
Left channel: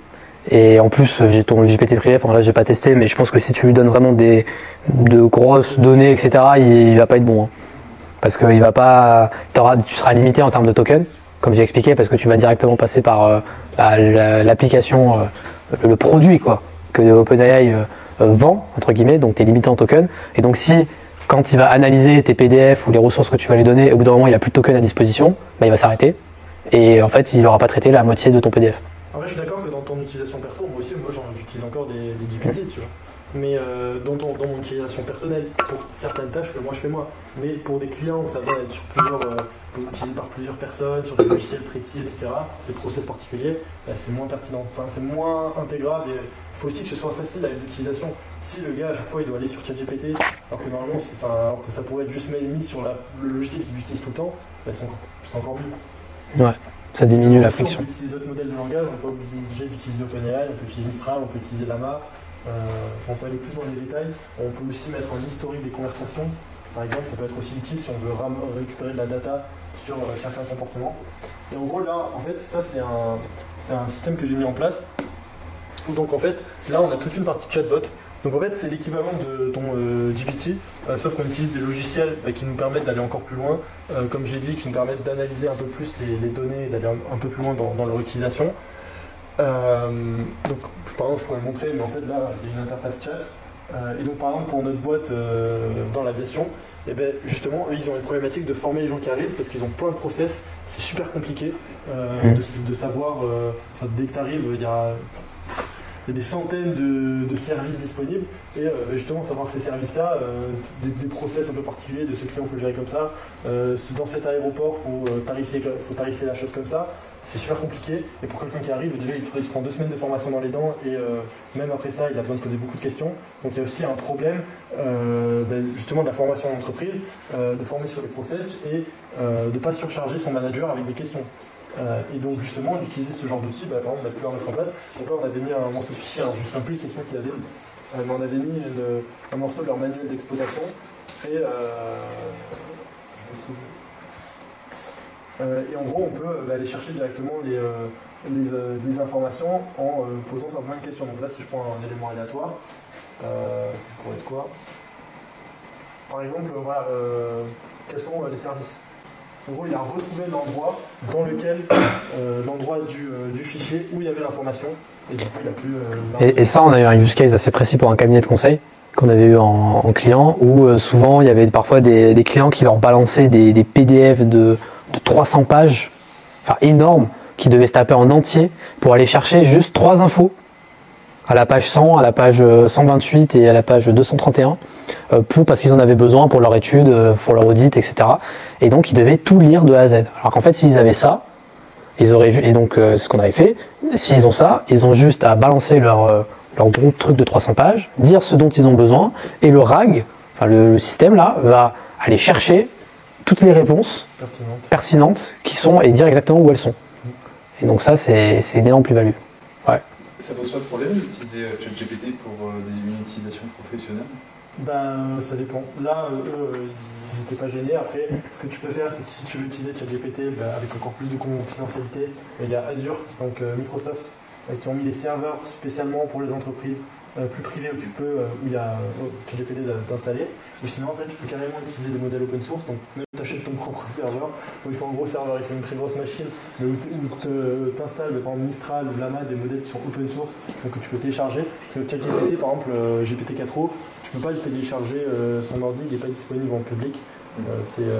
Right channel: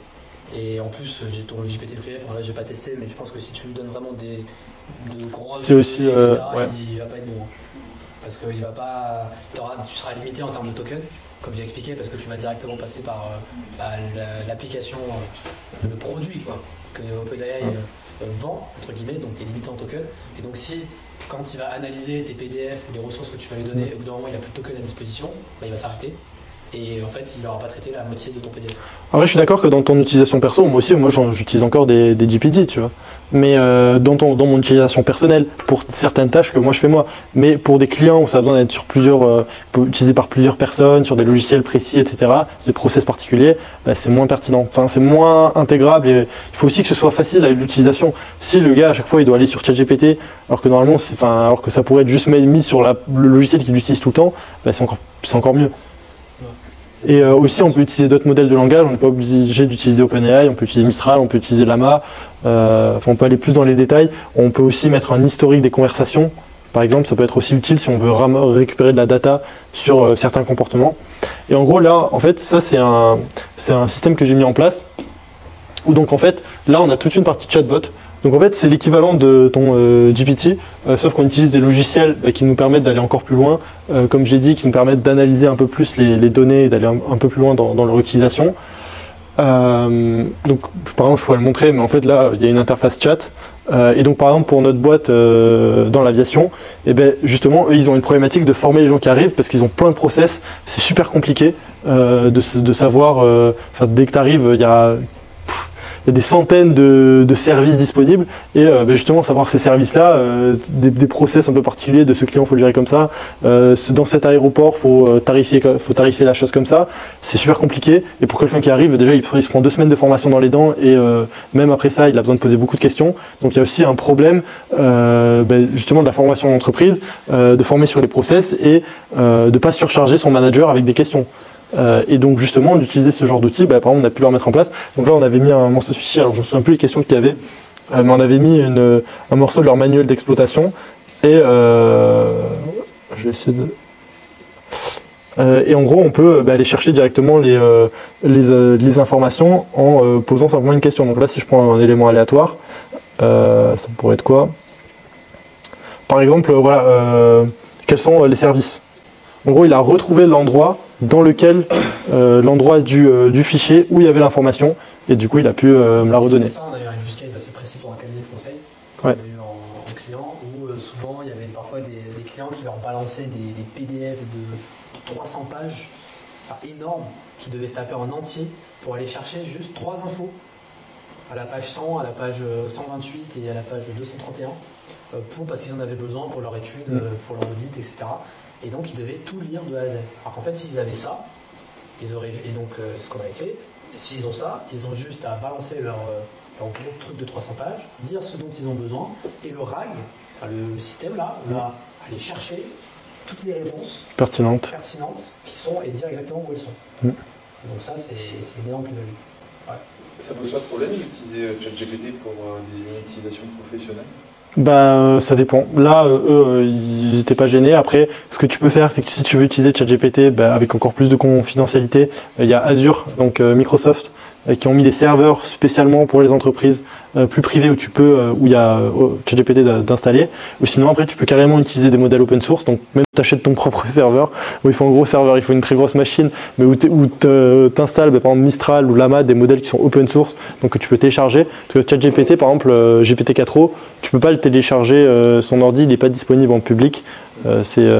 Et en plus, j'ai ton GPT privé, enfin là j'ai pas testé, mais je pense que si tu lui donnes vraiment de grosses données, etc., il va pas être bon. Hein. Parce que tu seras limité en termes de tokens, comme j'ai expliqué, parce que tu vas directement passer par l'application, le produit quoi, que OpenAI vend, entre guillemets, donc tu es limité en tokens. Et donc si, quand il va analyser tes PDF ou les ressources que tu vas lui donner, au bout d'un moment il n'a plus de tokens à disposition, il va s'arrêter. Et en fait, il n'aura pas traité la moitié de ton PDF. Après, je suis d'accord que dans ton utilisation perso, moi j'utilise encore des GPT, tu vois. Mais dans mon utilisation personnelle, pour certaines tâches que moi je fais moi, mais pour des clients où ça a besoin d'être sur utilisé par plusieurs personnes, sur des logiciels précis, etc., des process particuliers, c'est moins pertinent. Enfin, c'est moins intégrable et il faut aussi que ce soit facile à l'utilisation. Si le gars à chaque fois il doit aller sur ChatGPT, alors que normalement, alors que ça pourrait être juste mis sur le logiciel qu'il utilise tout le temps, c'est encore mieux. Ouais. Et aussi, on peut utiliser d'autres modèles de langage, on n'est pas obligé d'utiliser OpenAI, on peut utiliser Mistral, on peut utiliser Llama, on peut aller plus dans les détails. On peut aussi mettre un historique des conversations, par exemple, ça peut être aussi utile si on veut récupérer de la data sur certains comportements. Et en gros, là, en fait, ça, c'est un système que j'ai mis en place, où donc, en fait, là, on a toute une partie chatbot. Donc en fait c'est l'équivalent de ton GPT, sauf qu'on utilise des logiciels qui nous permettent d'aller encore plus loin, comme je l'ai dit, qui nous permettent d'analyser un peu plus les données et d'aller un peu plus loin dans leur utilisation. Donc par exemple je pourrais le montrer, mais en fait là il y a une interface chat, et donc par exemple pour notre boîte dans l'aviation, et justement eux ils ont une problématique de former les gens qui arrivent parce qu'ils ont plein de process, c'est super compliqué de savoir, dès que tu arrives il y a des centaines de services disponibles et justement savoir ces services-là, des process un peu particuliers de ce client, il faut le gérer comme ça, dans cet aéroport, il faut tarifier la chose comme ça, c'est super compliqué et pour quelqu'un qui arrive, déjà il se prend 2 semaines de formation dans les dents et même après ça, il a besoin de poser beaucoup de questions. Donc il y a aussi un problème justement de la formation d'entreprise, de former sur les process et de ne pas surcharger son manager avec des questions. Et donc justement d'utiliser ce genre d'outils, par exemple on a pu le remettre en place. Donc là on avait mis un morceau de fichier, alors je ne me souviens plus les questions qu'il y avait, mais on avait mis un morceau de leur manuel d'exploitation et je vais essayer de... et en gros on peut aller chercher directement les informations en posant simplement une question. Donc là si je prends un élément aléatoire, ça pourrait être quoi? Par exemple quels sont les services? En gros il a retrouvé l'endroit dans lequel l'endroit du fichier où il y avait l'information et du coup il a pu me la redonner. Et ça on a eu un use case assez précis pour un cabinet de conseil qu'on avait eu en client où souvent il y avait parfois des clients qui leur balançaient des PDF de 300 pages, enfin énormes, qui devaient se taper en entier pour aller chercher juste 3 infos à la page 100, à la page 128 et à la page 231 parce qu'ils en avaient besoin pour leur étude, pour leur audit, etc. Et donc ils devaient tout lire de A à Z. Alors qu'en fait s'ils avaient ça, Et donc, c'est ce qu'on avait fait. S'ils ont ça, ils ont juste à balancer leur gros truc de 300 pages, dire ce dont ils ont besoin, et le RAG, enfin le système là, va aller chercher toutes les réponses pertinentes qui sont et dire exactement où elles sont. Et donc ça, c'est une énorme plus-value. Ouais. Ça pose pas de problème d'utiliser ChatGPT pour une utilisation professionnelle? Ça dépend. Là, eux, ils n'étaient pas gênés. Après, ce que tu peux faire, c'est que si tu veux utiliser ChatGPT avec encore plus de confidentialité, il y a Azure, donc Microsoft, qui ont mis des serveurs spécialement pour les entreprises plus privées où il y a ChatGPT d'installer. Ou sinon, après, tu peux carrément utiliser des modèles open source. Donc, même tu achètes ton propre serveur, où il faut un gros serveur, il faut une très grosse machine, mais où tu installes par exemple Mistral ou Llama, des modèles qui sont open source, donc que tu peux télécharger. Parce que ChatGPT, par exemple, GPT-4o, tu peux pas le télécharger, son ordi, il n'est pas disponible en public. C'est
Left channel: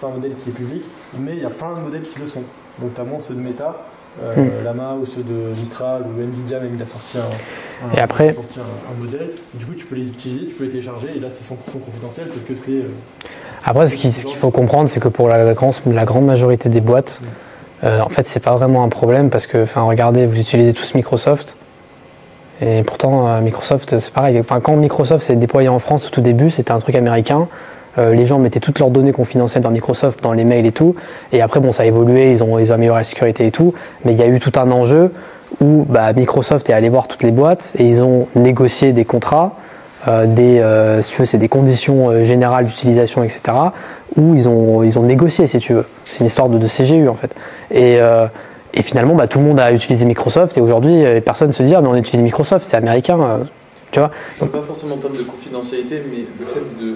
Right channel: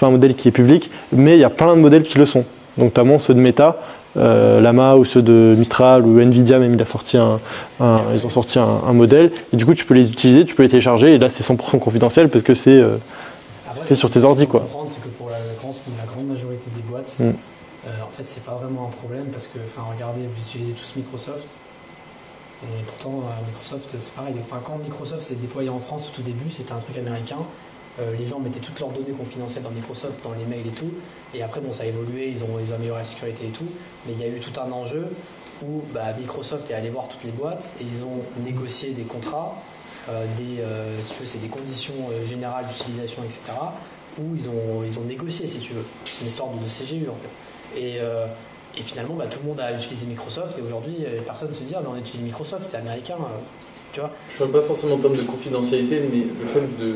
pas un modèle qui est public, mais il y a plein de modèles qui le sont. Donc, notamment ceux de Meta. Llama ou ceux de Mistral ou Nvidia même, il a sorti un modèle et du coup tu peux les utiliser, tu peux les télécharger et là c'est 100% confidentiel parce que c'est après ce qu'il faut comprendre, c'est que pour la grande majorité des boîtes en fait c'est pas vraiment un problème parce que regardez, vous utilisez tous Microsoft et pourtant Microsoft c'est pareil, quand Microsoft s'est déployé en France au tout début c'était un truc américain. Les gens mettaient toutes leurs données confidentielles dans Microsoft, dans les mails et tout. Et après, ça a évolué, ils ont amélioré la sécurité et tout. Mais il y a eu tout un enjeu où Microsoft est allé voir toutes les boîtes et ils ont négocié des contrats, si tu veux, c'est des conditions générales d'utilisation, etc. Où ils ont négocié, si tu veux. C'est une histoire de CGU, en fait. Et finalement, tout le monde a utilisé Microsoft et aujourd'hui, personne ne se dit « Ah, mais on utilise Microsoft, c'est américain. » Tu vois ? Je ne parle pas forcément en termes de confidentialité, mais le fait de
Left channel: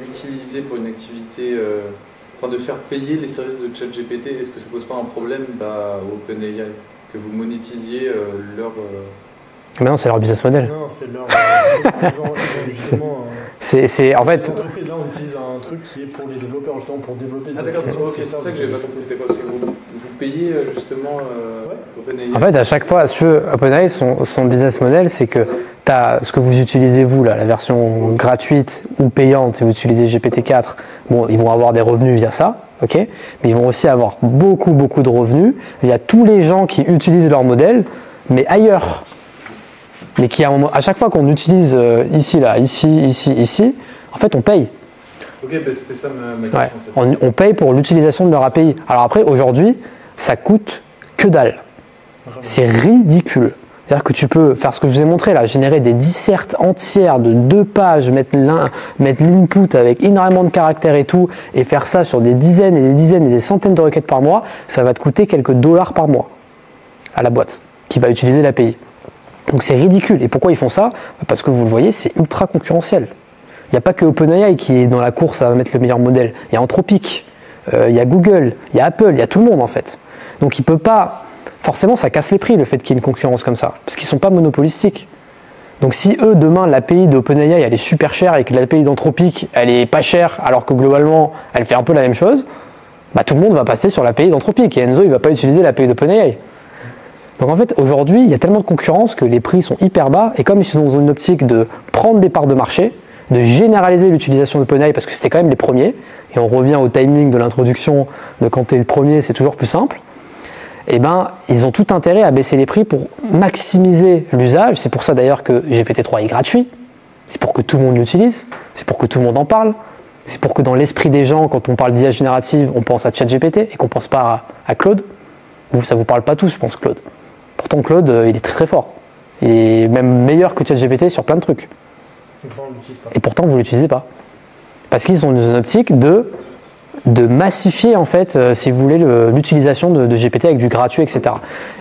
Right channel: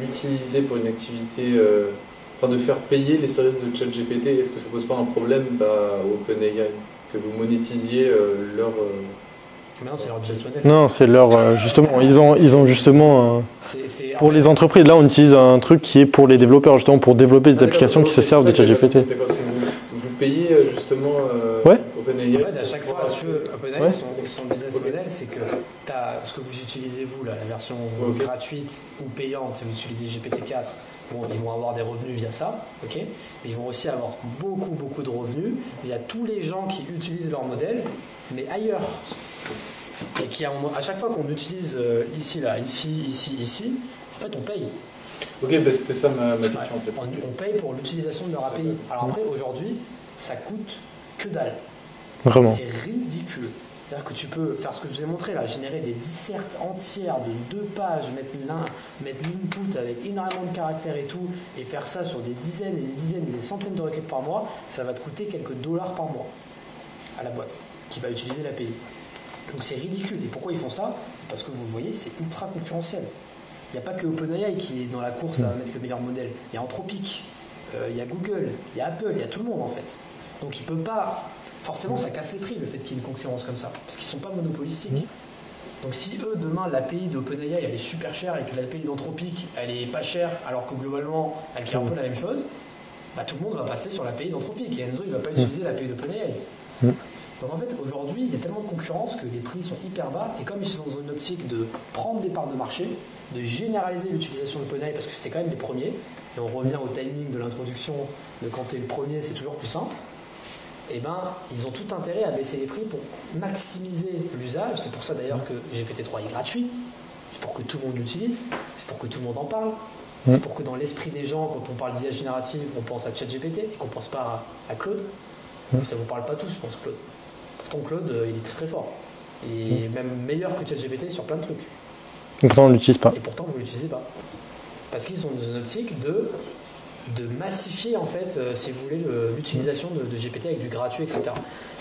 l'utiliser pour une activité, de faire payer les services de ChatGPT, est-ce que ça pose pas un problème au OpenAI que vous monétisiez leur... Mais non, c'est leur business model. Non, c'est leur... justement, ils ont justement... en fait, les entreprises, là on utilise un truc qui est pour les développeurs, justement pour développer des applications qui se servent de ChatGPT. Vous payez justement ouais. OpenAI. En fait, à chaque fois, si tu veux, OpenAI, son business model, c'est que tu as ce que vous utilisez, vous, là, la version gratuite ou payante, si vous utilisez GPT-4, ils vont avoir des revenus via ça, ok, mais ils vont aussi avoir beaucoup de revenus via tous les gens qui utilisent leur modèle, mais ailleurs. Mais qui, à chaque fois qu'on utilise ici, en fait, on paye. Ok, c'était ça ma question. Ouais. En fait. On paye pour l'utilisation de leur API. Alors après, aujourd'hui, ça coûte que dalle. Vraiment. C'est ridicule. C'est-à-dire que tu peux faire ce que je vous ai montré là, générer des dissertes entières de 2 pages, mettre l'input avec énormément de caractères et tout, et faire ça sur des dizaines et des centaines de requêtes par mois, ça va te coûter quelques dollars par mois à la boîte qui va utiliser l'API. Donc c'est ridicule. Et pourquoi ils font ça ? Parce que vous le voyez, c'est ultra concurrentiel. Il n'y a pas que OpenAI qui est dans la course à mettre le meilleur modèle. Il y a Anthropic, il y a Google, il y a Apple, il y a tout le monde en fait. Donc il peut pas... Forcément, ça casse les prix le fait qu'il y ait une concurrence comme ça, parce qu'ils ne sont pas monopolistiques. Donc si eux, demain, l'API d'OpenAI, elle est super chère et que l'API d'Anthropic, elle est pas chère, alors que globalement, elle fait un peu la même chose, tout le monde va passer sur l'API d'Anthropic et Enzo, il ne va pas utiliser l'API d'OpenAI. Donc en fait, aujourd'hui, il y a tellement de concurrence que les prix sont hyper bas, et comme ils sont dans une optique de prendre des parts de marché, de généraliser l'utilisation d'OpenAI, parce que c'était quand même les premiers, et on revient au timing de l'introduction de quand tu es le premier, c'est toujours plus simple, ils ont tout intérêt à baisser les prix pour maximiser l'usage. C'est pour ça d'ailleurs que GPT-3 est gratuit. C'est pour que tout le monde l'utilise. C'est pour que tout le monde en parle. C'est pour que dans l'esprit des gens, quand on parle d'IA générative, on pense à ChatGPT et qu'on ne pense pas à Claude. Ça ne vous parle pas tous, je pense, Claude. Pourtant, Claude, il est très très fort. Il est même meilleur que ChatGPT sur plein de trucs. Et pourtant, on ne l'utilise pas. Et pourtant, vous ne l'utilisez pas. Parce qu'ils sont dans une optique de massifier en fait, si vous voulez, l'utilisation de GPT avec du gratuit, etc.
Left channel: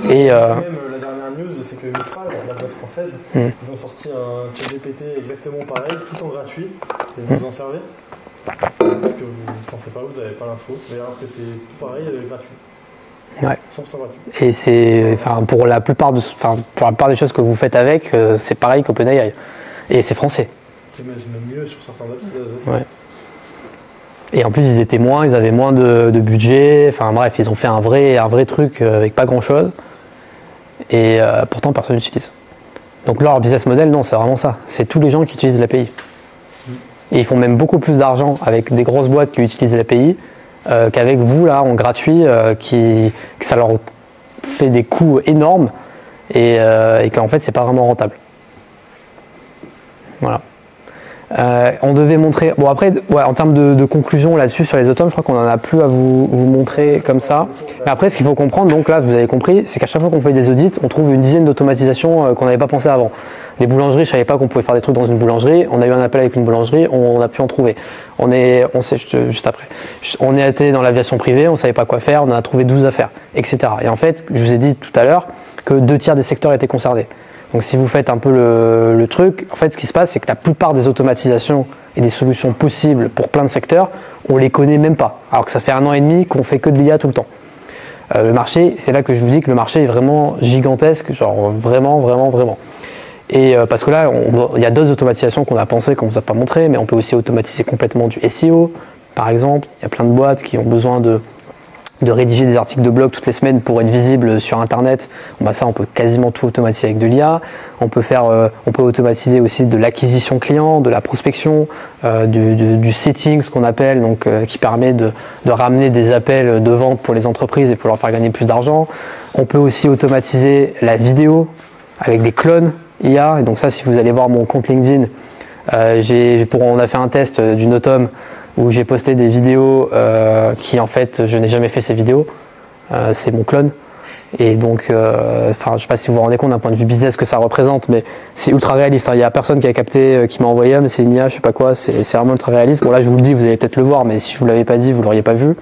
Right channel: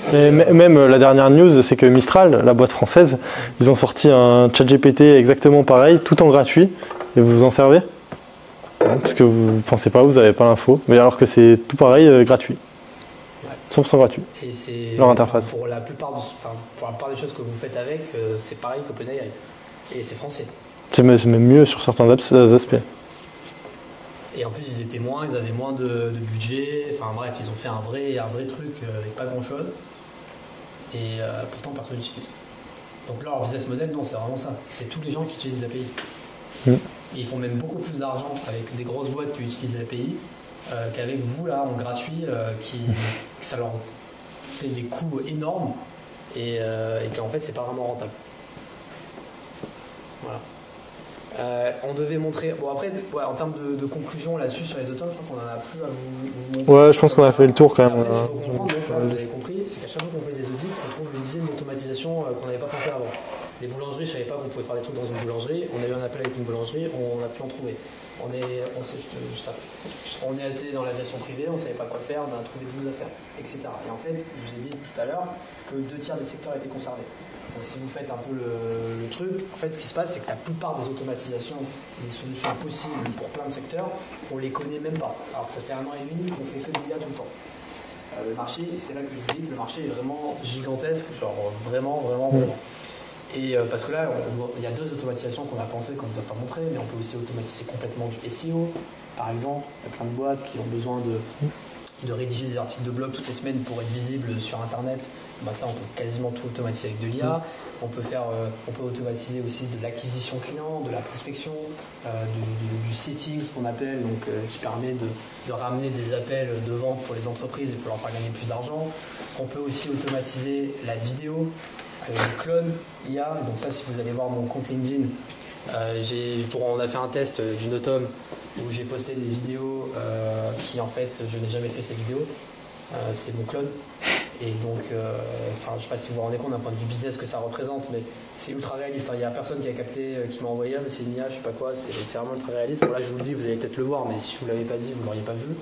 Et même la dernière news, c'est que Mistral, la boîte française, ils ont sorti un ChatGPT exactement pareil, tout en gratuit. Et vous vous en servez ? Parce que vous ne pensez pas, vous n'avez pas l'info. Mais alors que c'est tout pareil, gratuit. Ouais. 100% gratuit. Et c'est pour la plupart des choses que vous faites avec, c'est pareil qu'OpenAI. Et c'est français. C'est même mieux sur certains aspects. Ouais. Et en plus, ils avaient moins de budget. Enfin bref, ils ont fait un vrai truc avec pas grand-chose. Et pourtant, personne n'utilise. Donc leur business model, non, c'est vraiment ça. C'est tous les gens qui utilisent l'API. Et ils font même beaucoup plus d'argent avec des grosses boîtes qui utilisent l'API qu'avec vous, là, en gratuit, que ça leur fait des coûts énormes et qu'en fait c'est pas vraiment rentable. Voilà. On devait montrer. Bon après, en termes de conclusion là-dessus sur les automes, je crois qu'on en a plus à vous montrer je pense comme qu'on a ça. fait le tour quand même. Mais après, ce qu'il faut comprendre, donc là, vous avez compris, c'est qu'à chaque fois qu'on fait des audits, on trouve une dizaine d'automatisations qu'on n'avait pas pensé avant. Les boulangeries, je savais pas qu'on pouvait faire des trucs dans une boulangerie. On a eu un appel avec une boulangerie, on a pu en trouver. Juste après. On est été dans l'aviation privée, on savait pas quoi faire, on a trouvé 12 affaires, etc. Et en fait, je vous ai dit tout à l'heure que 2/3 des secteurs étaient concernés. Donc si vous faites un peu le truc, en fait ce qui se passe c'est que la plupart des automatisations et des solutions possibles pour plein de secteurs, on les connaît même pas. Alors que ça fait 1 an et demi qu'on fait que de l'IA tout le temps. Le marché, c'est là que je vous dis que le marché est vraiment gigantesque, genre vraiment. Et parce que là, il y a d'autres automatisations qu'on a pensé, qu'on ne vous a pas montré, mais on peut aussi automatiser complètement du SEO, par exemple. Il y a plein de boîtes qui ont besoin de rédiger des articles de blog toutes les semaines pour être visible sur Internet. Bon, bah ça, on peut quasiment tout automatiser avec de l'IA. On peut automatiser aussi de l'acquisition client, de la prospection, du setting, ce qu'on appelle, donc qui permet de ramener des appels de vente pour les entreprises et pour leur faire gagner plus d'argent. On peut aussi automatiser la vidéo avec des clones IA. Et donc ça, si vous allez voir mon compte LinkedIn, on a fait un test d'une autom où j'ai posté des vidéos qui en fait je n'ai jamais fait ces vidéos, c'est mon clone et donc je sais pas si vous vous rendez compte d'un point de vue business ce que ça représente, mais c'est ultra réaliste, hein. Il y a personne qui a capté, qui m'a envoyé mais c'est une IA, je sais pas quoi, c'est vraiment ultra réaliste. Bon là je vous le dis, vous allez peut-être le voir, mais si je vous l'avais pas dit vous l'auriez pas vu.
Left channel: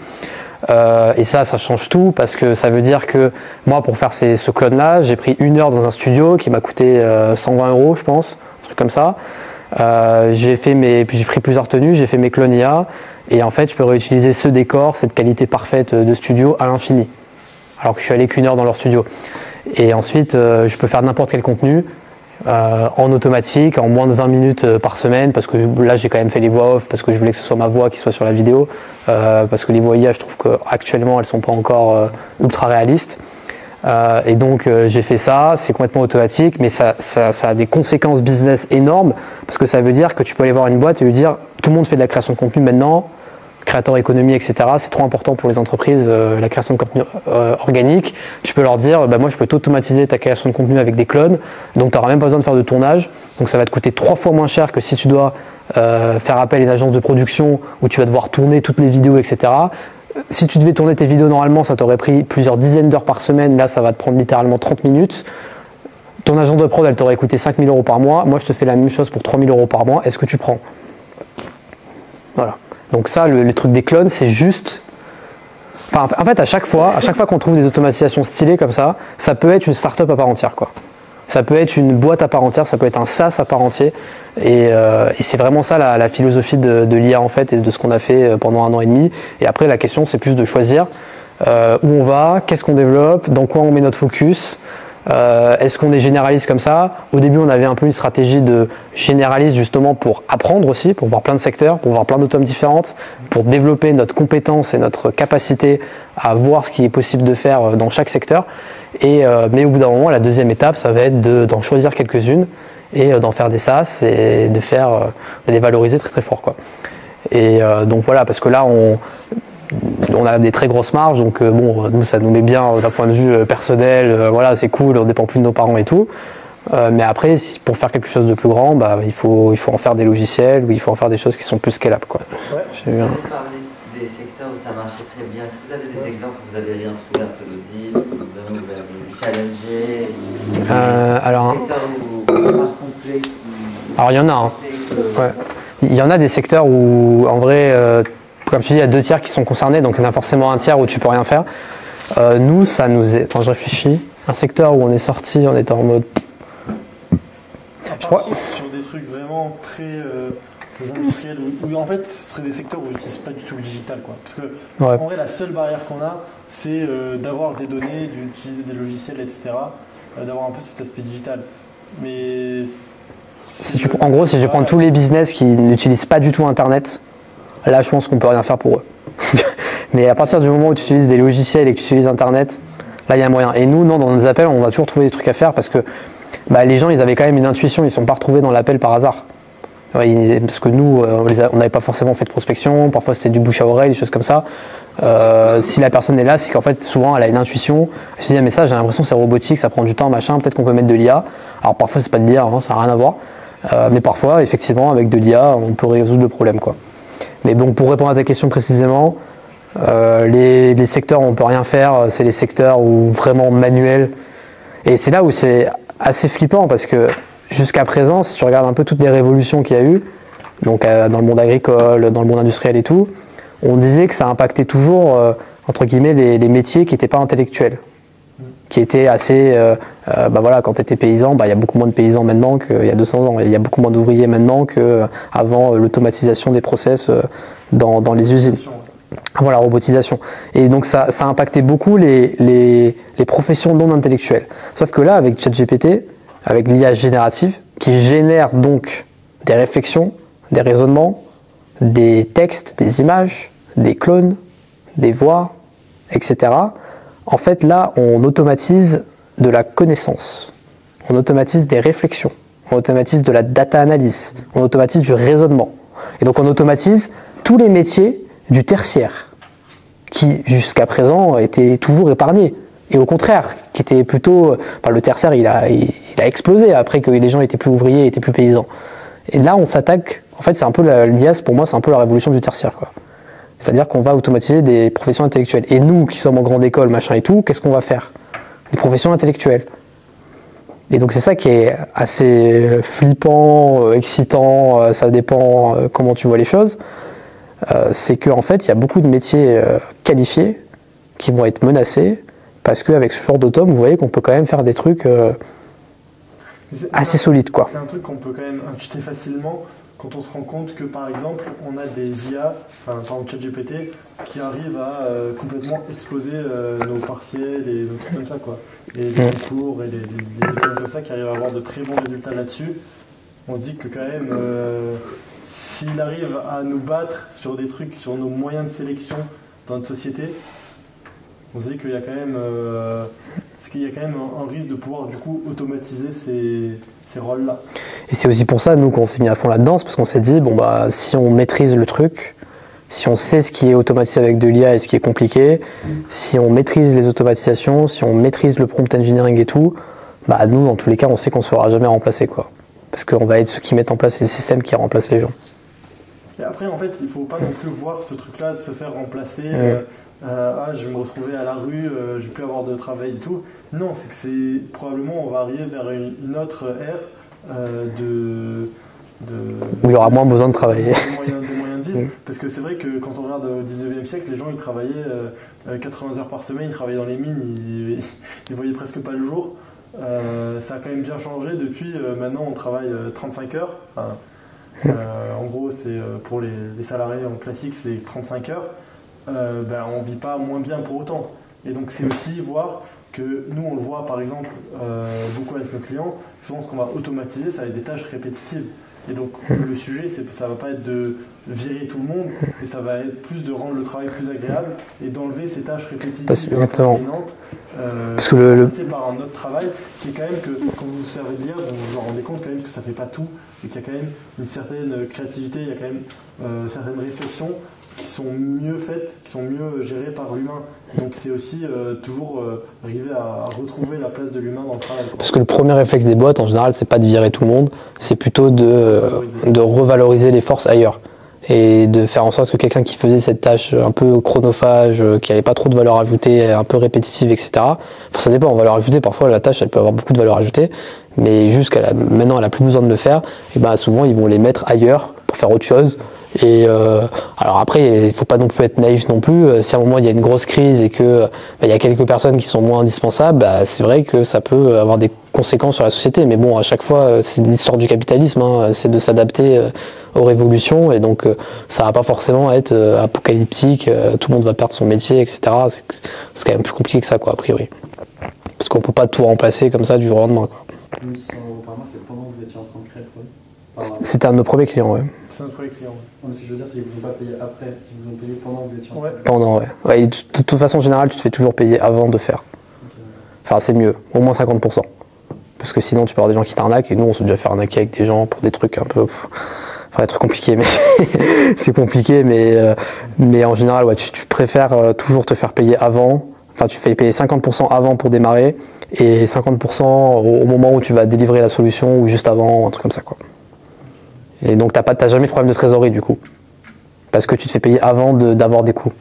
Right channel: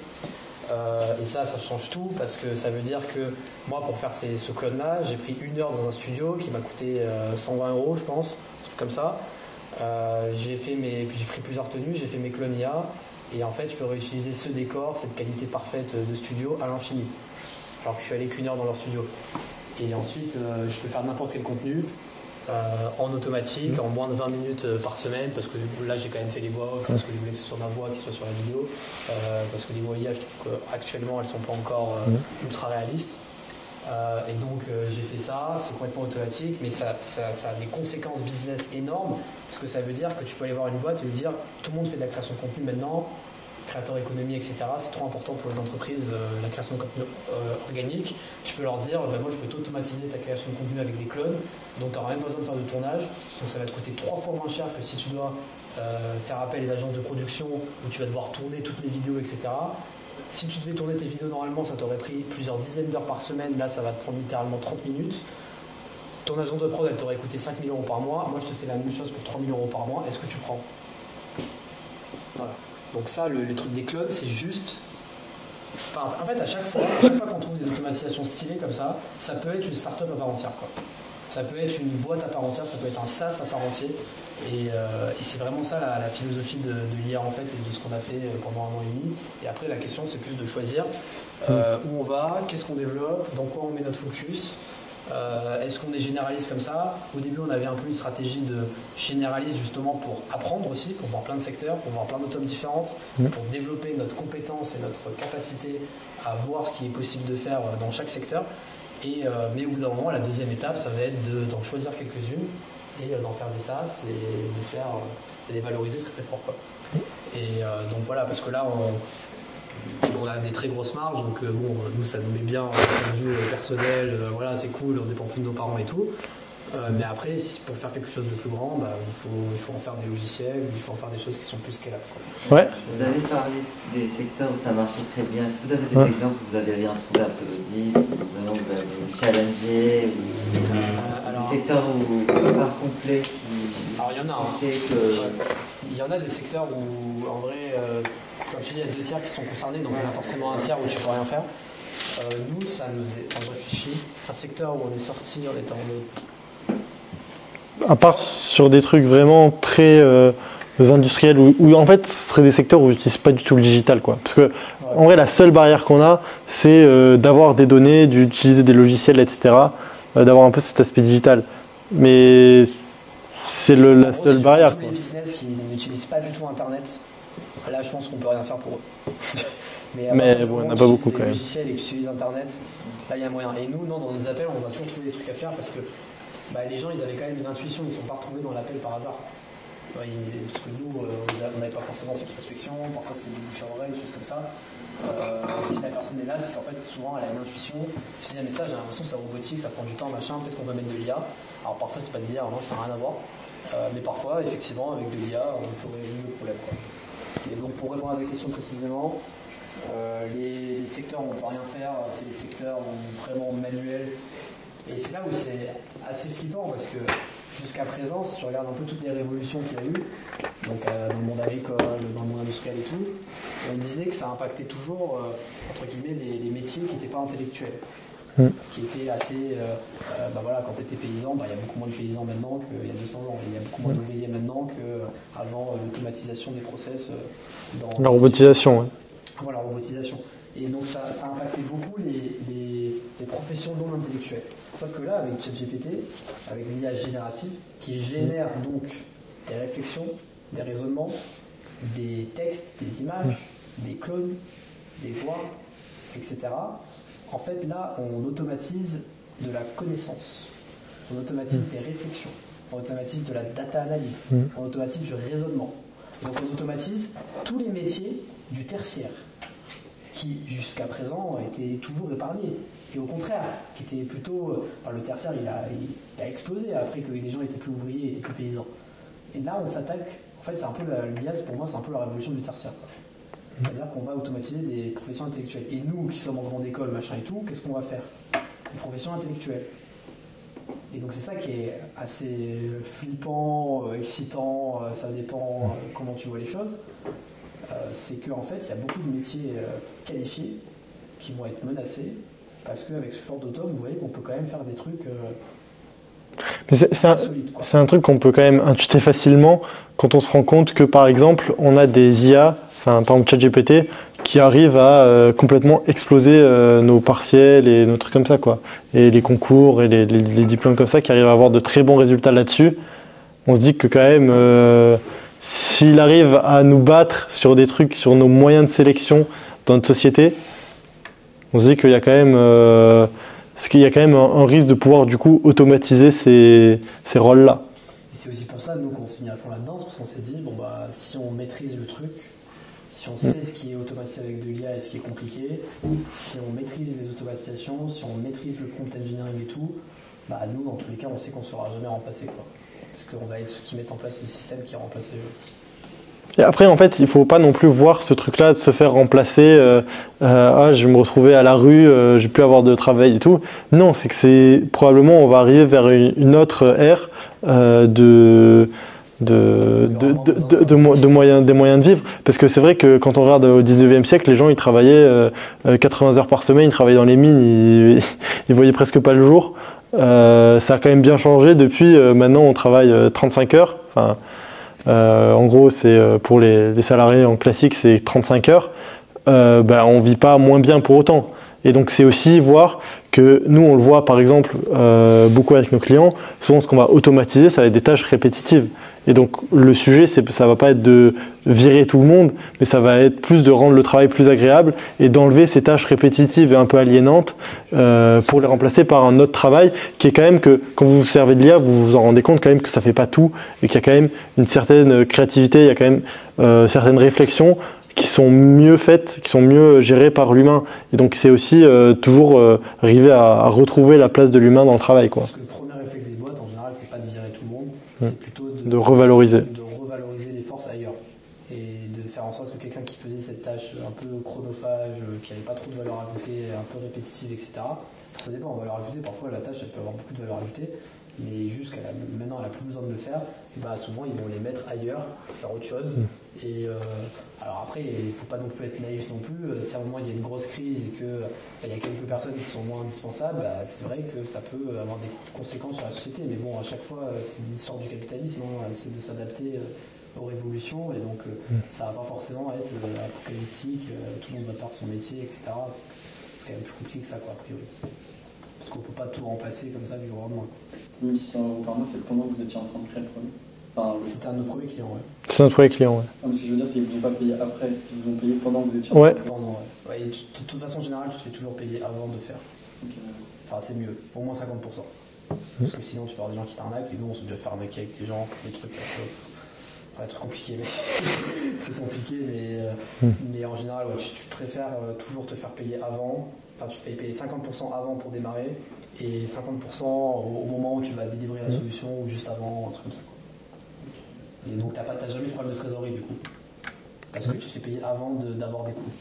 Et ça change tout parce que ça veut dire que moi pour faire ce clone là j'ai pris 1 heure dans un studio qui m'a coûté 120 € je pense, un truc comme ça. J'ai pris plusieurs tenues, j'ai fait mes clones IA et en fait je peux réutiliser ce décor, cette qualité parfaite de studio à l'infini alors que je suis allé qu'1 heure dans leur studio. Et ensuite je peux faire n'importe quel contenu en automatique, en moins de 20 minutes par semaine, parce que là j'ai quand même fait les voix off parce que je voulais que ce soit ma voix qui soit sur la vidéo, parce que les voix IA je trouve qu'actuellement elles sont pas encore ultra réalistes. Et donc j'ai fait ça, c'est complètement automatique, mais ça a des conséquences business énormes, parce que ça veut dire que tu peux aller voir une boîte et lui dire tout le monde fait de la création de contenu maintenant, créateur économie, etc. C'est trop important pour les entreprises, la création de contenu organique. Je peux leur dire, moi je peux t'automatiser ta création de contenu avec des clones, donc tu n'auras même pas besoin de faire de tournage, donc ça va te coûter 3 fois moins cher que si tu dois faire appel à une agence de production où tu vas devoir tourner toutes les vidéos, etc. Si tu devais tourner tes vidéos normalement, ça t'aurait pris plusieurs dizaines d'heures par semaine. Là, ça va te prendre littéralement 30 minutes. Ton agence de prod, elle t'aurait coûté 5 000 € par mois. Moi, je te fais la même chose pour 3 000 € par mois. Est-ce que tu prends? Voilà. Donc ça, le truc des clones, c'est juste... Enfin, en fait, à chaque fois qu'on trouve des automatisations stylées comme ça peut être une start-up à part entière, quoi. Ça peut être une boîte à part entière, ça peut être un SaaS à part entier. Et c'est vraiment ça la philosophie de l'IA en fait et de ce qu'on a fait pendant 1 an et demi. Et après la question c'est plus de choisir où on va, qu'est-ce qu'on développe, dans quoi on met notre focus. Est-ce qu'on est généraliste comme ça? Au début on avait un peu une stratégie de généraliste justement pour apprendre aussi, pour voir plein de secteurs, pour voir plein d'automes différentes, pour développer notre compétence et notre capacité à voir ce qui est possible de faire dans chaque secteur. Mais au bout d'un moment, la deuxième étape, ça va être d'en choisir quelques-unes et d'en faire des SaaS et de les valoriser très très fort, quoi. Et donc voilà, parce que là, on a des très grosses marges, donc nous, ça nous met bien d'un point de vue personnel, voilà, c'est cool, on ne dépend plus de nos parents et tout. Mais après, pour faire quelque chose de plus grand, il faut en faire des logiciels ou il faut en faire des choses qui sont plus scalables, quoi. Ouais. Vous avez parlé des secteurs où ça marchait très bien. Est-ce que vous avez des exemples où vous avez rien trouvé après l'audit, où vraiment vous avez challengé, alors, des secteurs où pas complet qui... Alors il y en a, hein. Ouais. Il y en a des secteurs où en vrai, comme je dis, il y a 2/3 qui sont concernés, donc il y en a forcément un tiers où tu peux rien faire. Nous, ça nous est... Attends, je réfléchis. Un secteur où on est sorti, on était en mode... À part sur des trucs vraiment très industriels, où en fait ce serait des secteurs où j'utilise pas du tout le digital, quoi. Parce que en vrai la seule barrière qu'on a, c'est d'avoir des données, d'utiliser des logiciels, etc. D'avoir un peu cet aspect digital. Mais c'est en gros, si tu prends tous les business qui n'utilisent pas du tout Internet, là je pense qu'on peut rien faire pour eux. Mais à partir du moment où tu utilises des logiciels et que tu utilises Internet, là il y a un moyen. Et nous, non, dans nos appels, on va toujours trouver des trucs à faire parce que les gens, ils avaient quand même une intuition, ils ne sont pas retrouvés dans l'appel par hasard. Parce que nous, on n'avait pas forcément fait de prospection, parfois c'était du bouche à oreille, des choses comme ça. Si la personne est là, c'est qu'en fait souvent elle a une intuition, elle se dit mais ça j'ai l'impression que c'est robotique, ça prend du temps, machin, peut-être qu'on peut mettre de l'IA. Alors parfois c'est pas de l'IA, hein, ça n'a rien à voir, mais parfois effectivement avec de l'IA on peut résoudre le problème quoi. Mais bon, pour répondre à ta question précisément, les secteurs où on peut rien faire, c'est les secteurs où vraiment manuels. Et c'est là où c'est assez flippant parce que jusqu'à présent, si tu regardes un peu toutes les révolutions qu'il y a eu, donc dans le monde agricole, dans le monde industriel et tout, on disait que ça impactait toujours, entre guillemets, les métiers qui n'étaient pas intellectuels, qui étaient assez... voilà, quand tu étais paysan, il y a beaucoup moins de paysans maintenant qu'il y a 200 ans. Il y a beaucoup moins d'ouvriers maintenant qu'avant l'automatisation des process dans les usines. Ouais. Voilà, robotisation. Et donc ça a impacté beaucoup les professions non intellectuelles. Sauf que là, avec ChatGPT, avec l'IA générative, qui génère donc des réflexions, des raisonnements, des textes, des images, des clones, des voix, etc. En fait, là, on automatise de la connaissance, on automatise des réflexions, on automatise de la data analyse, on automatise du raisonnement. Et donc on automatise tous les métiers du tertiaire, qui jusqu'à présent étaient toujours épargnés. Et au contraire, qui était plutôt... le tertiaire, il a explosé après que les gens étaient plus ouvriers, étaient plus paysans. Et là, on s'attaque... En fait, c'est un peu l'IA, pour moi, c'est un peu la révolution du tertiaire, quoi. C'est-à-dire qu'on va automatiser des professions intellectuelles. Et nous, qui sommes en grande école, machin et tout, qu'est-ce qu'on va faire? Des professions intellectuelles. Et donc c'est ça qui est assez flippant, excitant, ça dépend comment tu vois les choses. C'est qu'en fait, il y a beaucoup de métiers qualifiés qui vont être menacés parce qu'avec ce genre d'autome, vous voyez qu'on peut quand même faire des trucs assez solides, quoi. C'est un truc qu'on peut quand même intuiter facilement quand on se rend compte que, par exemple, on a des IA, par exemple ChatGPT, qui arrivent à complètement exploser nos partiels et nos trucs comme ça, quoi. Les concours et les diplômes comme ça, qui arrivent à avoir de très bons résultats là-dessus. On se dit que quand même, s'il arrive à nous battre sur des trucs, sur nos moyens de sélection dans notre société, on se dit qu'il y a quand même, un risque de pouvoir du coup automatiser ces rôles-là. Et c'est aussi pour ça, nous, qu'on s'est mis à fond là-dedans, c'est parce qu'on s'est dit, si on maîtrise le truc, si on sait ce qui est automatisé avec de l'IA et ce qui est compliqué, si on maîtrise les automatisations, si on maîtrise le prompt engineering et tout, nous, dans tous les cas, on sait qu'on ne se fera jamais remplacer, quoi. Parce qu'on va être ceux qui mettent en place les systèmes qui remplacent les gens. Et après, en fait, il ne faut pas non plus voir ce truc-là de se faire remplacer. Je vais me retrouver à la rue, je vais plus avoir de travail et tout. Non, c'est que probablement on va arriver vers une autre ère où il y aura moins besoin de travailler. Des moyens de vivre. Parce que c'est vrai que quand on regarde au 19e siècle, les gens ils travaillaient 80 heures par semaine, ils travaillaient dans les mines, ils voyaient presque pas le jour. Ça a quand même bien changé depuis. Maintenant, on travaille 35 heures. En gros, c'est pour les salariés en classique, c'est 35 heures. On vit pas moins bien pour autant. Et donc, c'est aussi voir que nous, on le voit par exemple beaucoup avec nos clients. Souvent, ce qu'on va automatiser, ça va être des tâches répétitives. Et donc, le sujet, ça va pas être de virer tout le monde, mais ça va être plus de rendre le travail plus agréable et d'enlever ces tâches répétitives et un peu aliénantes pour le remplacer par un autre travail qui est quand même que, quand vous vous servez de l'IA, vous vous en rendez compte quand même que ça fait pas tout et qu'il y a quand même une certaine créativité, il y a quand même certaines réflexions qui sont mieux faites, qui sont mieux gérées par l'humain. Et donc c'est aussi toujours arriver à retrouver la place de l'humain dans le travail, quoi. Parce que le premier réflexe des boîtes, en général, c'est pas de virer tout le monde, c'est plutôt de revaloriser les forces ailleurs. Et de faire en sorte que quelqu'un qui faisait cette tâche un peu chronophage, qui n'avait pas trop de valeur ajoutée, un peu répétitive, etc. Ça dépend, en valeur ajoutée, parfois la tâche elle peut avoir beaucoup de valeur ajoutée, mais maintenant elle n'a plus besoin de le faire, et souvent ils vont les mettre ailleurs pour faire autre chose. Et alors après, il ne faut pas non plus être naïf non plus. Si à un moment il y a une grosse crise et qu'il y a quelques personnes qui sont moins indispensables, c'est vrai que ça peut avoir des conséquences sur la société. Mais bon, à chaque fois, c'est l'histoire du capitalisme, c'est de s'adapter aux révolutions. Et donc, ça ne va pas forcément être apocalyptique, tout le monde va perdre son métier, etc. C'est quand même plus compliqué que ça, quoi, a priori. Parce qu'on ne peut pas tout remplacer comme ça du jour au lendemain, quoi. 1600 € par mois, c'est pendant que vous étiez en train de créer le produit? C'était un de nos premiers clients, ouais. C'est notre premier client, ouais. Non, mais ce que je veux dire, c'est qu'ils ne vous ont pas payé après, ils vous ont payé pendant que vous étiez en train de créer. Pendant, ouais. Et de toute façon générale, tu te fais toujours payer avant de faire. Enfin, c'est mieux, au moins 50%. Parce que sinon, tu peux avoir des gens qui t'arnaquent, et nous, on s'est déjà fait arnaquer avec des gens pour des trucs un peu... Enfin, des trucs compliqués, mais c'est compliqué, mais en général, ouais, tu préfères toujours te faire payer avant. Enfin, tu fais payer 50% avant pour démarrer et 50% au moment où tu vas délivrer la solution ou juste avant, un truc comme ça, quoi. Et donc, t'as jamais de problème de trésorerie, du coup. Parce que tu te fais payer avant d'avoir des coûts.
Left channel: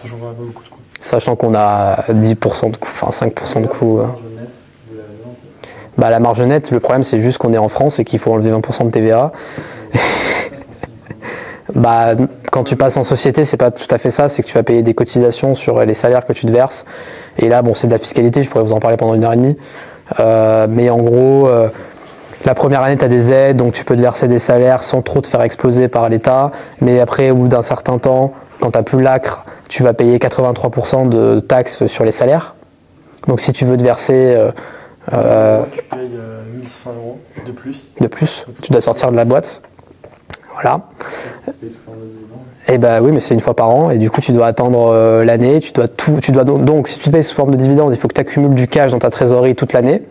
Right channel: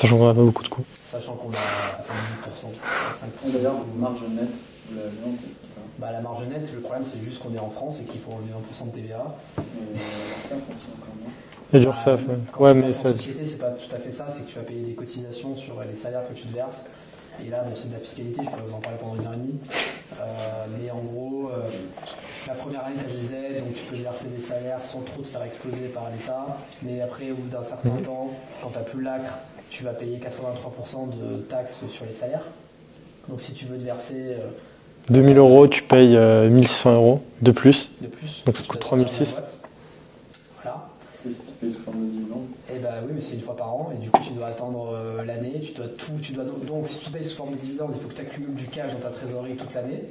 Sachant qu'on n'a pas beaucoup de coûts. Sachant qu'on a 10% de coûts, enfin 5% de coûts. Bah, la marge nette, le problème c'est juste qu'on est en France et qu'il faut enlever 20% de TVA. Bah, quand tu passes en société, c'est pas tout à fait ça, c'est que tu vas payer des cotisations sur les salaires que tu te verses. Et là, bon, c'est de la fiscalité, je pourrais vous en parler pendant 1h30. Mais en gros, la première année, tu as des aides, donc tu peux te verser des salaires sans trop te faire exploser par l'État. Mais après, au bout d'un certain temps, quand tu n'as plus l'ACRE, tu vas payer 83% de taxes sur les salaires. Donc si tu veux te verser 2000 €, tu payes 1600 € de plus. De plus, donc tu dois sortir de la boîte. Voilà. Et bah oui, mais c'est une fois par an et du coup tu dois attendre l'année, donc si tu te payes sous forme de dividende, il faut que tu accumules du cash dans ta trésorerie toute l'année.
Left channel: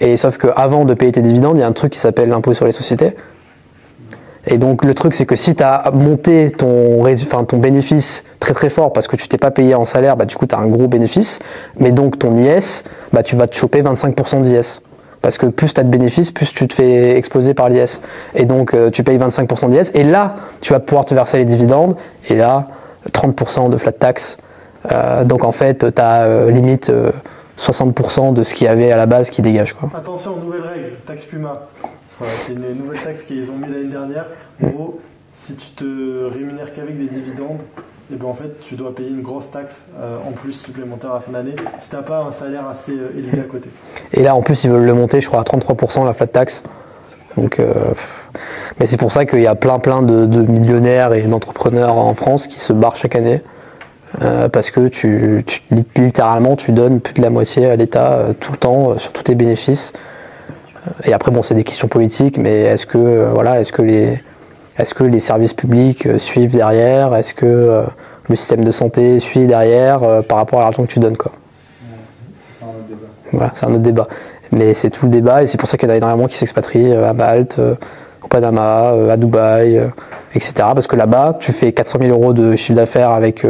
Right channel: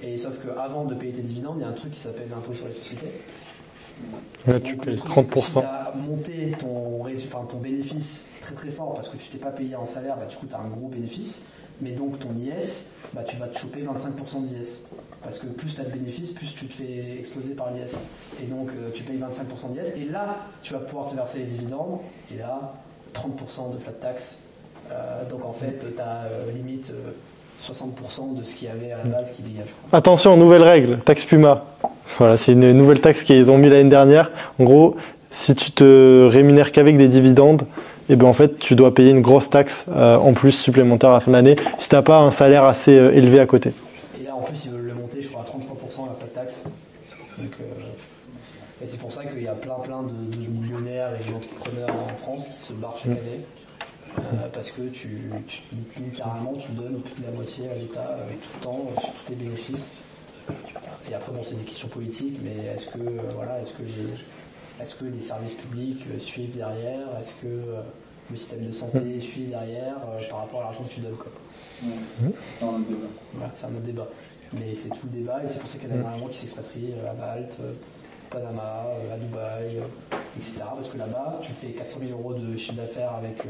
Et sauf qu'avant de payer tes dividendes, il y a un truc qui s'appelle l'impôt sur les sociétés. Et donc le truc c'est que si tu as monté ton bénéfice très très fort parce que tu t'es pas payé en salaire, bah du coup tu as un gros bénéfice, mais donc ton IS, bah tu vas te choper 25% d'IS. Parce que plus tu as de bénéfices, plus tu te fais exploser par l'IS. Et donc tu payes 25% d'IS, et là tu vas pouvoir te verser les dividendes, et là 30% de flat tax. Donc en fait tu as limite 60% de ce qu'il y avait à la base qui dégage, quoi. Attention, nouvelle règle, taxe Puma. Voilà, c'est une nouvelle taxe qu'ils ont mis l'année dernière. En gros, si tu te rémunères qu'avec des dividendes, et ben en fait, tu dois payer une grosse taxe en plus supplémentaire à la fin de l'année si tu n'as pas un salaire assez élevé à côté. Et là, en plus, ils veulent le monter, je crois, à 33% la flat tax. Donc, mais c'est pour ça qu'il y a plein de millionnaires et d'entrepreneurs en France qui se barrent chaque année. Parce que littéralement, tu donnes plus de la moitié à l'État tout le temps sur tous tes bénéfices. Et après, bon, c'est des questions politiques, mais est-ce que les services publics suivent derrière? Est-ce que le système de santé suit derrière par rapport à l'argent que tu donnes, quoi? C'est un autre débat. Voilà, c'est un autre débat. Mais c'est tout le débat, et c'est pour ça qu'il y en a énormément qui s'expatrient à Malte, au Panama, à Dubaï, etc. Parce que là-bas, tu fais 400 000 € de chiffre d'affaires avec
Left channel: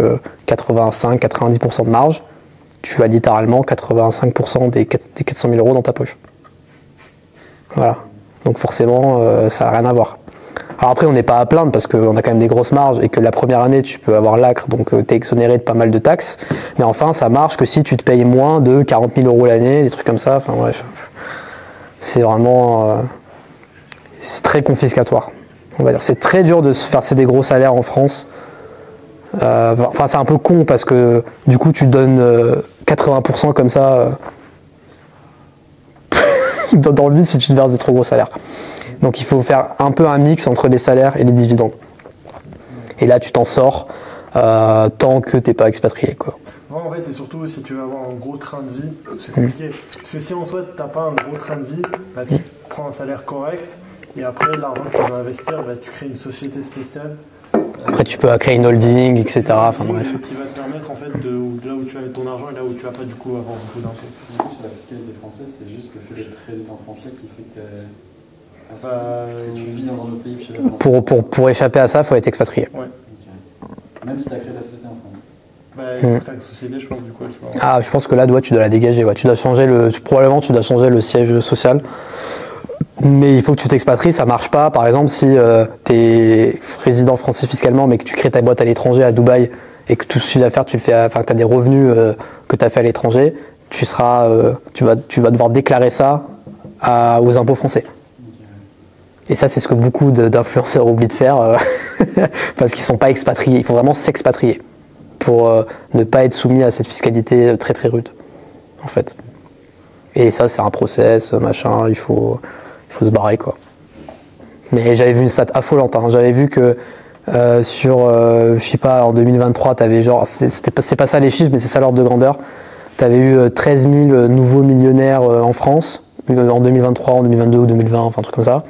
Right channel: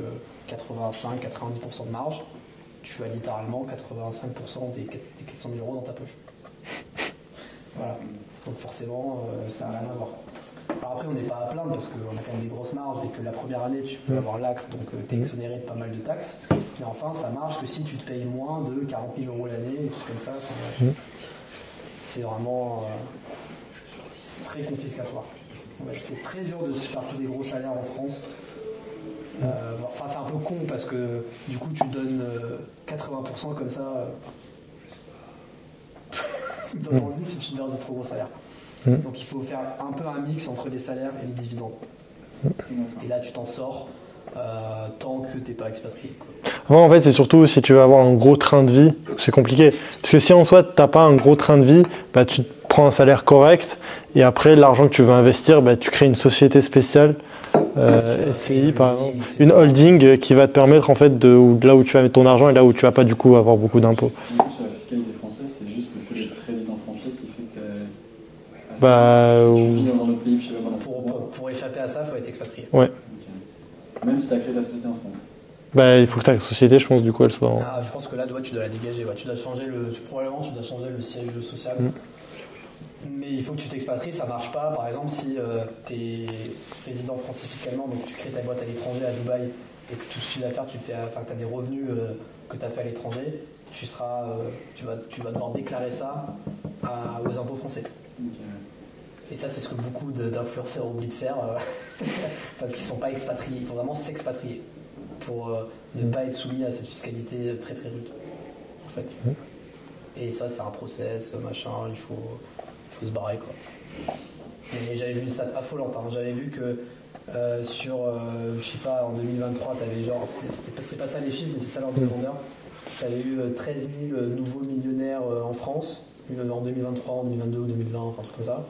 85-90% de marge. Tu as littéralement 85% des 400 000 € dans ta poche. Voilà. Donc forcément, ça n'a rien à voir. Alors après, on n'est pas à plaindre parce qu'on a quand même des grosses marges et que la première année, tu peux avoir l'ACRE, donc tu es exonéré de pas mal de taxes. Mais enfin, ça marche que si tu te payes moins de 40 000 € l'année, des trucs comme ça. Enfin bref, c'est vraiment... c'est très confiscatoire, on va dire. C'est très dur de se verser des gros salaires en France. Enfin, c'est un peu con parce que du coup, tu donnes 80% comme ça... dans le vide si tu te verses des trop gros salaires. Donc il faut faire un peu un mix entre les salaires et les dividendes. Et là tu t'en sors tant que t'es pas expatrié, quoi. En fait c'est surtout si tu veux avoir un gros train de vie, c'est compliqué. Parce que si en soi t'as pas un gros train de vie, bah, tu prends un salaire correct et après l'argent que tu veux investir, bah, tu crées une société spéciale. Après tu peux créer une holding, etc. Une holding qui va te permettre en fait de là où tu vas mettre ton argent et là où tu vas pas du coup avoir beaucoup d'impôts. Sur la fiscalité française, c'est juste le fait d'être résident français qui fait que tu vis dans un autre pays chez la pour échapper à ça, il faut être expatrié. Ouais. Okay. Même si tu as créé ta société en France. Bah, il faut que ta société, je pense, du coup, elle soit. Ah, je pense que là, tu dois la dégager. Ouais. Tu dois changer probablement, tu dois changer le siège social. Mais il faut que tu t'expatries, ça marche pas. Par exemple, si tu es résident français fiscalement, mais que tu crées ta boîte à l'étranger, à Dubaï, et que tout ce chiffre d'affaires, tu le fais, enfin, que tu as des revenus que tu as fait à l'étranger, tu vas devoir déclarer ça aux impôts français. Et ça, c'est ce que beaucoup d'influenceurs oublient de faire parce qu'ils ne sont pas expatriés. Il faut vraiment s'expatrier pour ne pas être soumis à cette fiscalité très très rude, en fait. Et ça, c'est un process, machin, il faut se barrer, quoi. Mais j'avais vu une stat affolante, hein. J'avais vu que je sais pas, en 2023, t'avais genre, c'est pas ça les chiffres, mais c'est ça l'ordre de grandeur. T'avais eu 13 000 nouveaux millionnaires en France, en 2023, en 2022 ou 2020, enfin un truc comme ça.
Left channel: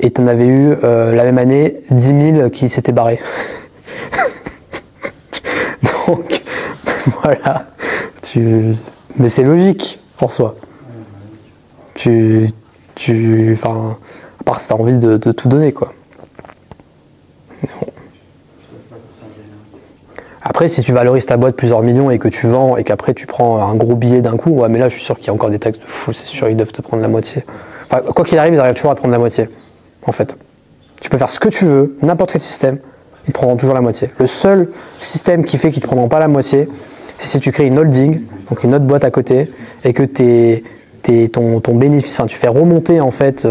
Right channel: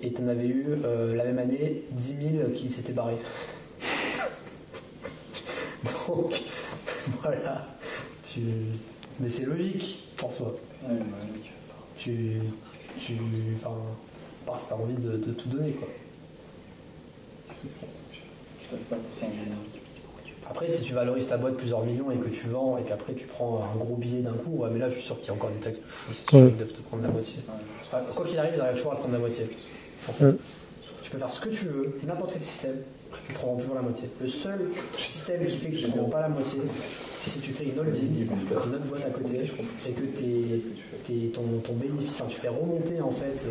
Et t'en avais eu la même année 10 000 qui s'étaient barrés. Donc, voilà. Mais c'est logique en soi. Enfin, À part si tu as envie de tout donner, quoi. Bon. Après, si tu valorises ta boîte plusieurs millions et que tu vends et qu'après tu prends un gros billet d'un coup, ouais, mais là je suis sûr qu'il y a encore des taxes de fou, c'est sûr, ils doivent te prendre la moitié. Enfin, quoi qu'il arrive, ils arrivent toujours à prendre la moitié, en fait. Tu peux faire ce que tu veux, n'importe quel système, ils prendront toujours la moitié. Le seul système qui fait qu'ils ne te prendront pas la moitié, c'est si tu crées une holding, donc une autre boîte à côté, et que ton bénéfice, enfin tu fais remonter en fait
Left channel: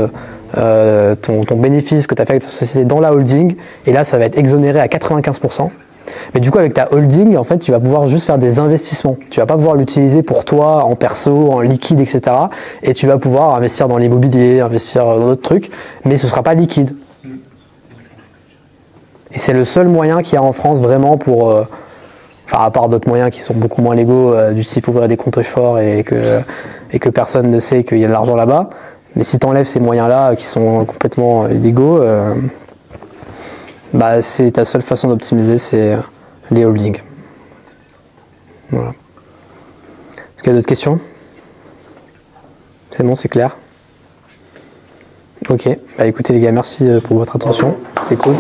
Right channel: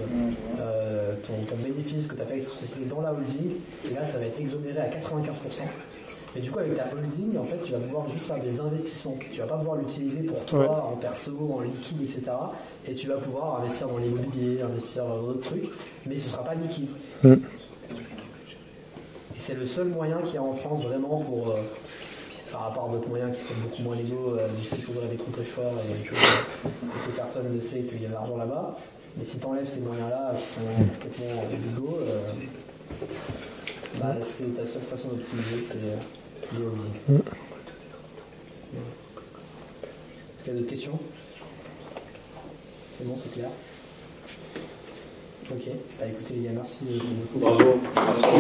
ton bénéfice que tu as fait avec ta société dans la holding, et là ça va être exonéré à 95%. Mais du coup, avec ta holding, en fait, tu vas pouvoir juste faire des investissements. Tu vas pas pouvoir l'utiliser pour toi, en perso, en liquide, etc. Et tu vas pouvoir investir dans l'immobilier, investir dans d'autres trucs, mais ce sera pas liquide. Et c'est le seul moyen qu'il y a en France vraiment pour... Enfin, à part d'autres moyens qui sont beaucoup moins légaux, du type ouvrir des comptes forts et que personne ne sait qu'il y a de l'argent là-bas. Mais si tu enlèves ces moyens-là qui sont complètement illégaux... bah, c'est ta seule façon d'optimiser, c'est les holdings. Voilà. Est-ce qu'il y a d'autres questions? C'est bon, c'est clair? Ok. Bah écoutez les gars, merci pour votre attention. C'était cool.